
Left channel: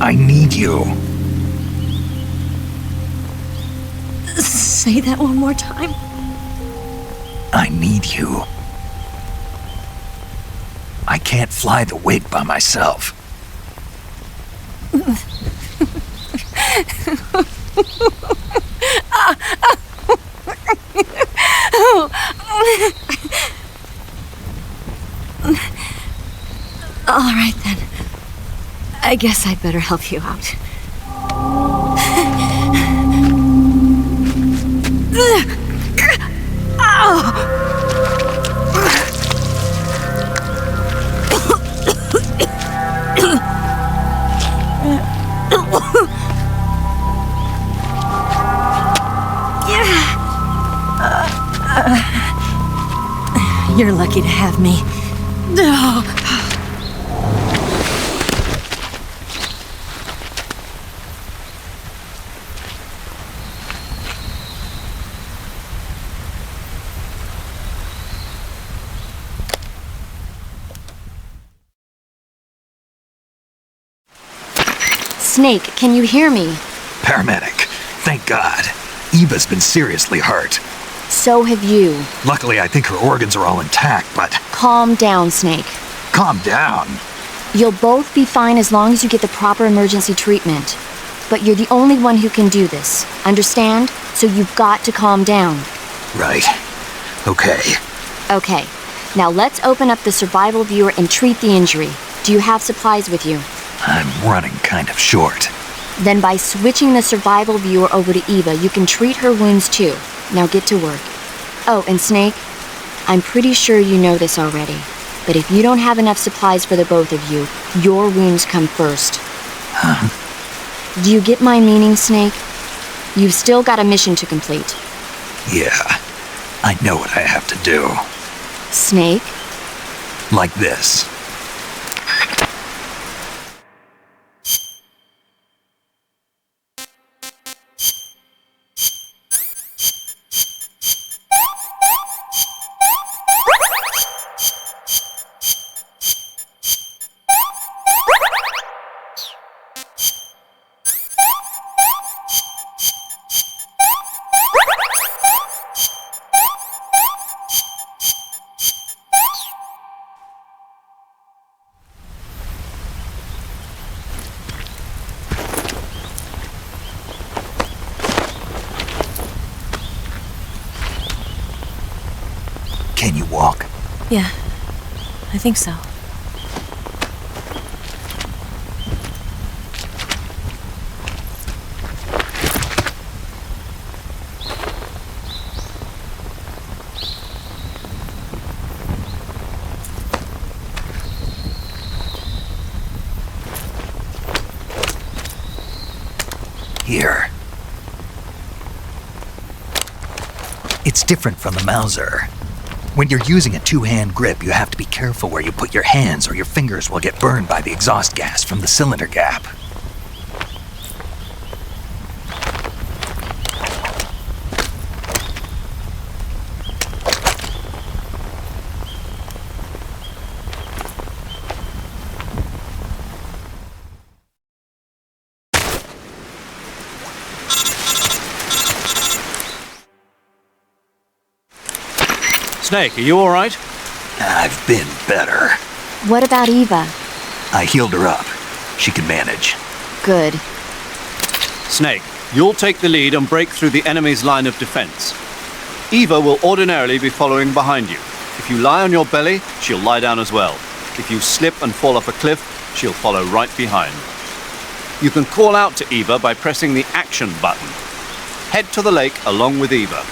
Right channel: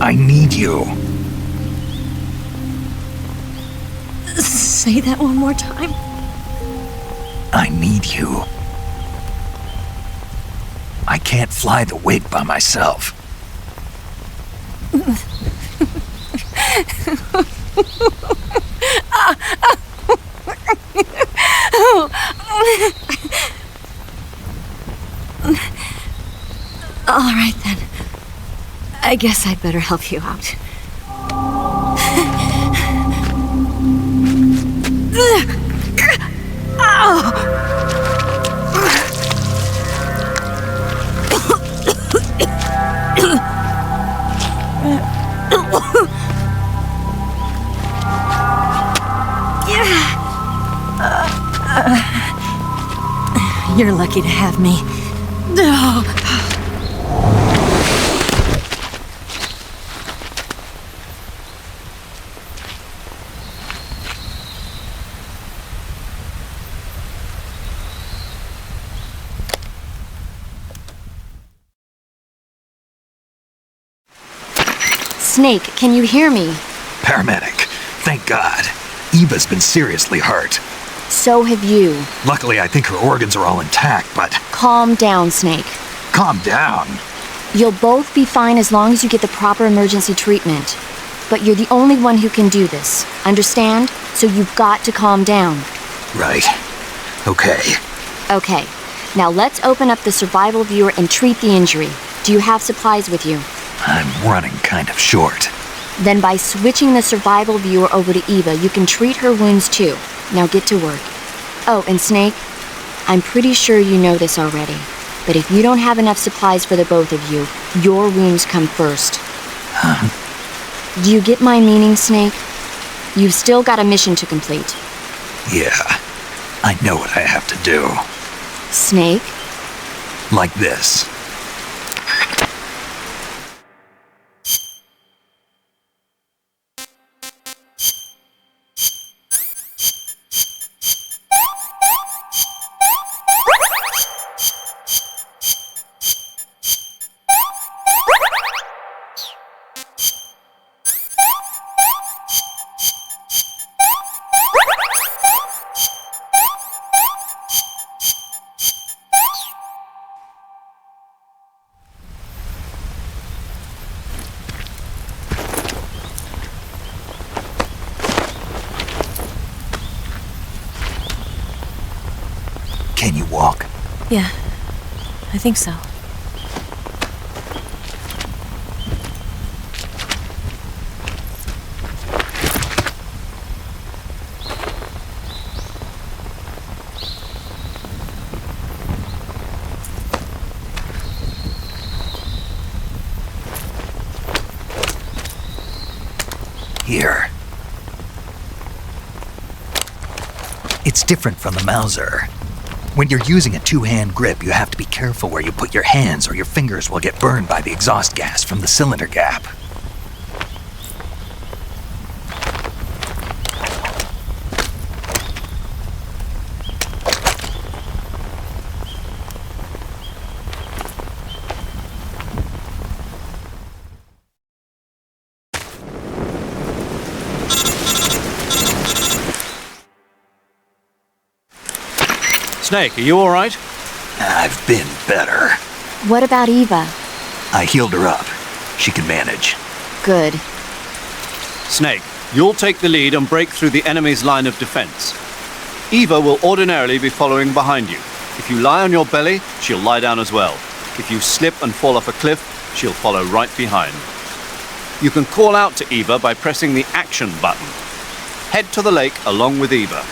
I need you. Say that one more time. I need you. I can't fly the wig by myself. All right, then. I guess I'd better help you out. You're lucky to have me. Snake, can you hear me? Paramedic, thank God. Eva's been seriously hurt. So have you. Luckily, I think her organs are all intact, but... Calm down, Snake. Calm down. You'll both be fine as long as you get the proper emergency treatment. But you're the only one who can do this. Understand? So you've got to calm down. Right. Okay. Okay. Now let's open up the survival viewer and treat the injury. Do you have supplies with you? I'm running kind of short. Then by switching the survival viewer over to Eva, you can treat her wounds too. Now get to work. Oh, and Snake, I'm pretty sure you know this already, but if you don't have enough supplies for the both of you, your wounds come first. Huh? Do you get my meaning, Snake? You've still got a mission to complete. Yeah, I know what I have to do. Snake? Like this. Can you walk? Yeah, I think so. Here. It's different from the Mauser. When you're using a two-hand grip, you have to be careful where you put your hands or your fingers will get burned by the exhaust gas from the cylinder gap. Snake, are you all right? I've been better. What about Eva? I healed her up. She can manage. Good. Snake, you'll take the lead and break through the enemy's line of defense. Eva will ordinarily be following behind you. If you lie on your belly, she'll lie down as well. If you slip and fall off a cliff, she'll follow right behind. You can call out to Eva by pressing the action button. Head to the lake along with Eva.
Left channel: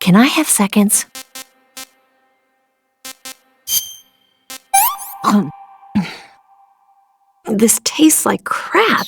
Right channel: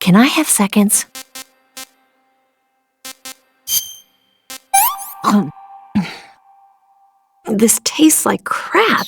Can I have seconds? This tastes like crap.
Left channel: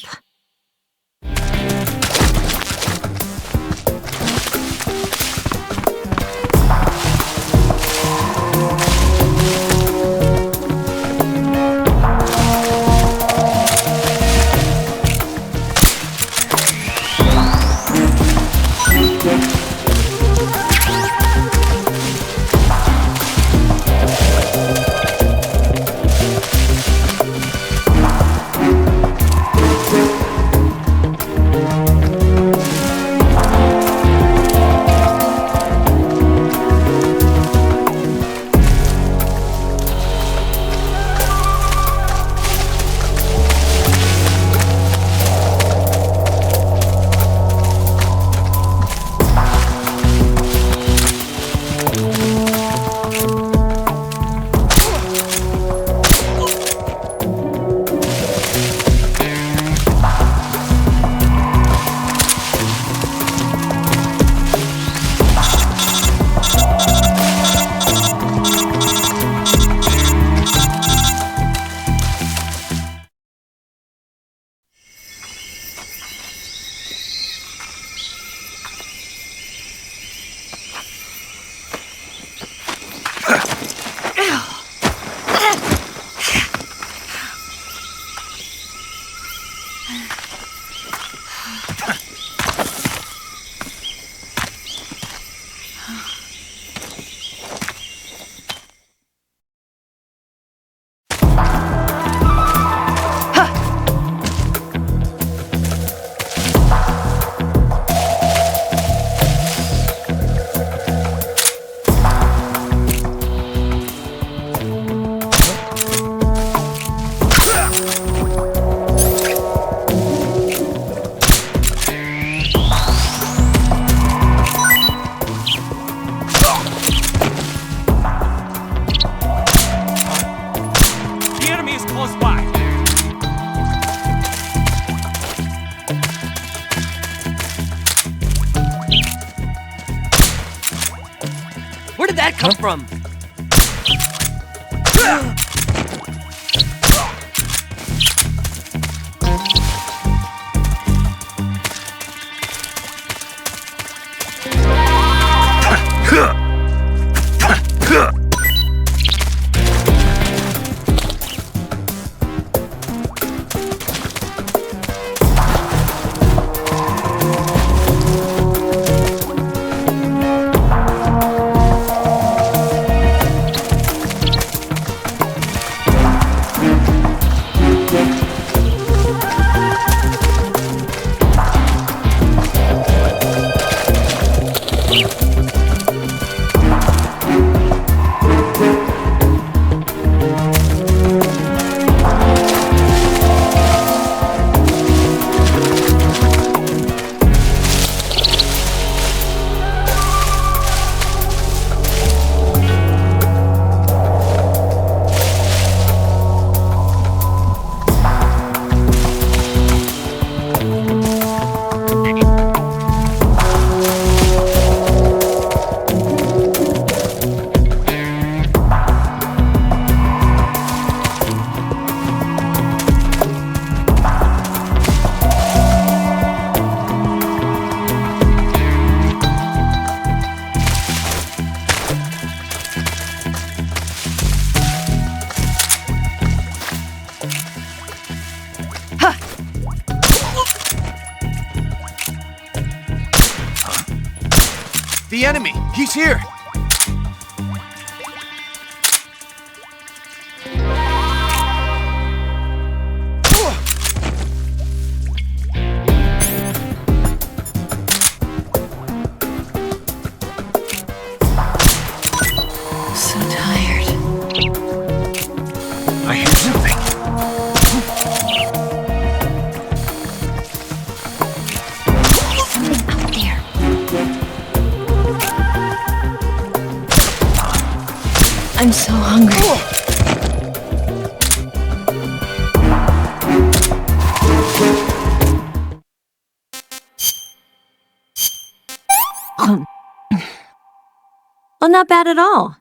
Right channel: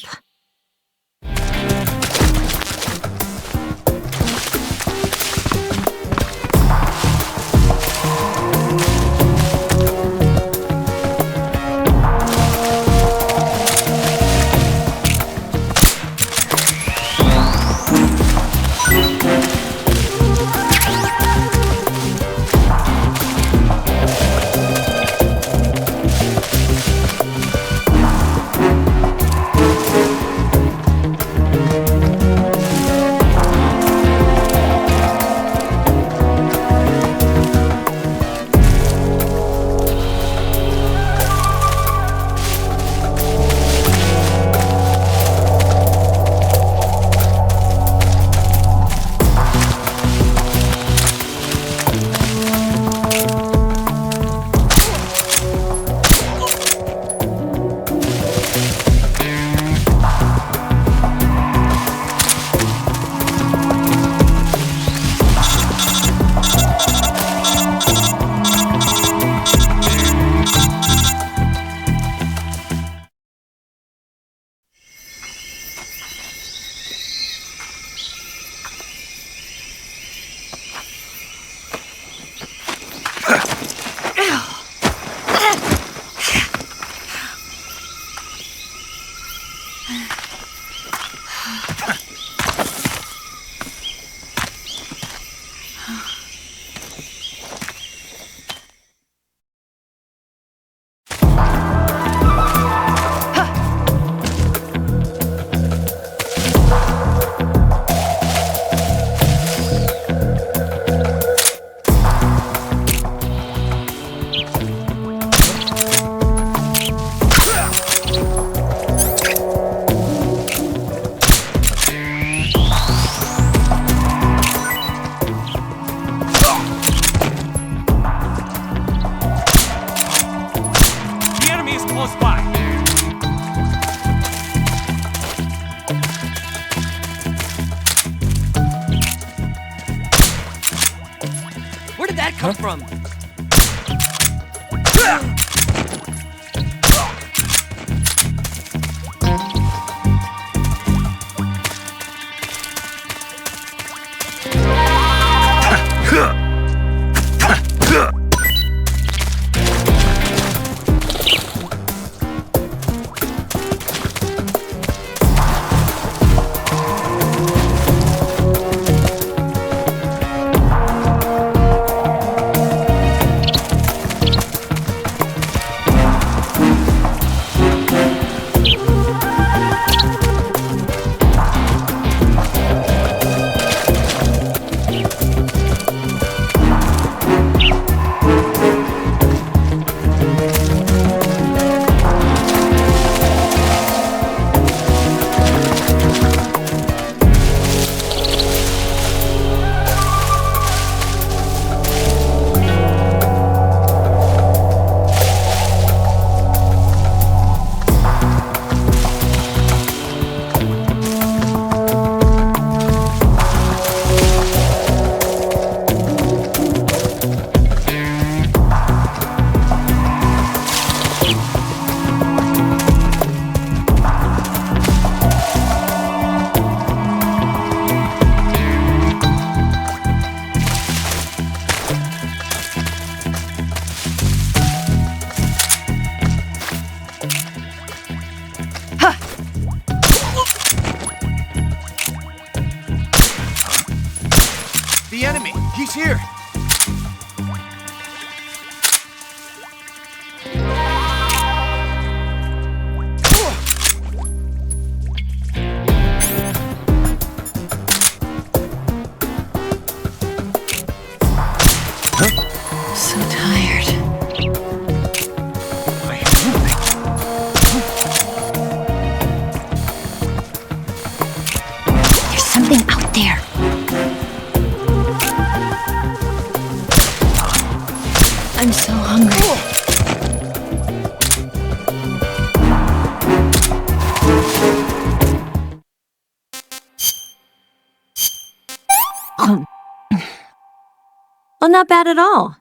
The enemy is close by. Where did that come from? The enemy! He's here! Well, not bad at all.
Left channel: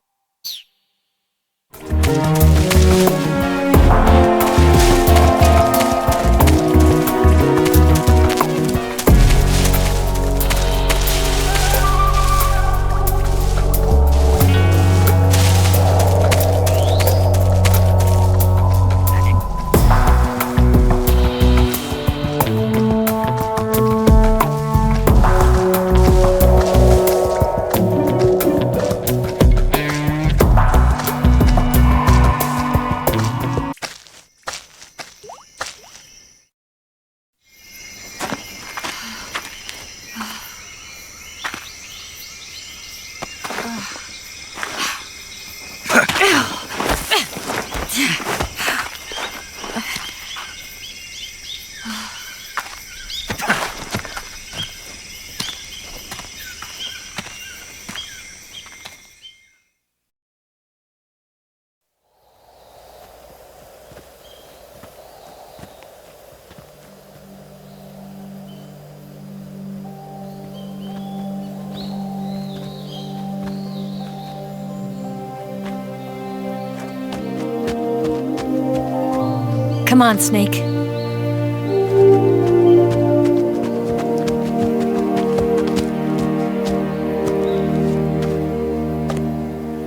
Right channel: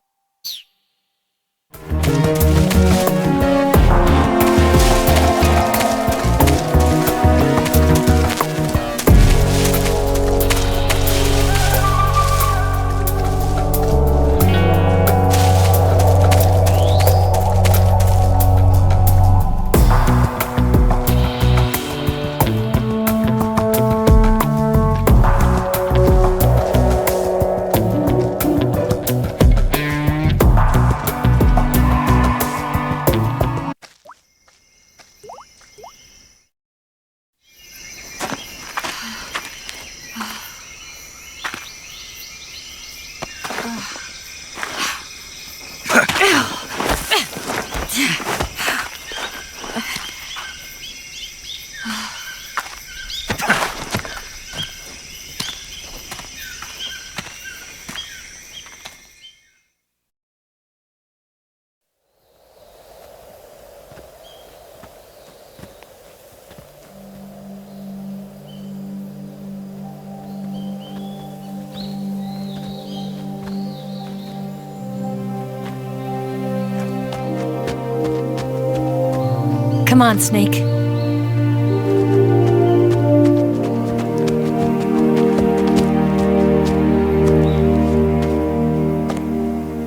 Come on, Snake.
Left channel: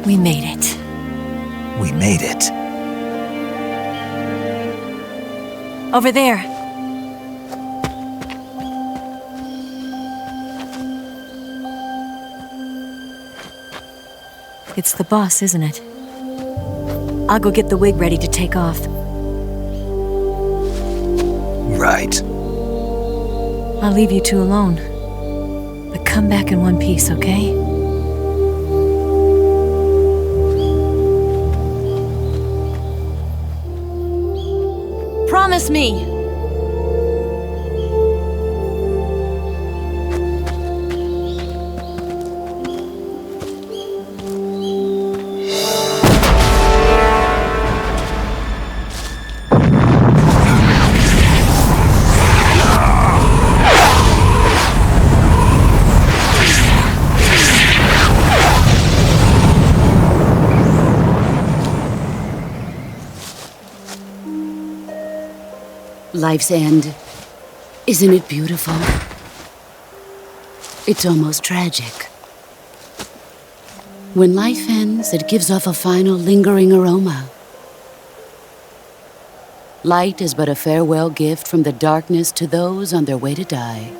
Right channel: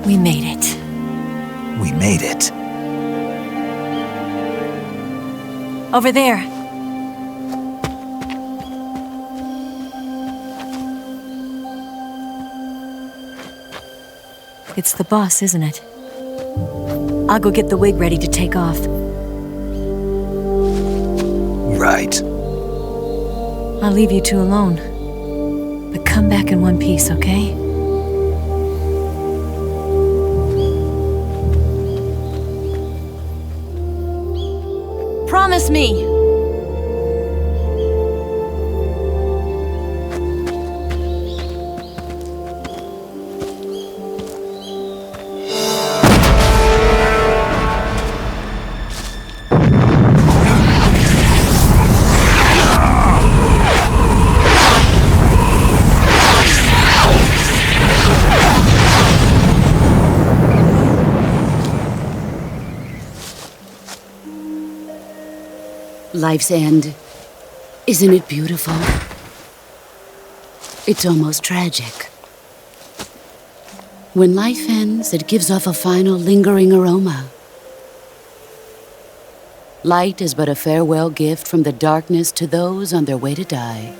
We made it. We made it. Over there. It's the boss, isn't it? I'll go get the wig ready to take off. Right. I'll leave you two alone. But come back in one piece, okay? Promise me! Life's end. Isn't it beautiful? It's almost tragic. When life ends, it gives off a final lingering aroma. Light is but a farewell gift from the darkness to those on their way to die.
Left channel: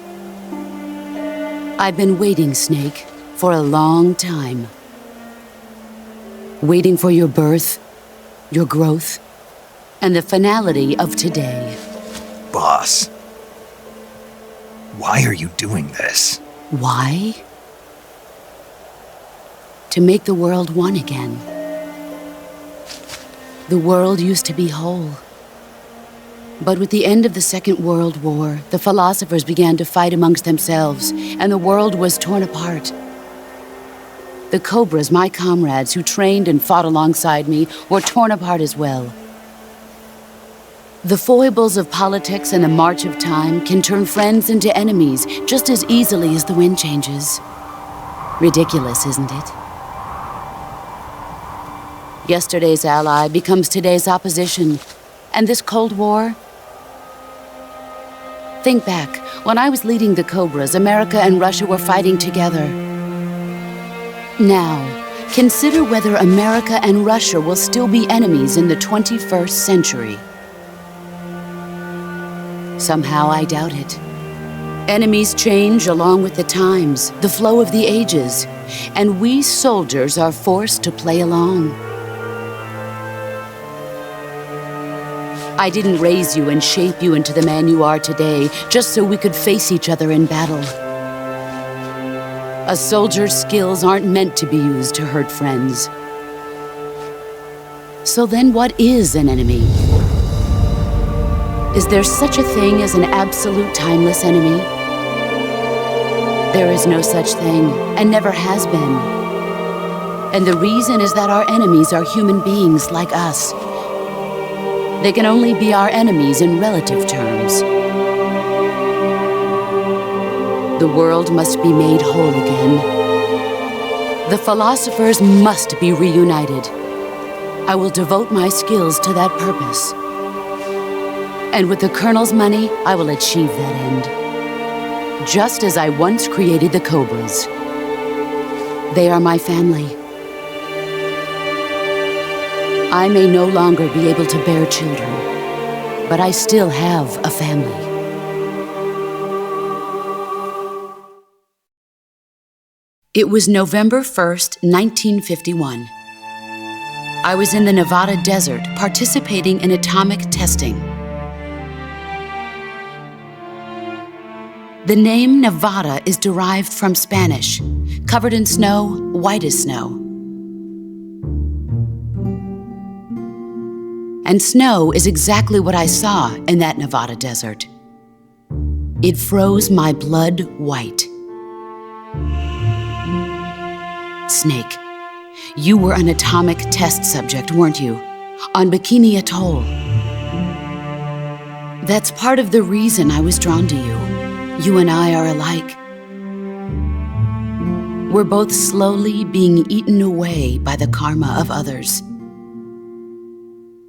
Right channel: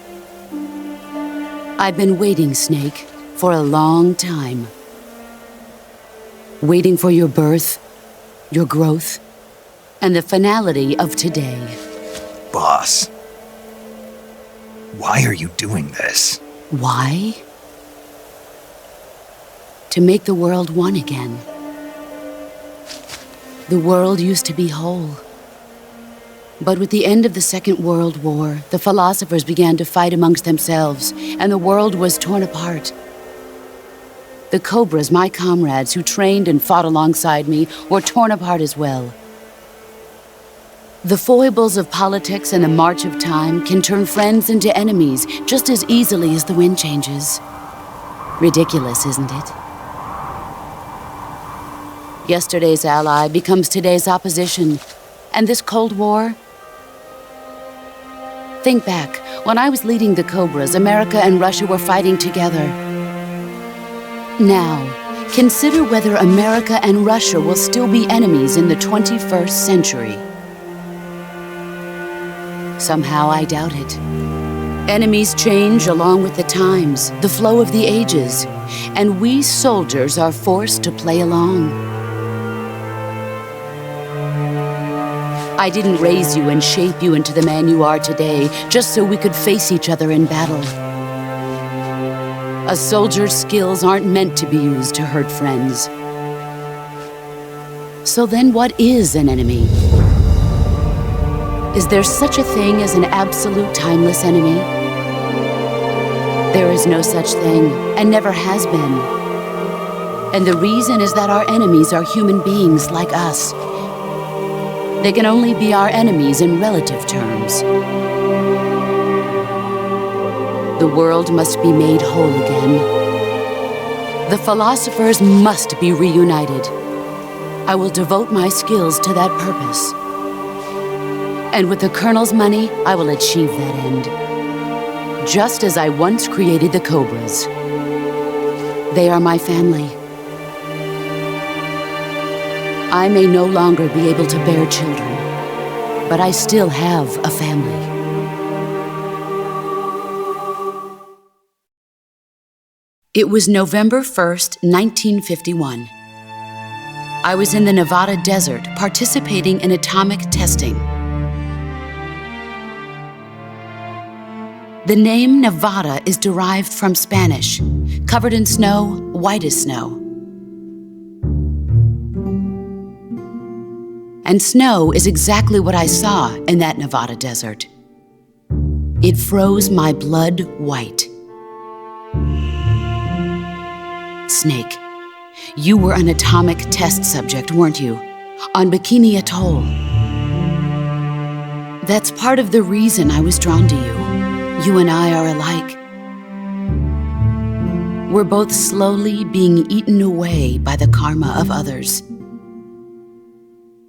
I've been waiting, Snake, for a long time. Waiting for your birth, your growth, and the finality of today. Boss, why are you doing this? Why? To make the world one again. The world used to be whole. But with the end of the Second World War, the philosophers began to fight amongst themselves, and the world was torn apart. The Cobras, my comrades who trained and fought alongside me, were torn apart as well. The foibles of politics and the march of time can turn friends into enemies just as easily as the wind changes. Ridiculous, isn't it? Yesterday's ally becomes today's opposition. And this Cold War? Think back. When I was leading the Cobras, America and Russia were fighting together. Now, consider whether America and Russia will still be enemies in the 21st century. Somehow I doubt it. Enemies change along with the times, the flow of the ages, and we soldiers are forced to play along. I didn't raise you and shape you into the man you are today just so we could face each other in battle. A soldier's skills aren't meant to be used to hurt friends. So then what is an enemy? Is there such a thing as an absolute timeless enemy? There is no such thing, and never has been. And the reason is that our enemies are human beings like us. They can only be our enemies in relative terms. The world must be made whole again. The philosophers must be reunited. I will devote my skills to that purpose. And with the Colonel's money, I will achieve that end. Just as I once created the Cobras. They are my family. I may no longer be able to bear children, but I still have a family. It was November 1st, 1951. I was in the Nevada desert participating in atomic testing. The name Nevada is derived from Spanish, covered in snow, white as snow. And snow is exactly what I saw in that Nevada desert. It froze my blood white. Snake, you were an atomic test subject, weren't you? On Bikini Atoll. That's part of the reason I was drawn to you. You and I are alike. We're both slowly being eaten away by the karma of others.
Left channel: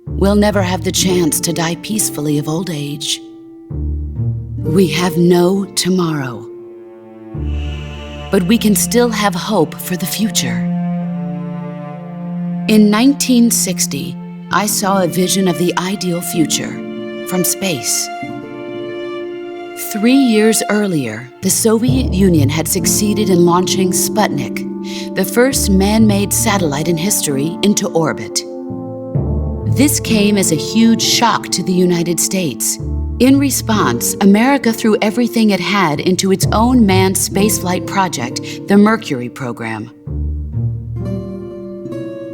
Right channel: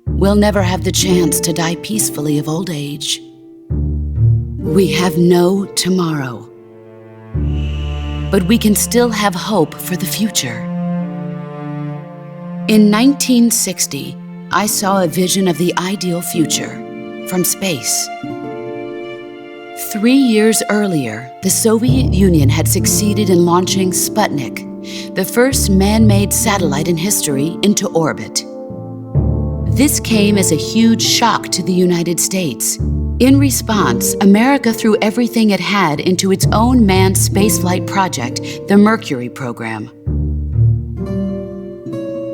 We'll never have the chance to die peacefully of old age. We have no tomorrow. But we can still have hope for the future. In 1960, I saw a vision of the ideal future from space. 3 years earlier, the Soviet Union had succeeded in launching Sputnik, the first man-made satellite in history, into orbit. This came as a huge shock to the United States. In response, America threw everything it had into its own manned spaceflight project, the Mercury program.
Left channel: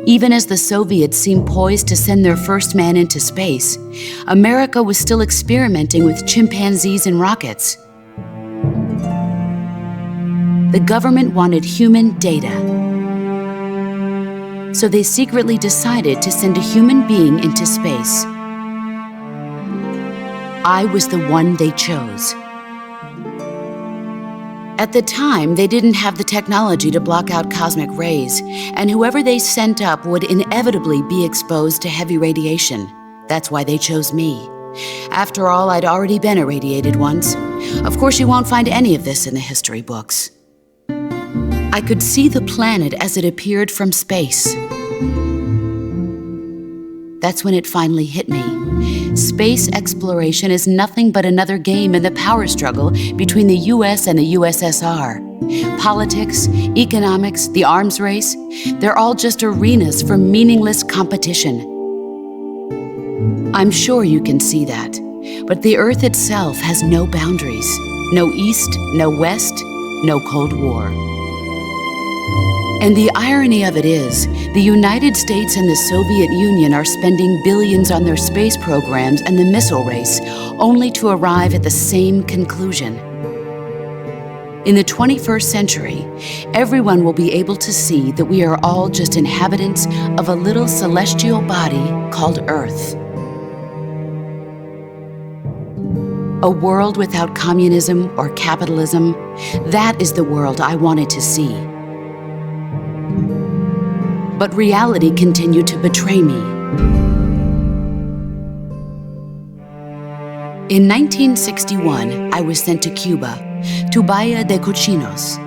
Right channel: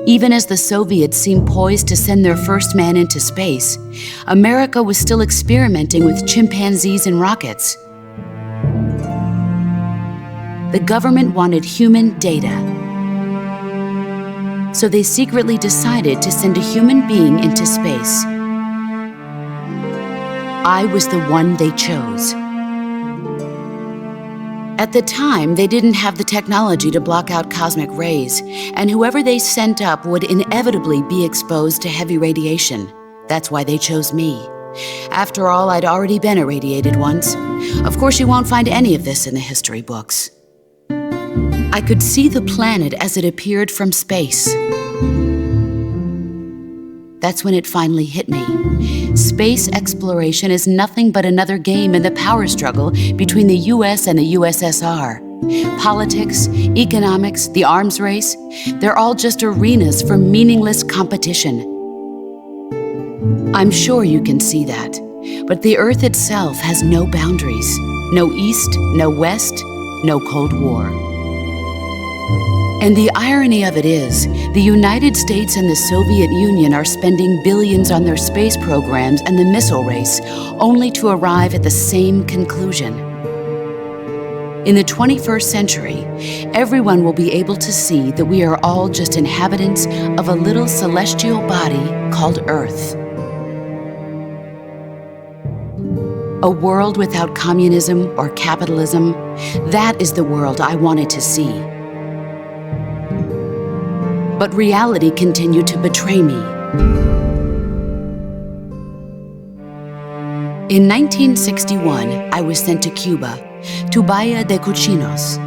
Even as the Soviets seemed poised to send their first man into space, America was still experimenting with chimpanzees and rockets. The government wanted human data, so they secretly decided to send a human being into space. I was the one they chose. At the time, they didn't have the technology to block out cosmic rays, and whoever they sent up would inevitably be exposed to heavy radiation. That's why they chose me. After all, I'd already been irradiated once. Of course, you won't find any of this in the history books. I could see the planet as it appeared from space. That's when it finally hit me. Space exploration is nothing but another game in the power struggle between the US and the USSR. Politics, economics, the arms race, they're all just arenas for meaningless competition. I'm sure you can see that, but the Earth itself has no boundaries. No East, no West, no Cold War. And the irony of it is, the United States and the Soviet Union are spending billions on their space programs and the missile race, only to arrive at the same conclusion. In the 21st century, everyone will be able to see that we are all just inhabitants of a little celestial body called Earth. A world without communism or capitalism, that is the world I wanted to see. But reality continued to betray me. In 1961, I was sent to Cuba, to Bahia de Cochinos.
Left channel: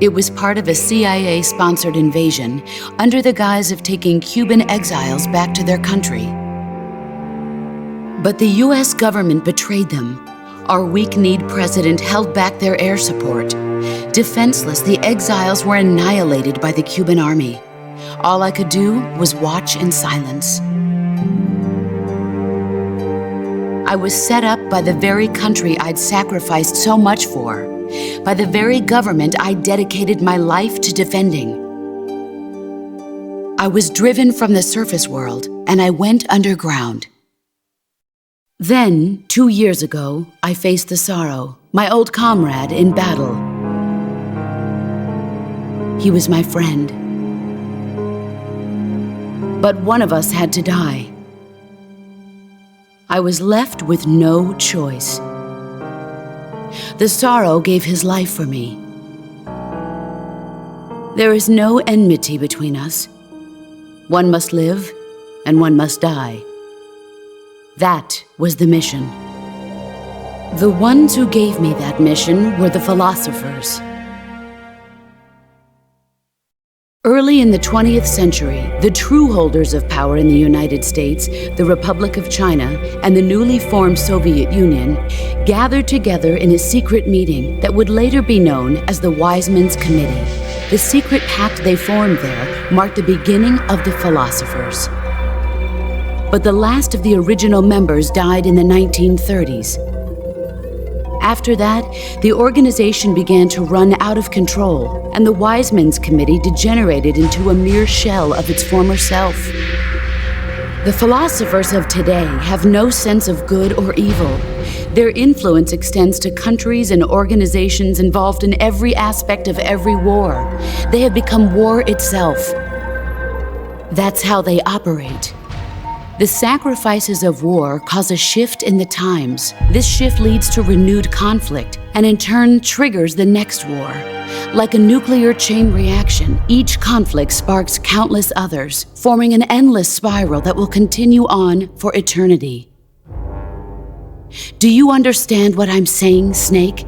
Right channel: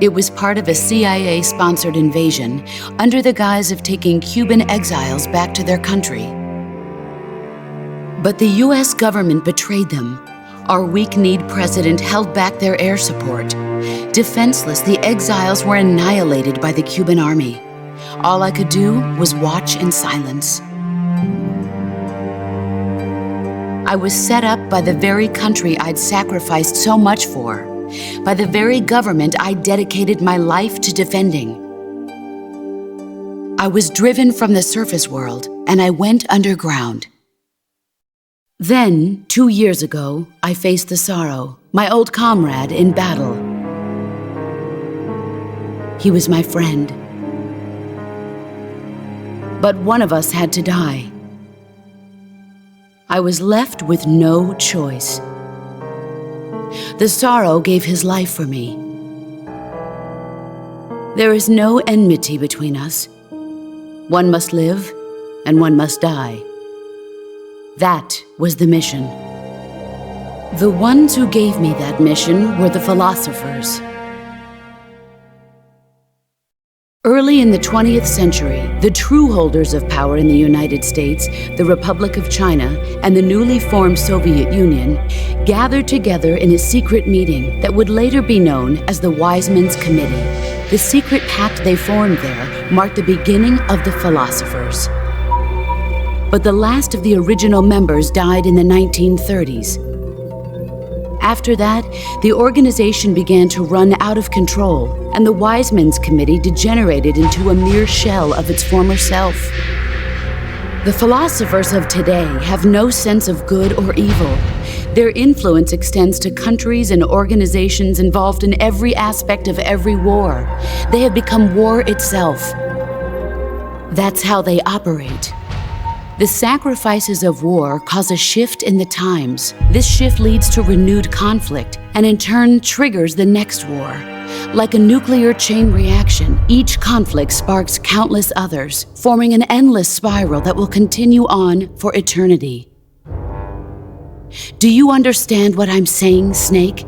It was part of a CIA-sponsored invasion under the guise of taking Cuban exiles back to their country. But the US government betrayed them. Our weak-kneed president held back their air support. Defenseless, the exiles were annihilated by the Cuban army. All I could do was watch in silence. I was set up by the very country I'd sacrificed so much for, by the very government I dedicated my life to defending. I was driven from the surface world, and I went underground. Then, 2 years ago, I faced the sorrow, my old comrade in battle. He was my friend. But one of us had to die. I was left with no choice. The sorrow gave his life for me. There is no enmity between us. One must live, and one must die. That was the mission. The ones who gave me that mission were the philosophers. Early in the 20th century, the true holders of power in the United States, the Republic of China, and the newly formed Soviet Union gathered together in a secret meeting that would later be known as the Wise Men's Committee. The secret pact they formed there marked the beginning of the philosophers. But the last of the original members died in the 1930s. After that, the organization began to run out of control, and the Wise Men's Committee degenerated into a mere shell of its former self. The philosophers of today have no sense of good or evil. Their influence extends to countries and organizations involved in every aspect of every war. They have become war itself. That's how they operate. The sacrifices of war cause a shift in the times. This shift leads to renewed conflict, and in turn triggers the next war. Like a nuclear chain reaction, each conflict sparks countless others, forming an endless spiral that will continue on for eternity. Do you understand what I'm saying, Snake?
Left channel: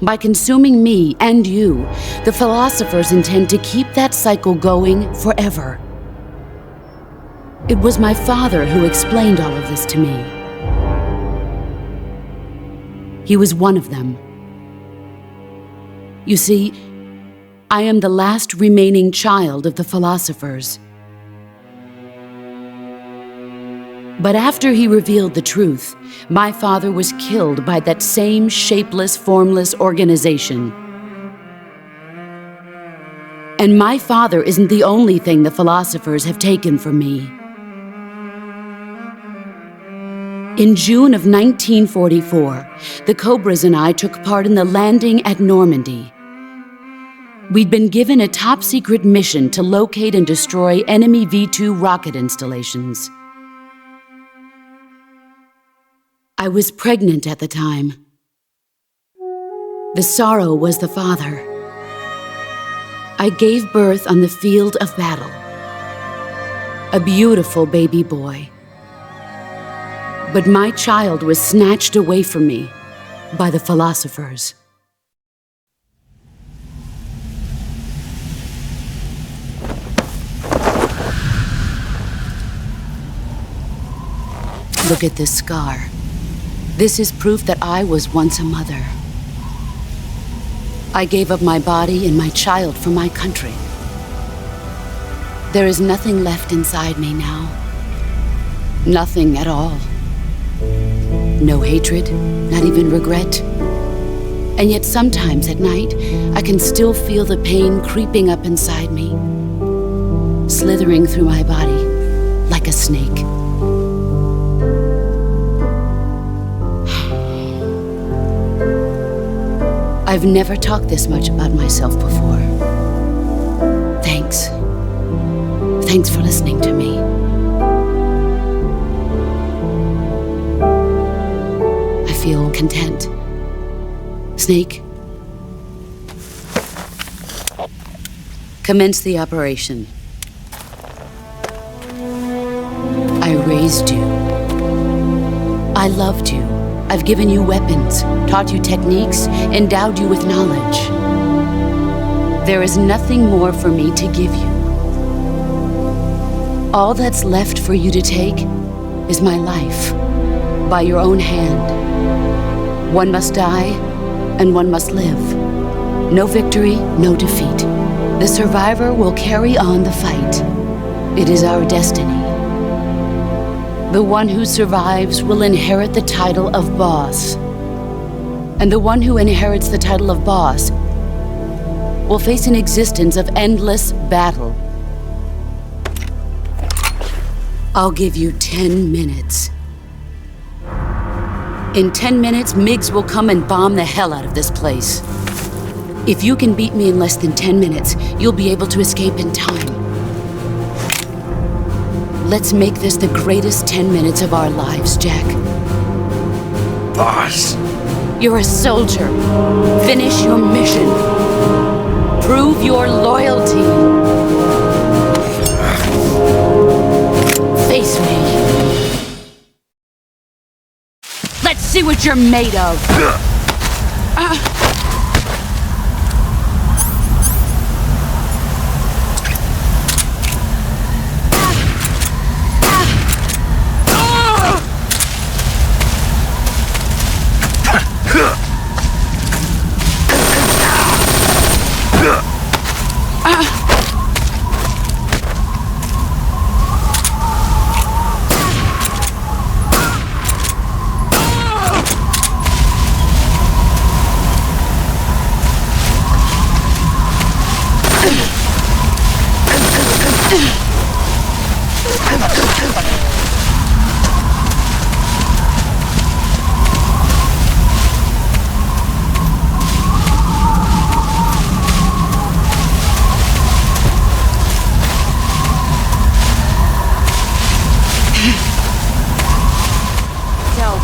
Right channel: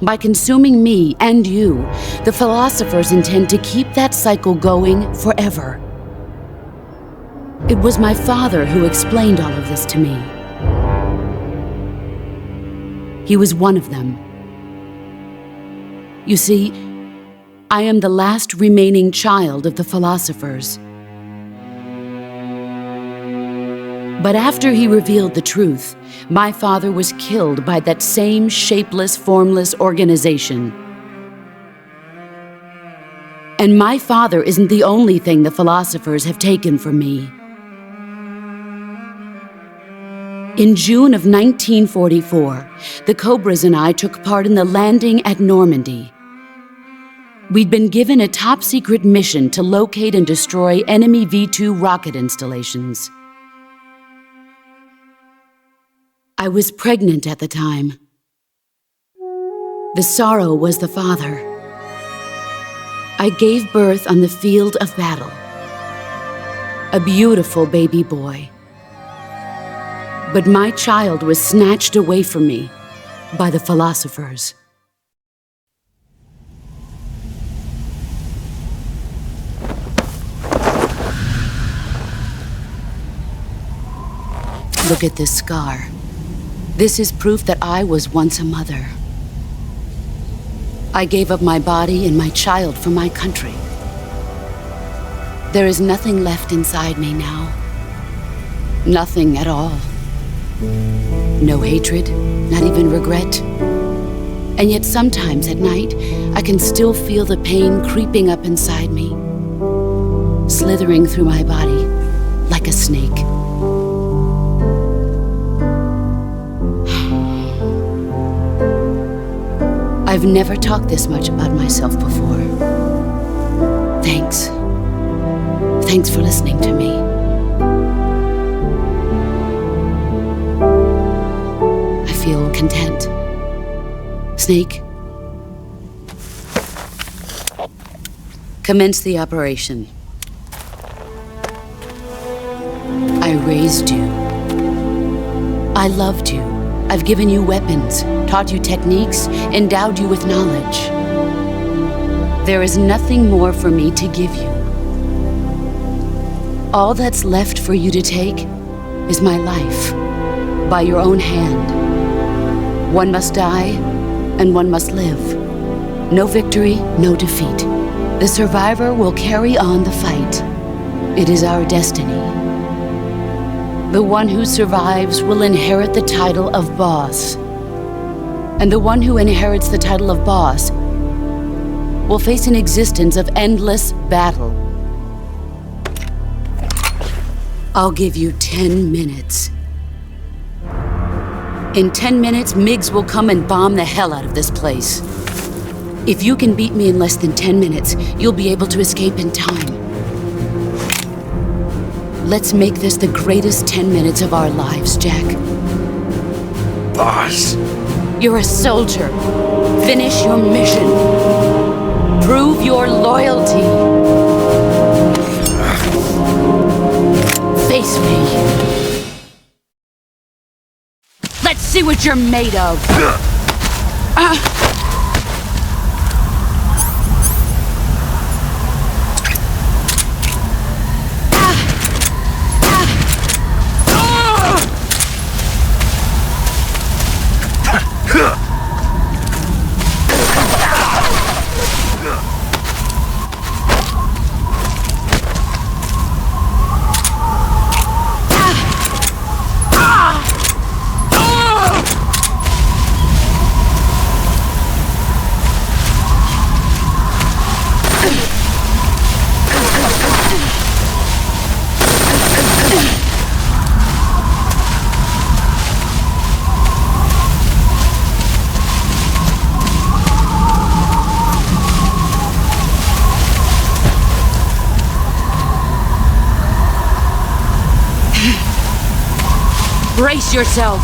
By consuming me and you, the philosophers intend to keep that cycle going forever. It was my father who explained all of this to me. He was one of them. You see, I am the last remaining child of the philosophers. But after he revealed the truth, my father was killed by that same shapeless, formless organization. And my father isn't the only thing the philosophers have taken from me. In June of 1944, the Cobras and I took part in the landing at Normandy. We'd been given a top-secret mission to locate and destroy enemy V-2 rocket installations. I was pregnant at the time. The sorrow was the father. I gave birth on the field of battle. A beautiful baby boy. But my child was snatched away from me by the philosophers. Look at this scar. This is proof that I was once a mother. I gave up my body and my child for my country. There is nothing left inside me now. Nothing at all. No hatred, not even regret. And yet sometimes at night, I can still feel the pain creeping up inside me, slithering through my body like a snake. I've never talked this much about myself before. Thanks. Thanks for listening to me. I feel content. Snake, commence the operation. I raised you. I loved you. I've given you weapons, taught you techniques, endowed you with knowledge. There is nothing more for me to give you. All that's left for you to take is my life, by your own hand. One must die, and one must live. No victory, no defeat. The survivor will carry on the fight. It is our destiny. The one who survives will inherit the title of boss. And the one who inherits the title of boss will face an existence of endless battle. I'll give you 10 minutes. In 10 minutes, MiGs will come and bomb the hell out of this place. If you can beat me in less than 10 minutes, you'll be able to escape in time. Let's make this the greatest 10 minutes of our lives, Jack. Boss. You're a soldier. Finish your mission. Prove your loyalty. Face me. Let's see what you're made of. Brace yourself.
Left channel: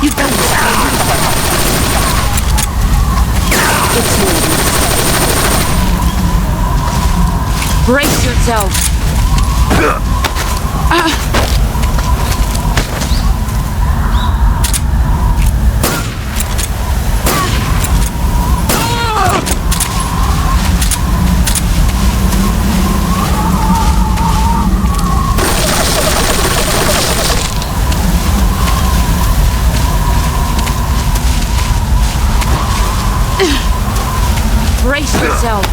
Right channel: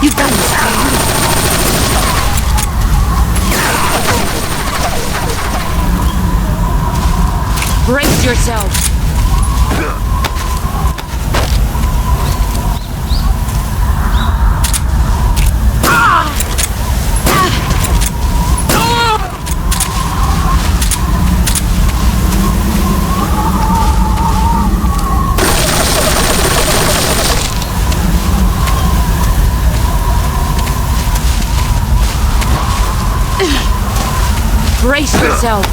You got this, baby. Brace yourself. Brace yourself.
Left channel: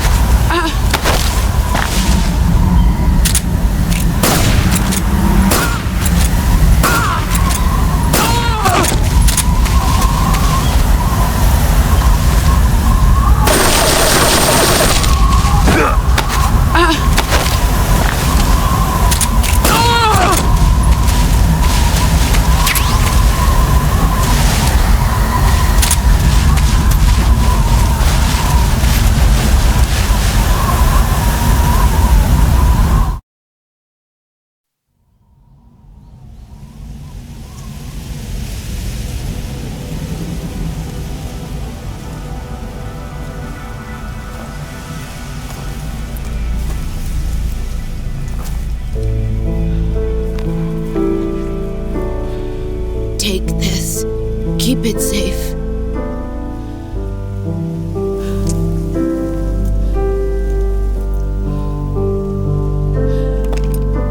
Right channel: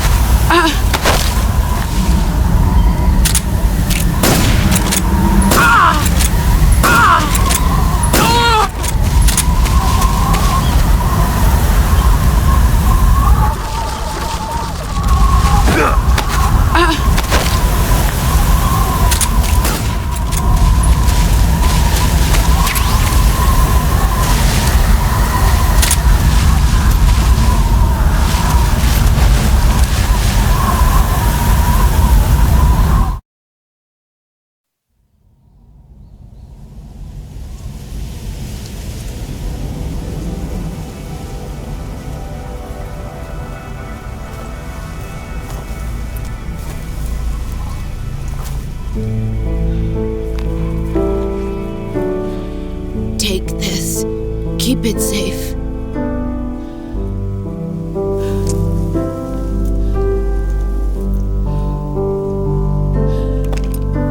keep it safe.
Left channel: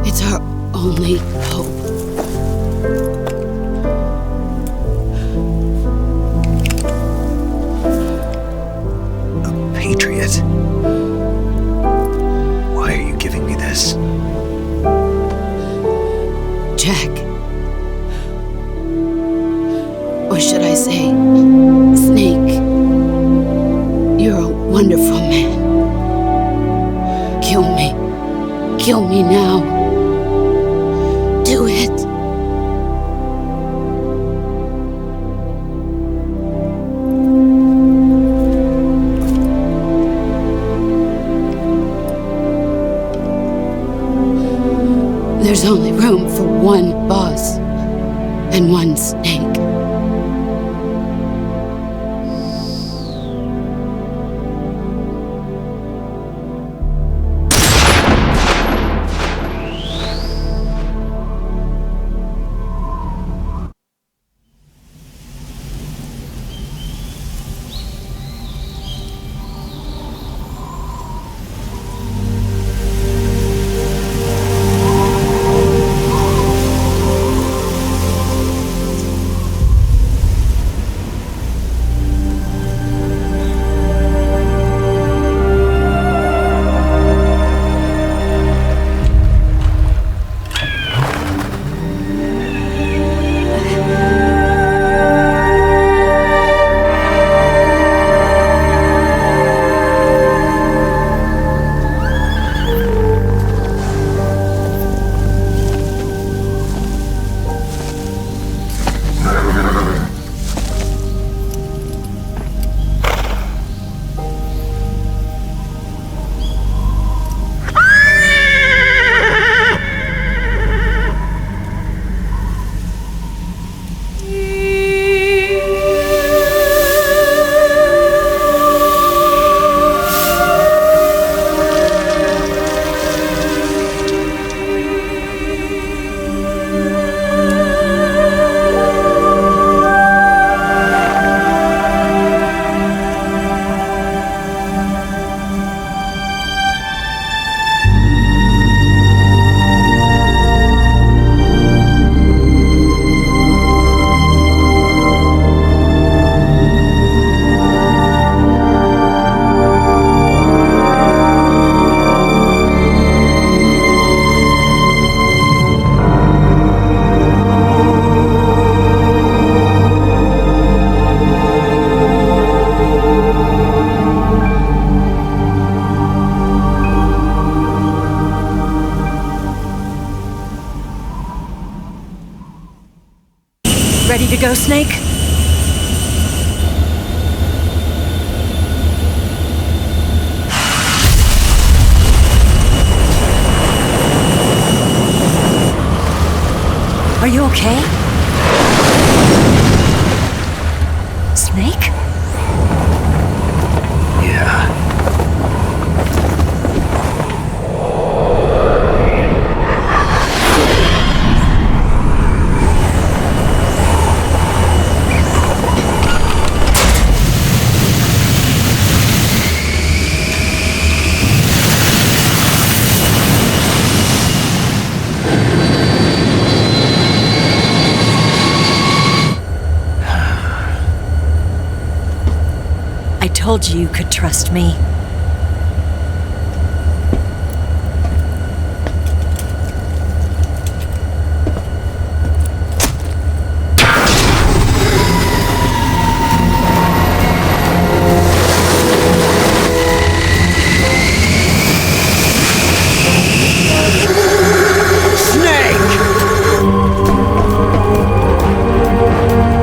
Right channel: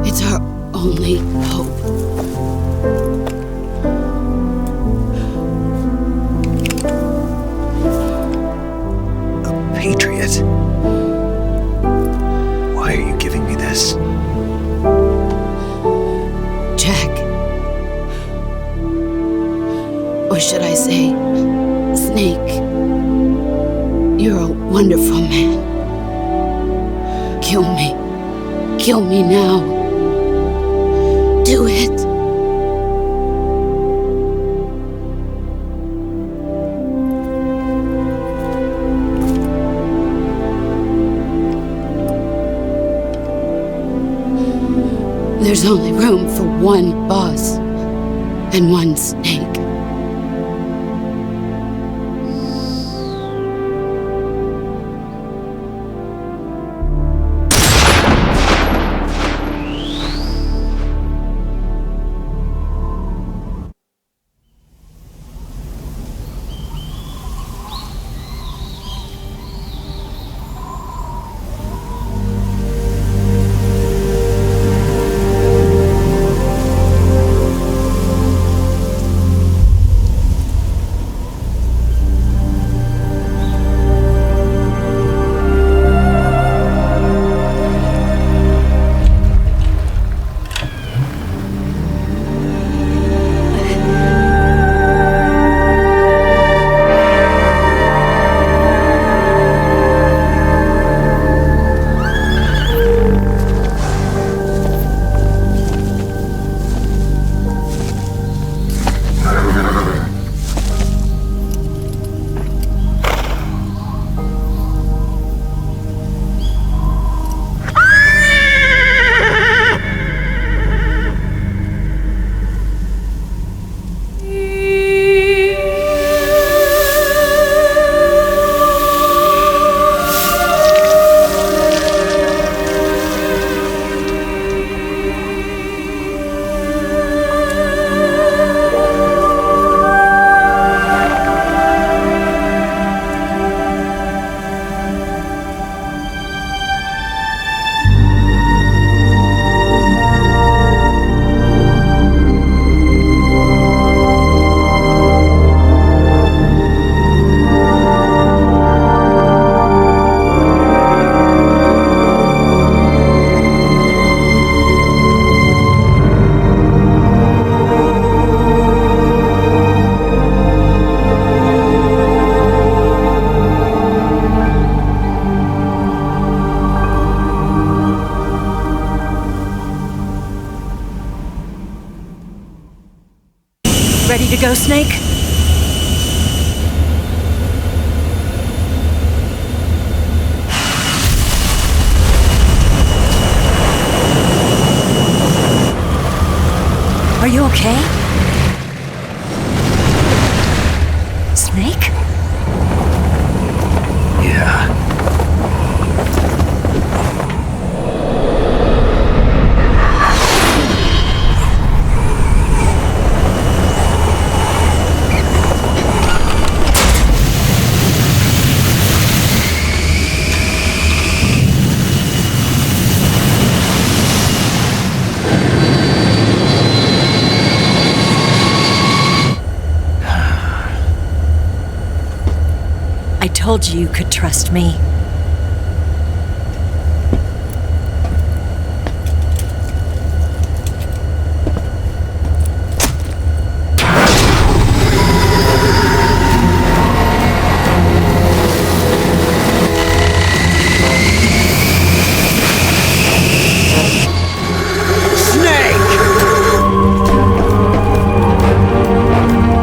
It's our only hope. A patriot? Why are you giving me this? Jack. Or should I say, Snake. You're a wonderful man. Kill me. Kill me now. Do it. There's only room for one boss and one Snake. Ready to go, Snake? Are you okay? Snake? Yeah. I told you you could trust me.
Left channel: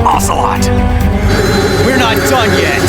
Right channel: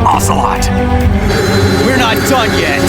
Ocelot! We're not done yet!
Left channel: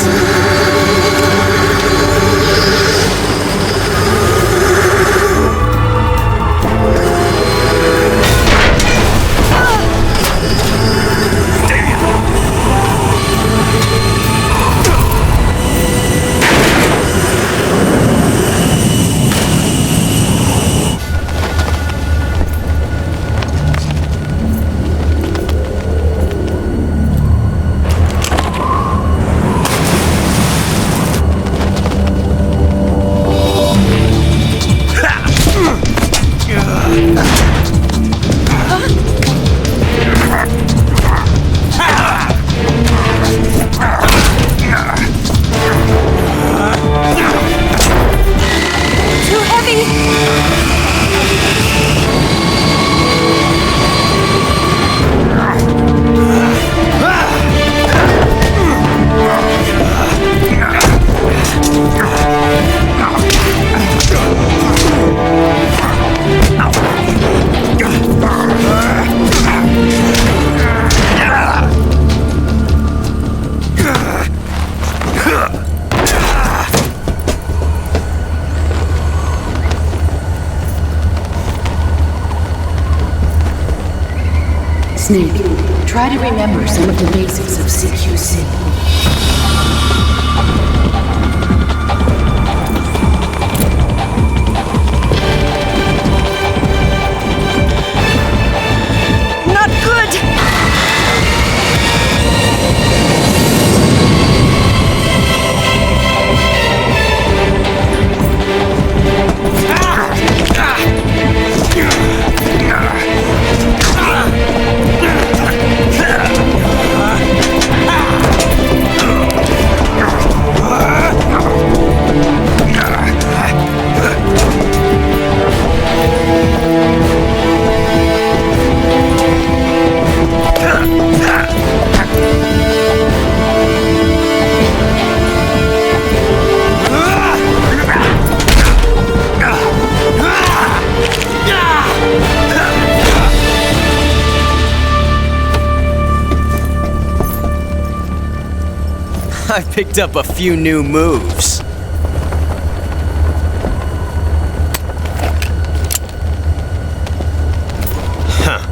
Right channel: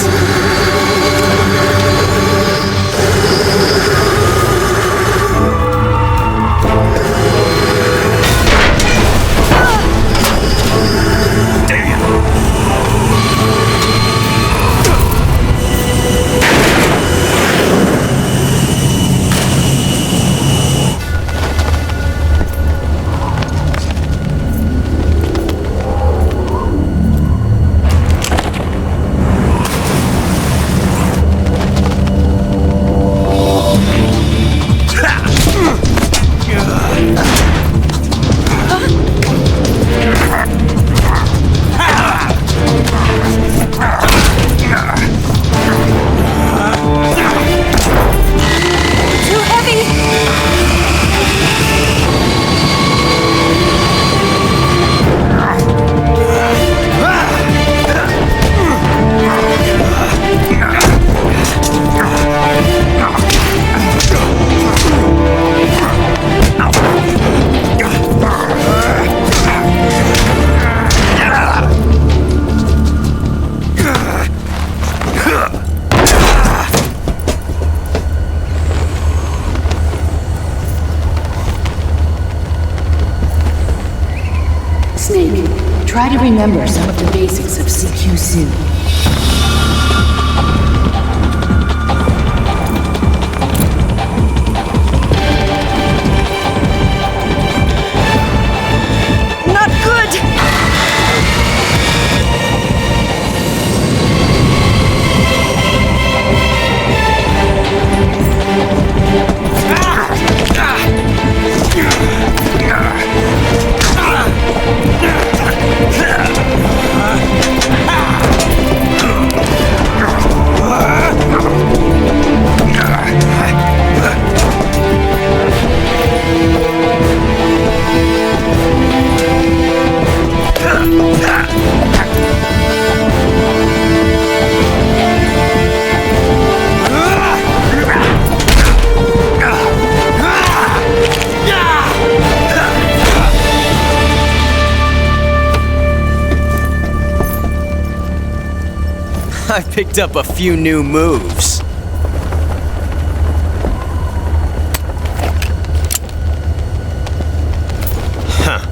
Try to remember some of the basics of CQC. Not good! I picked up a few new moves. Huh.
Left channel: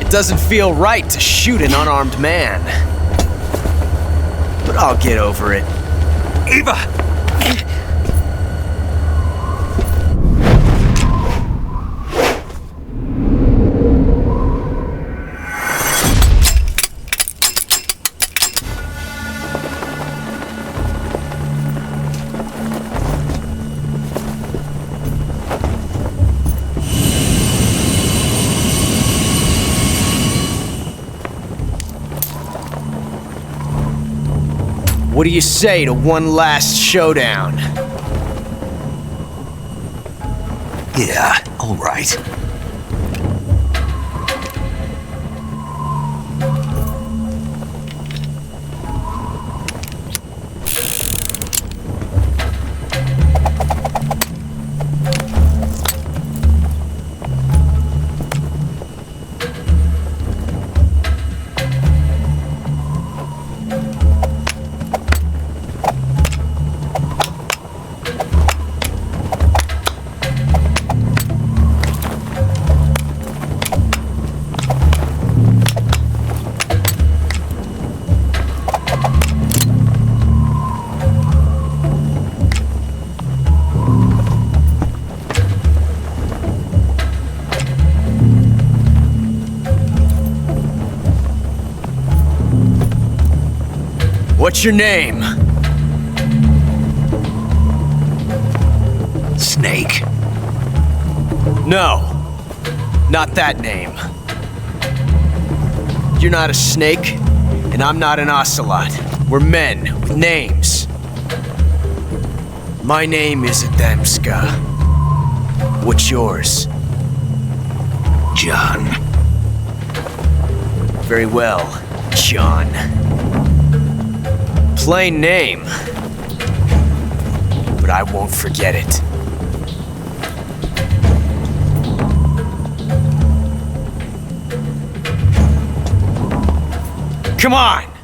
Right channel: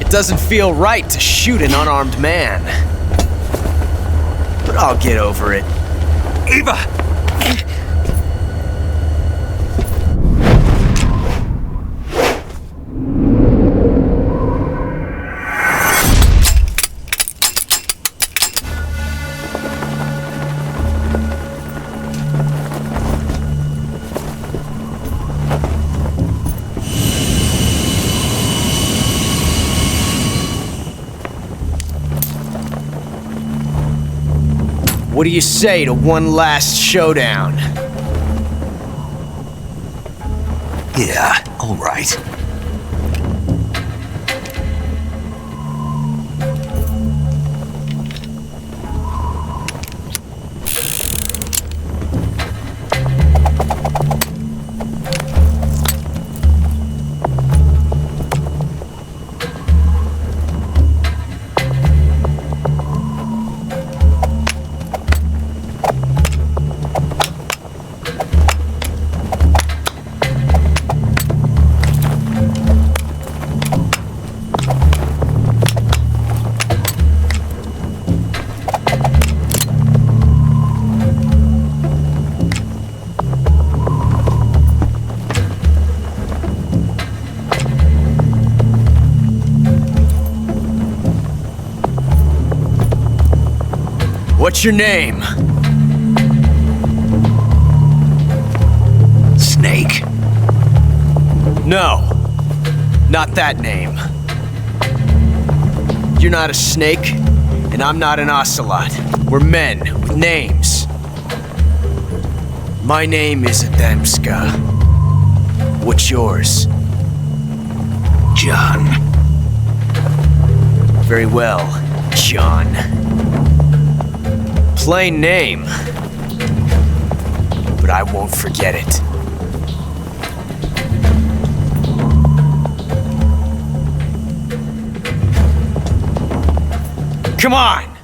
It doesn't feel right to shoot an unarmed man. But I'll get over it. Eva! What do you say to one last showdown? Yeah, all right. What's your name? Snake. No, not that name. You're not a snake, and I'm not an ocelot. We're men with names. My name is Adamska. What's yours? John. Very well, John. Plain name, but I won't forget it. Come on!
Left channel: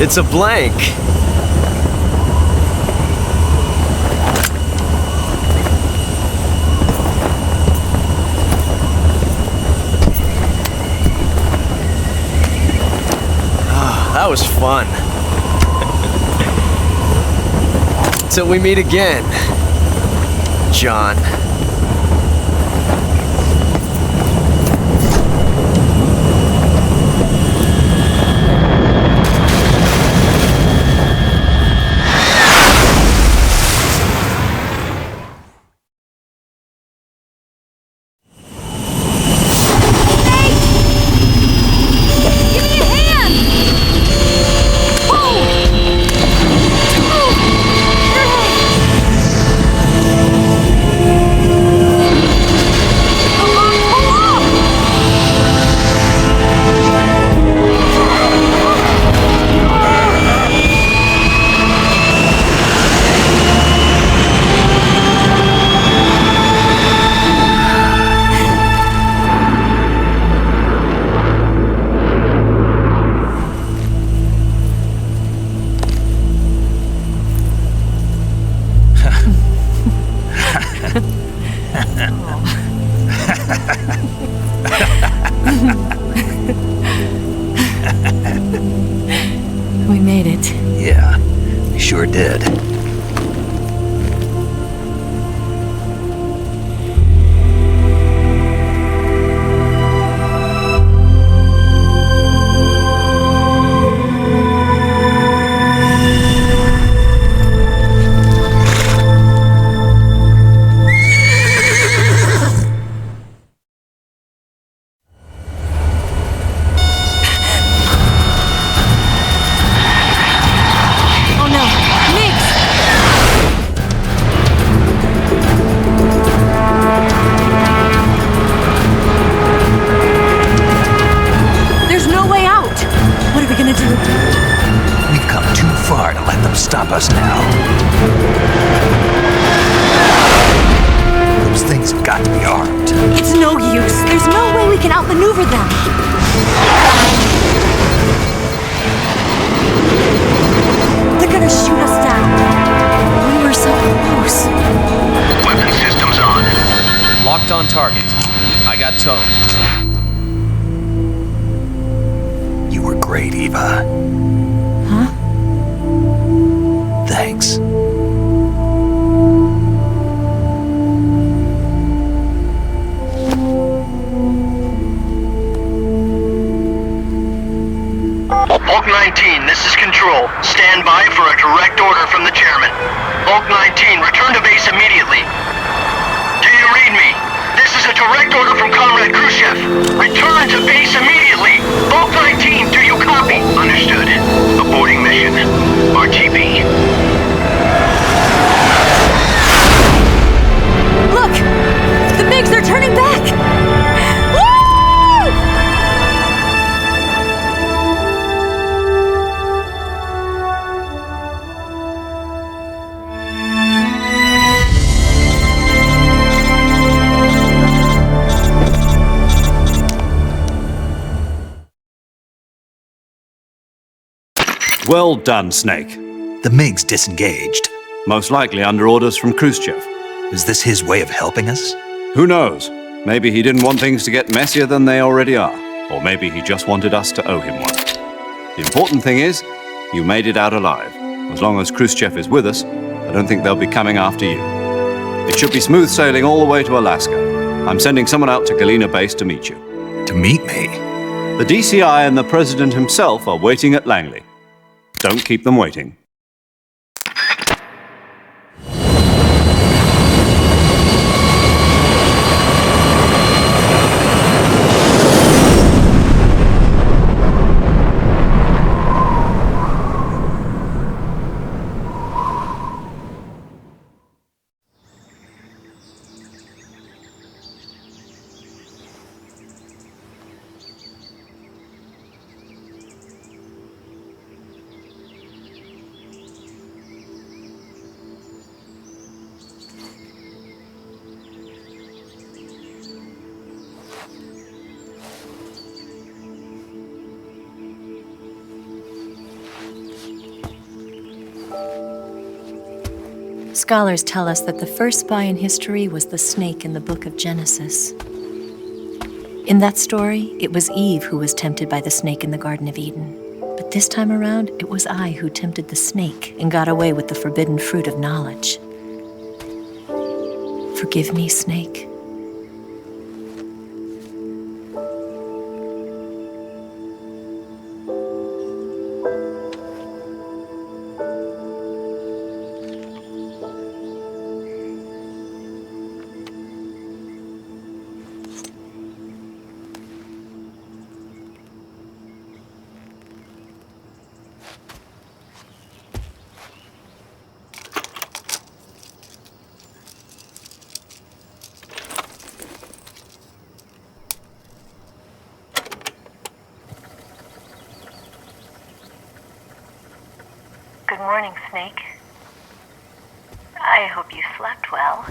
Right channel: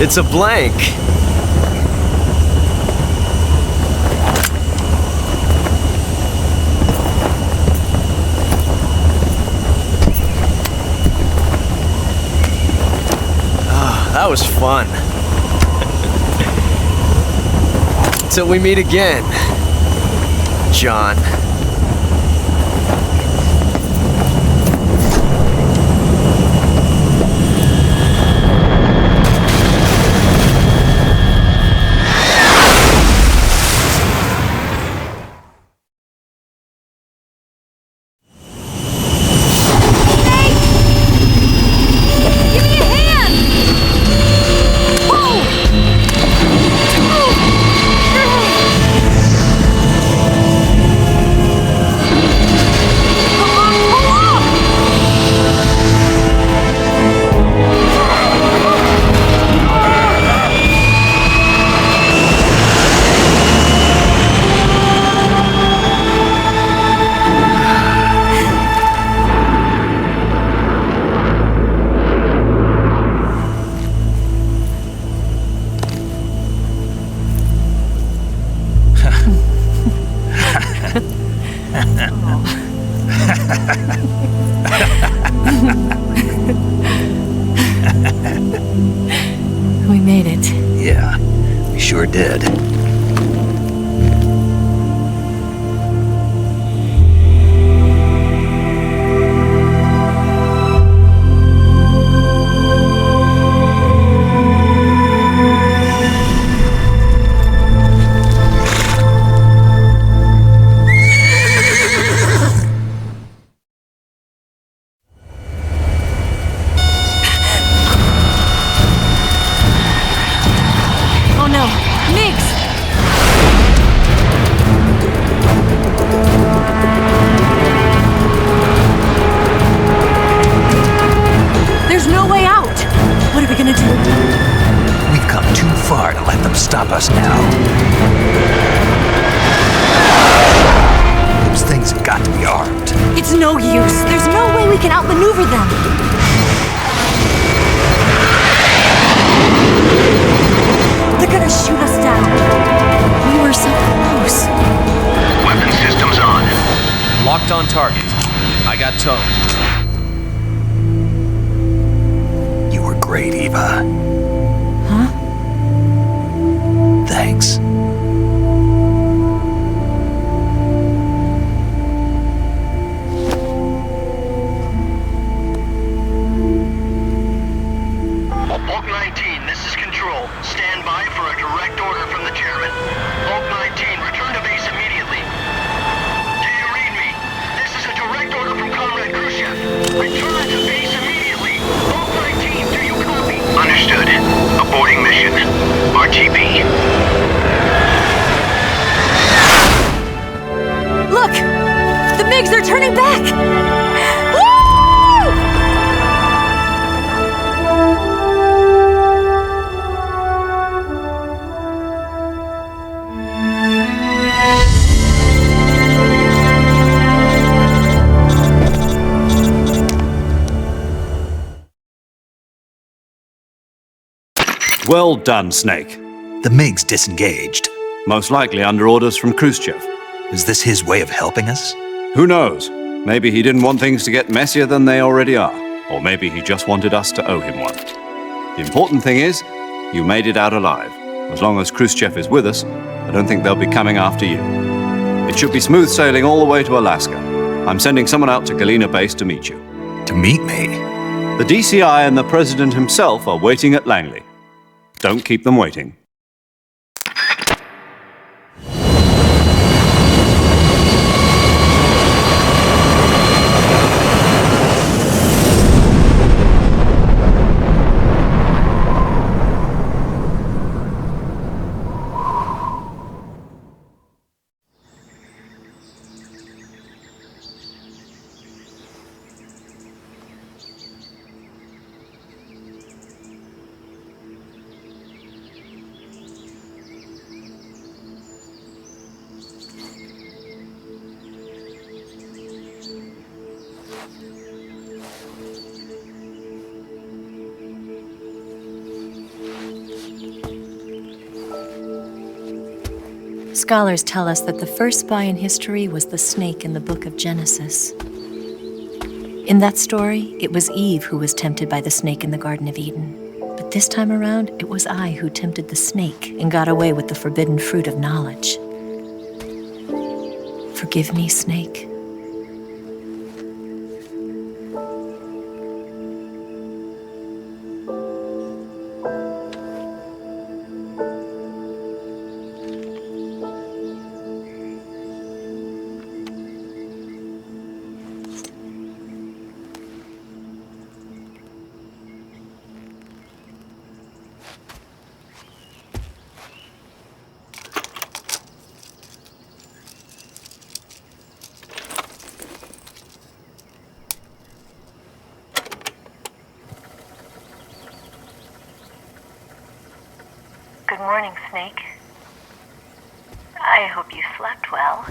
It's a blank. Ah, that was fun. Until we meet again, John. We made it. Yeah, we sure did. Stop us now. Those things have got to be armed. It's no use. There's no way we can outmaneuver them. They're gonna shoot us down. We were so close. Weapon systems on. Locked on target. I got towed. You were great, Eva. Huh? Thanks. Bulk 19, this is Control. Stand by for a direct order from the chairman. Bulk 19, return to base immediately. Do you read me? This is a direct order from Comrade Khrushchev. Return to base immediately. Bulk 19, do you copy? Understood. Aborting mission. RTB. Look! The MiGs are turning back! Woo! Well done, Snake. The MiGs disengaged. Most likely under orders from Khrushchev. Is this his way of helping us? Who knows? Maybe he didn't want things to get messier than they already are. Or maybe he just wanted us to owe him one. The important thing is, you made it out alive. As long as Khrushchev is with us, I don't think they'll be coming after you. It should be smooth sailing all the way to Alaska. I'm sending someone out to Galena Base to meet you. To meet me? The DCI and the President himself are waiting at Langley. Don't keep them waiting. Scholars tell us that the first spy in history was the snake in the book of Genesis. In that story, it was Eve who was tempted by the snake in the Garden of Eden. But But this time around, it was I who tempted the snake and got away with the forbidden fruit of knowledge. Forgive me, Snake. Good morning, Snake. I hope you slept well.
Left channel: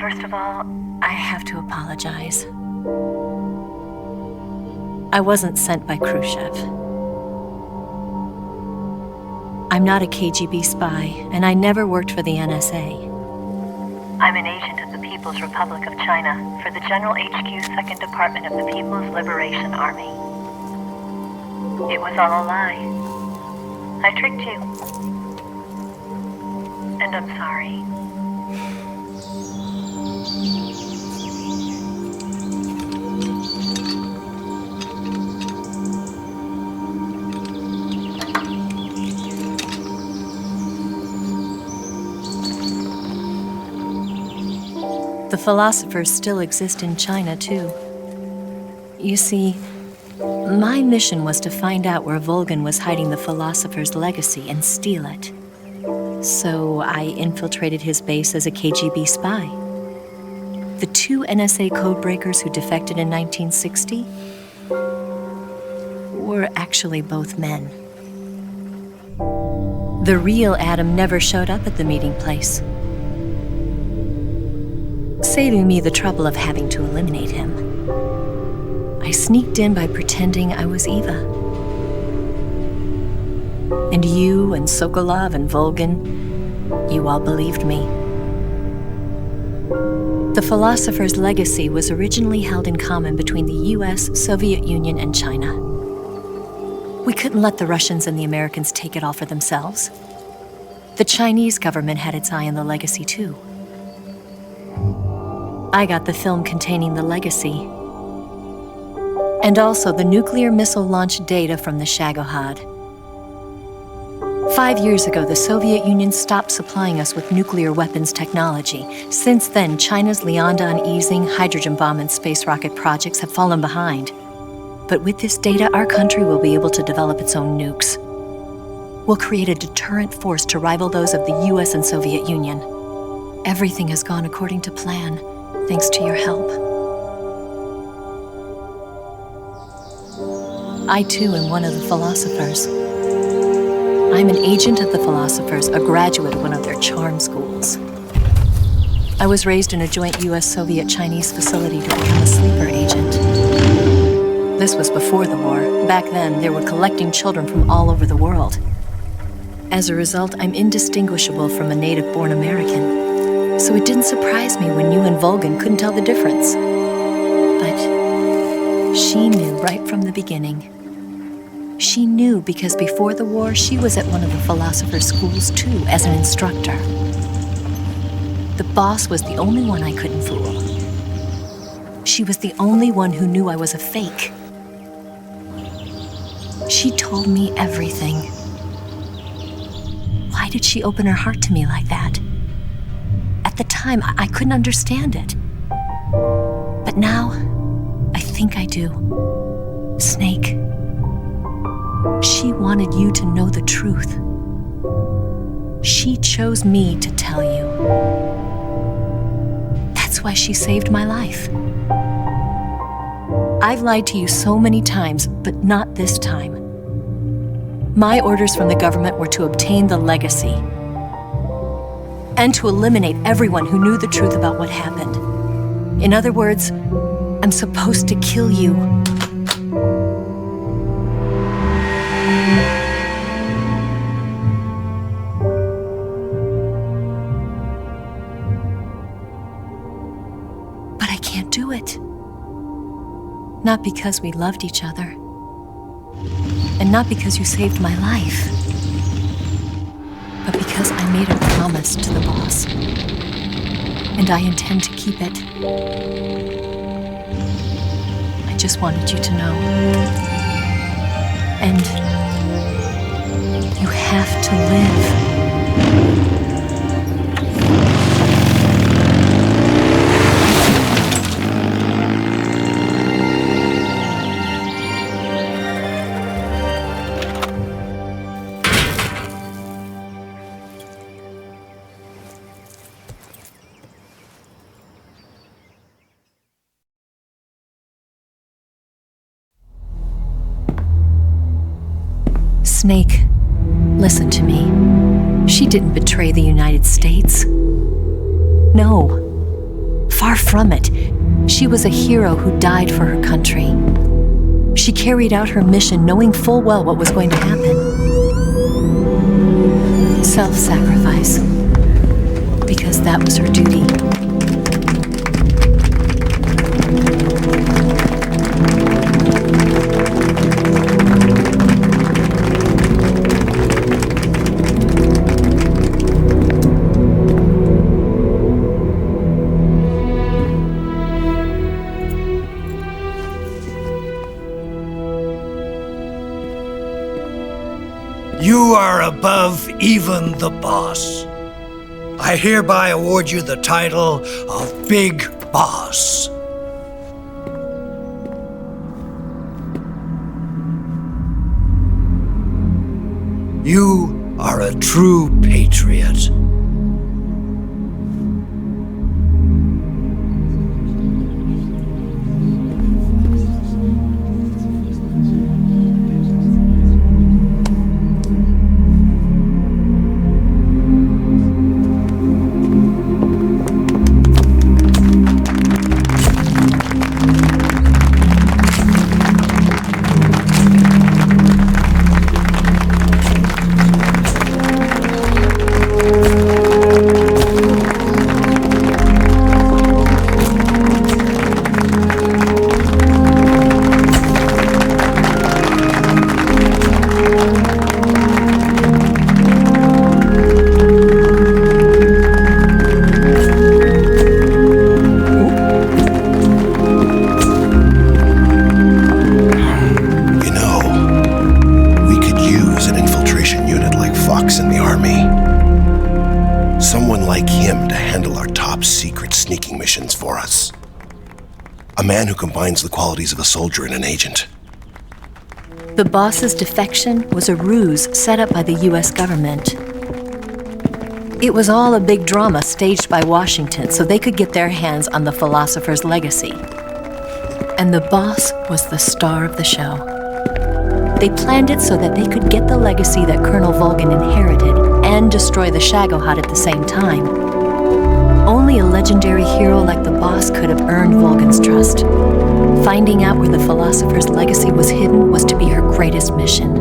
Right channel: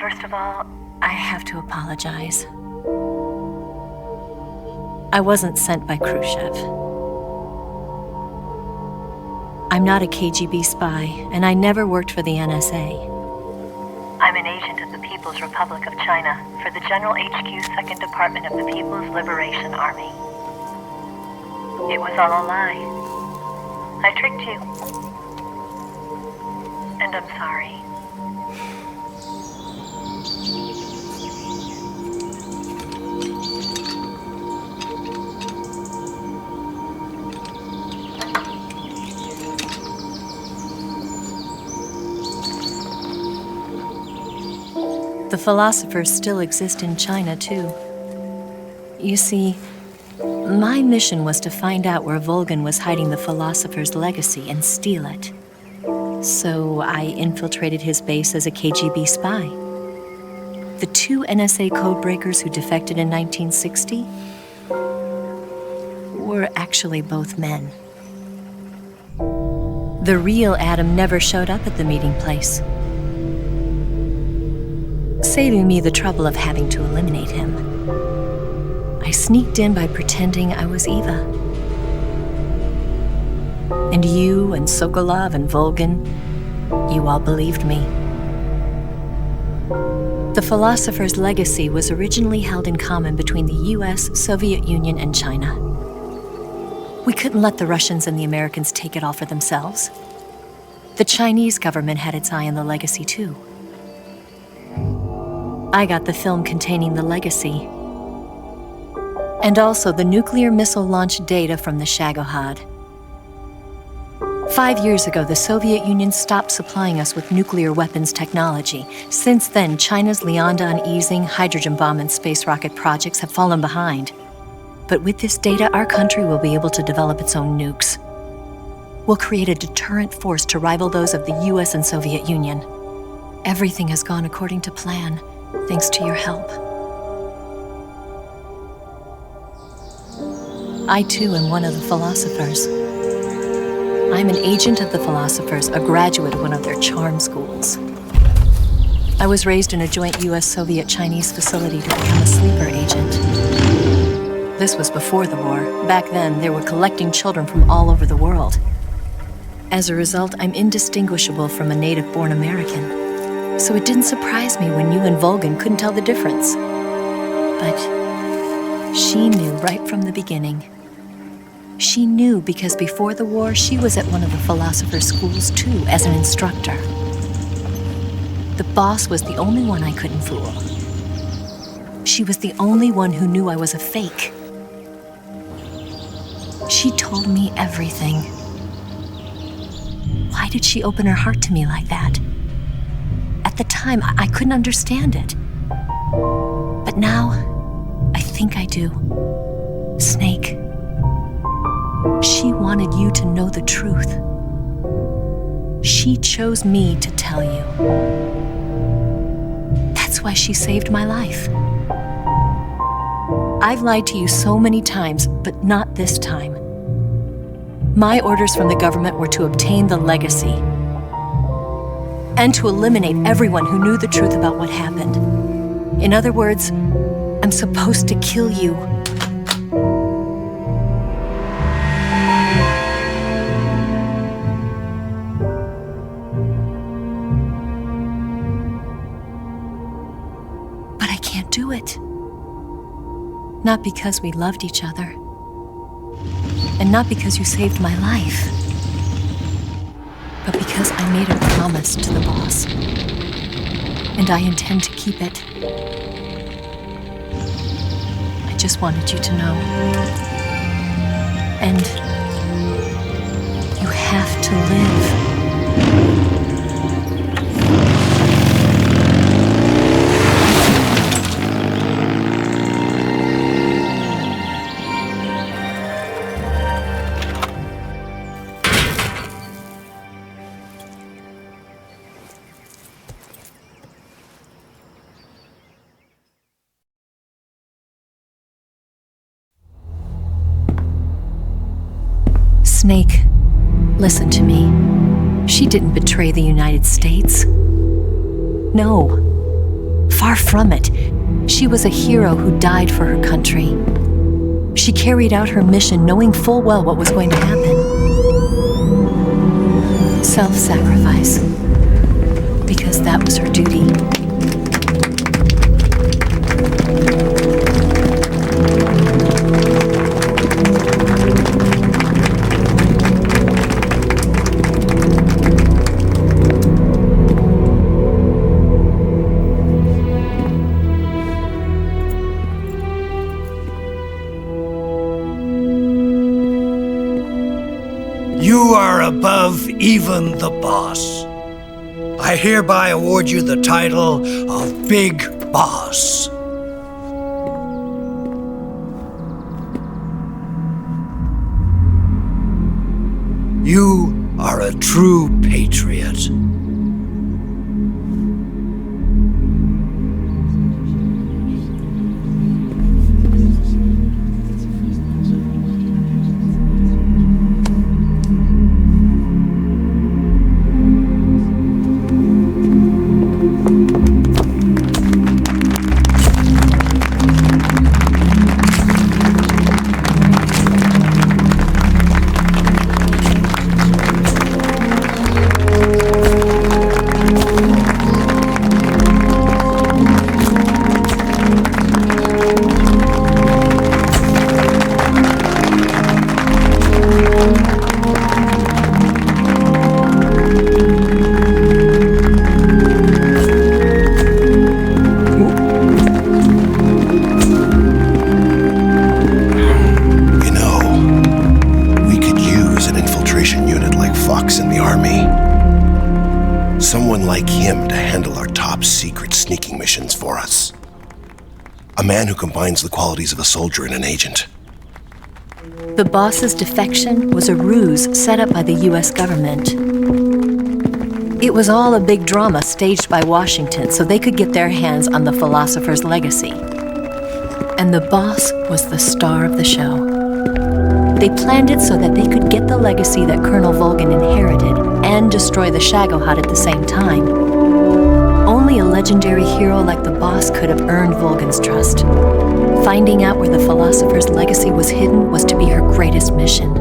First of all, I have to apologize. I wasn't sent by Khrushchev. I'm not a KGB spy, and I never worked for the NSA. I'm an agent of the People's Republic of China for the General HQ 2nd Department of the People's Liberation Army. It was all a lie. I tricked you. And I'm sorry. The philosophers still exist in China, too. You see, my mission was to find out where Volgin was hiding the philosopher's legacy and steal it. So I infiltrated his base as a KGB spy. The 2 NSA codebreakers who defected in 1960 were actually both men. The real Adam never showed up at the meeting place, saving me the trouble of having to eliminate him. I sneaked in by pretending I was Eva. And you and Sokolov and Volgin, you all believed me. The philosopher's legacy was originally held in common between the US, Soviet Union, and China. We couldn't let the Russians and the Americans take it all for themselves. The Chinese government had its eye on the legacy too. I got the film containing the legacy, and also the nuclear missile launch data from the Shagohod. 5 years ago, the Soviet Union stopped supplying us with nuclear weapons technology. Since then, China's Liaodong easing, hydrogen bomb, and space rocket projects have fallen behind. But with this data, our country will be able to develop its own nukes. We'll create a deterrent force to rival those of the US and Soviet Union. Everything has gone according to plan, thanks to your help. I too am one of the philosophers. I'm an agent of the philosophers, a graduate of one of their charm schools. I was raised in a joint US-Soviet-Chinese facility to become a sleeper agent. This was before the war. Back then, they were collecting children from all over the world. As a result, I'm indistinguishable from a native-born American. So it didn't surprise me when you and Volgin couldn't tell the difference. But she knew right from the beginning. She knew because before the war, she was at one of the philosopher's schools too, as an instructor. The boss was the only one I couldn't fool. She was the only one who knew I was a fake. She told me everything. Why did she open her heart to me like that? At the time, I couldn't understand it. But now, I think I do. Snake. She wanted you to know the truth. She chose me to tell you. That's why she saved my life. I've lied to you so many times, but not this time. My orders from the government were to obtain the legacy and to eliminate everyone who knew the truth about what happened. In other words, I'm supposed to kill you. But I can't do it. Not because we loved each other, And not because you saved my life, but because I made a promise to the boss. And I intend to keep it. I just wanted you to know. And you have to live. Snake, listen to me. She didn't betray the United States. No. Far from it. She was a hero who died for her country. She carried out her mission knowing full well what was going to happen. Self-sacrifice. Because that was her duty. You are above even the boss. I hereby award you the title of Big Boss. You are a true patriot. For us. A man who combines the qualities of a soldier and an agent. The boss's defection was a ruse set up by the US government. It was all a big drama staged by Washington so they could get their hands on the philosopher's legacy. And the boss was the star of the show. They planned it so that they could get the legacy that Colonel Volgin inherited and destroy the Shagohod at the same time. Only a legendary hero like the boss could have earned Volgin's trust. Finding out where the philosopher's legacy was hidden was to be her greatest mission.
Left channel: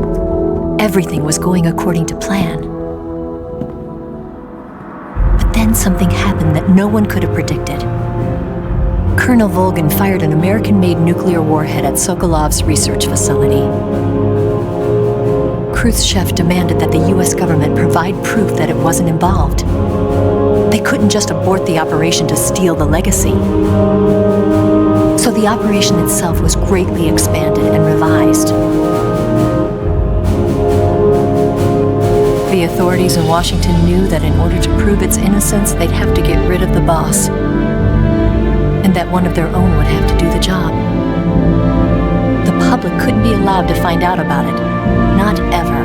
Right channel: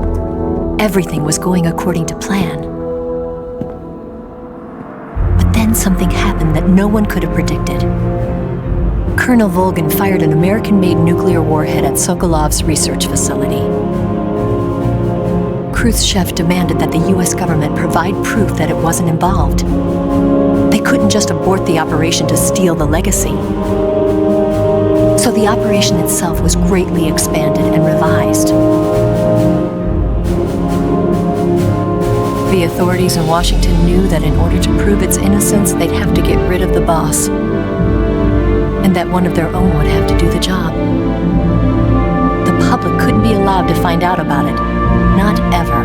Everything was going according to plan. But then something happened that no one could have predicted. Colonel Volgin fired an American-made nuclear warhead at Sokolov's research facility. Khrushchev demanded that the US government provide proof that it wasn't involved. They couldn't just abort the operation to steal the legacy. So the operation itself was greatly expanded and revised. The authorities in Washington knew that in order to prove its innocence, they'd have to get rid of the boss, and that one of their own would have to do the job. The public couldn't be allowed to find out about it, not ever.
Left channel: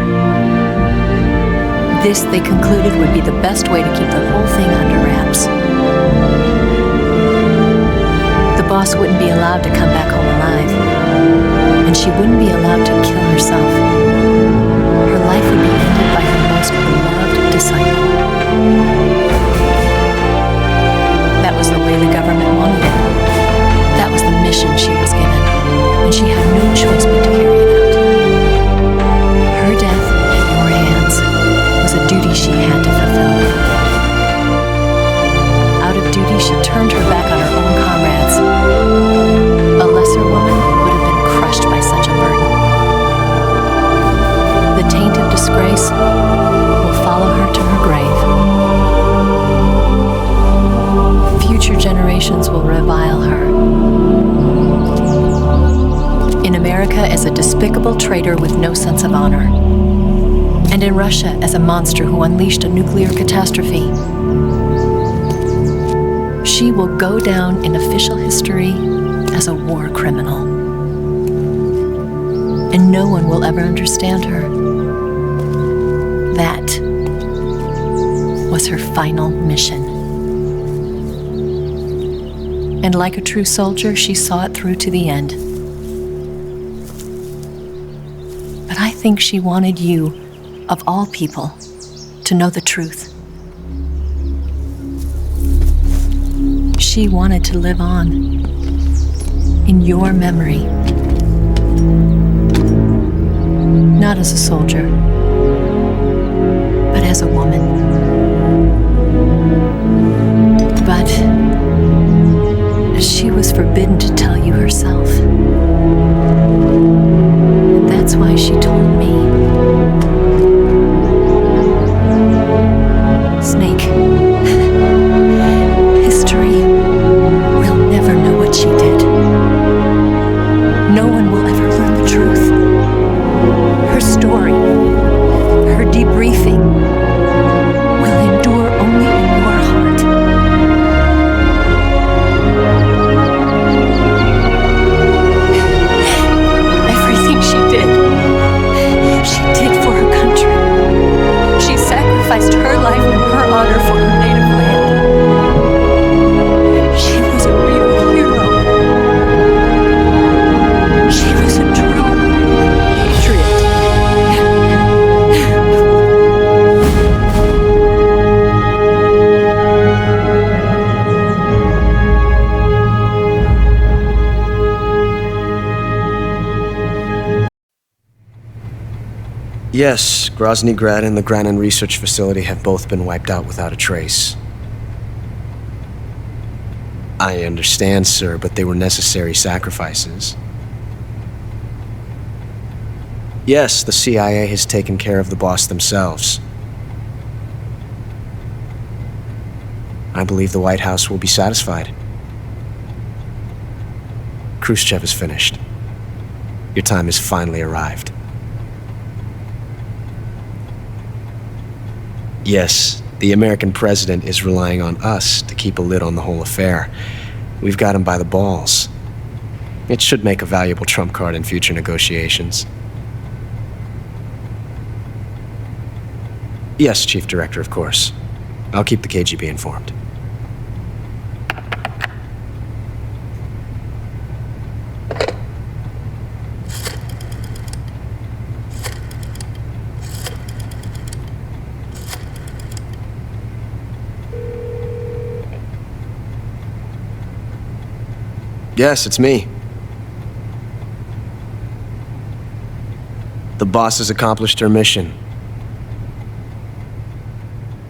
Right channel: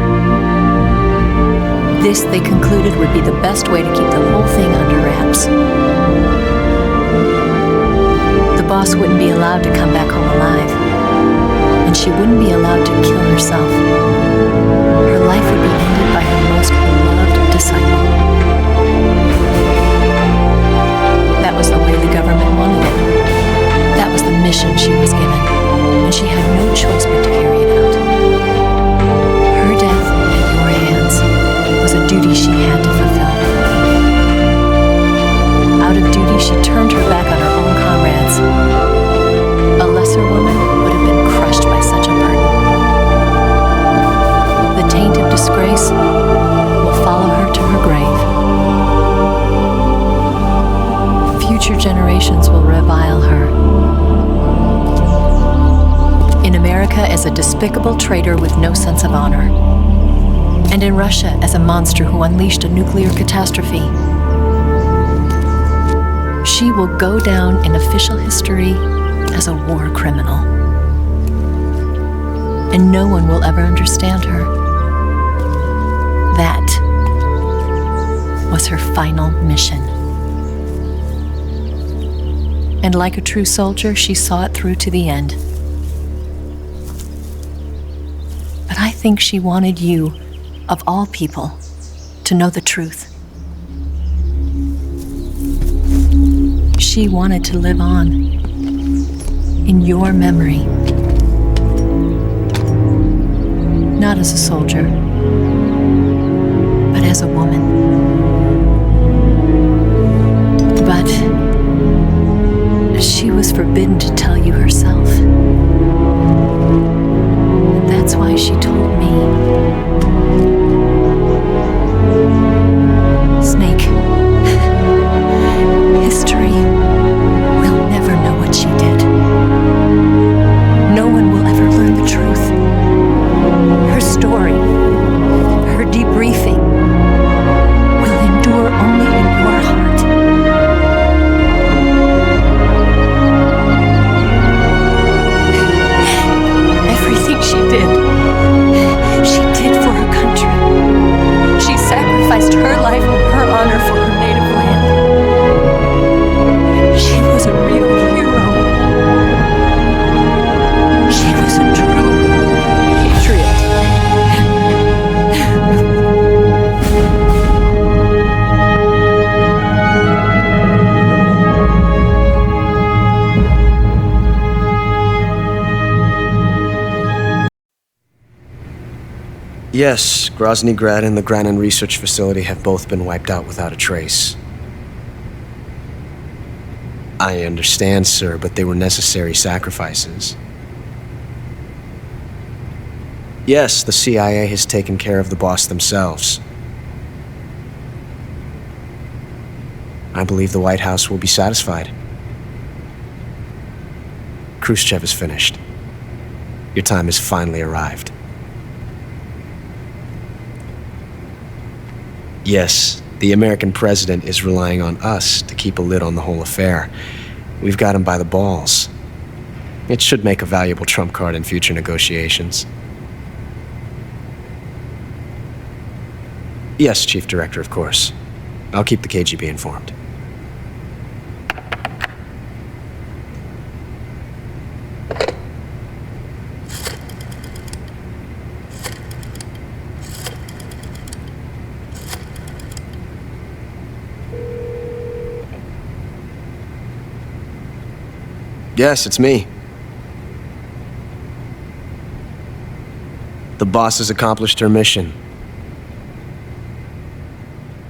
This, they concluded, would be the best way to keep the whole thing under wraps. The boss wouldn't be allowed to come back home alive, and she wouldn't be allowed to kill herself. Her life would be ended by her most beloved disciple. That was the way the government wanted it. That was the mission she was given, and she had no choice but to carry it out. Her death at your hands was a duty she had to fulfill. Out of duty, she turned her back on her own comrades. A lesser woman would have been crushed by such a burden. memories will follow her to her grave. Future generations will revile her. In America as a despicable traitor with no sense of honor. And in Russia as a monster who unleashed a nuclear catastrophe. She will go down in official history as a war criminal. And no one will ever understand her. That was her final mission. And like a true soldier, she saw it through to the end. But I think she wanted you, of all people, to know the truth. She wanted to live on in your memory. Not as a soldier, but as a woman. But she was forbidden to tell you herself. And that's why she told me. Snake, history will never know what she did. No one will ever learn the truth. Her story, her debriefing, will endure only in your heart. Everything she did for her country. She sacrificed her life and her honor for her native land. She was a real hero. She was a true patriot. Yes, Grozny Grad and the Granin Research Facility have both been wiped out without a trace. I understand, sir, but they were necessary sacrifices. Yes, the CIA has taken care of the boss themselves. I believe the White House will be satisfied. Khrushchev is finished. Your time has finally arrived. Yes, the American president is relying on us to keep a lid on the whole affair. We've got him by the balls. It should make a valuable trump card in future negotiations. Yes, Chief Director, of course. I'll keep the KGB informed. Yes, it's me. The boss has accomplished her mission.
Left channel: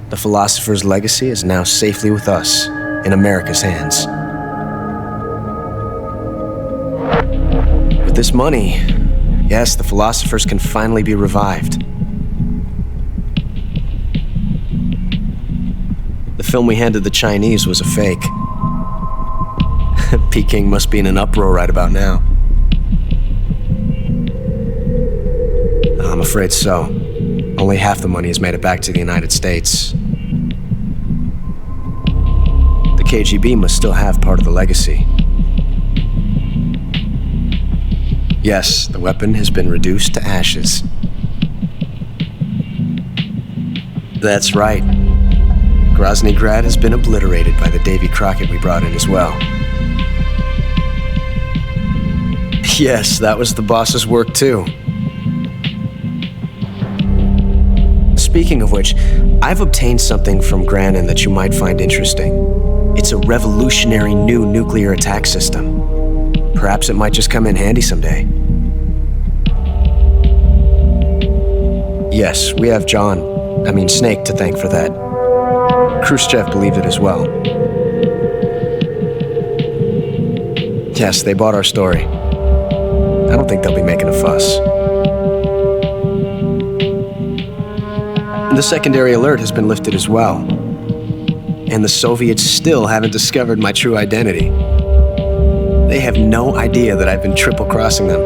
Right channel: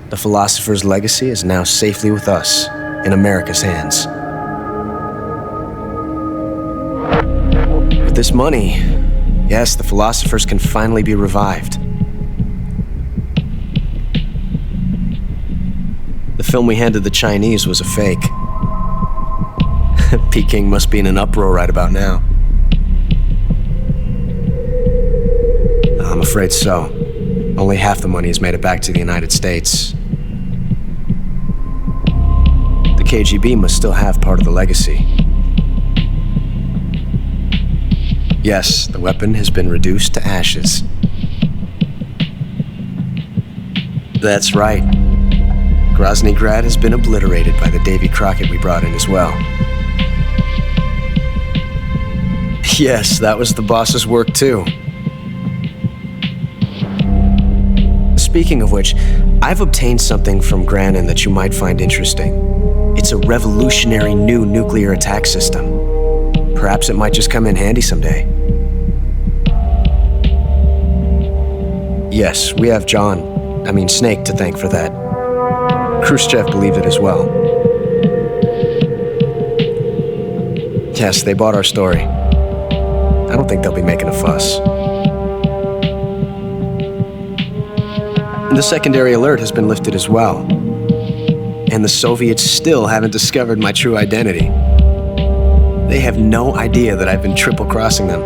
The philosopher's legacy is now safely with us, in America's hands. With this money, yes, the philosophers can finally be revived. The film we handed the Chinese was a fake. Peking must be in an uproar right about now. I'm afraid so. Only half the money has made it back to the United States. The KGB must still have part of the legacy. Yes, the weapon has been reduced to ashes. That's right. Grozny Grad has been obliterated by the Davy Crockett we brought in as well. Yes, that was the boss's work too. Speaking of which, I've obtained something from Granin that you might find interesting. It's a revolutionary new nuclear attack system. Perhaps it might just come in handy someday. Yes, we have Snake to thank for that. Khrushchev believed it as well. Yes, they bought our story. I don't think they'll be making a fuss. The secondary alert has been lifted as well. And the Soviets still haven't discovered my true identity. They have no idea that I've been triple-crossing them.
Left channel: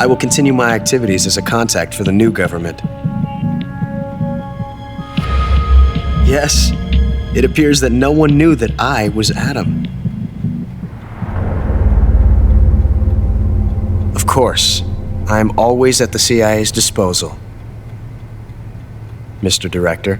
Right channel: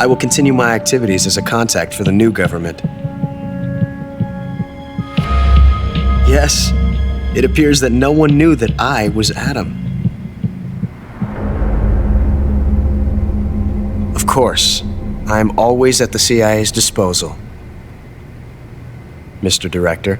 I will continue my activities as a contact for the new government. Yes, it appears that no one knew that I was Adam. Of course, I am always at the CIA's disposal, Mr. Director.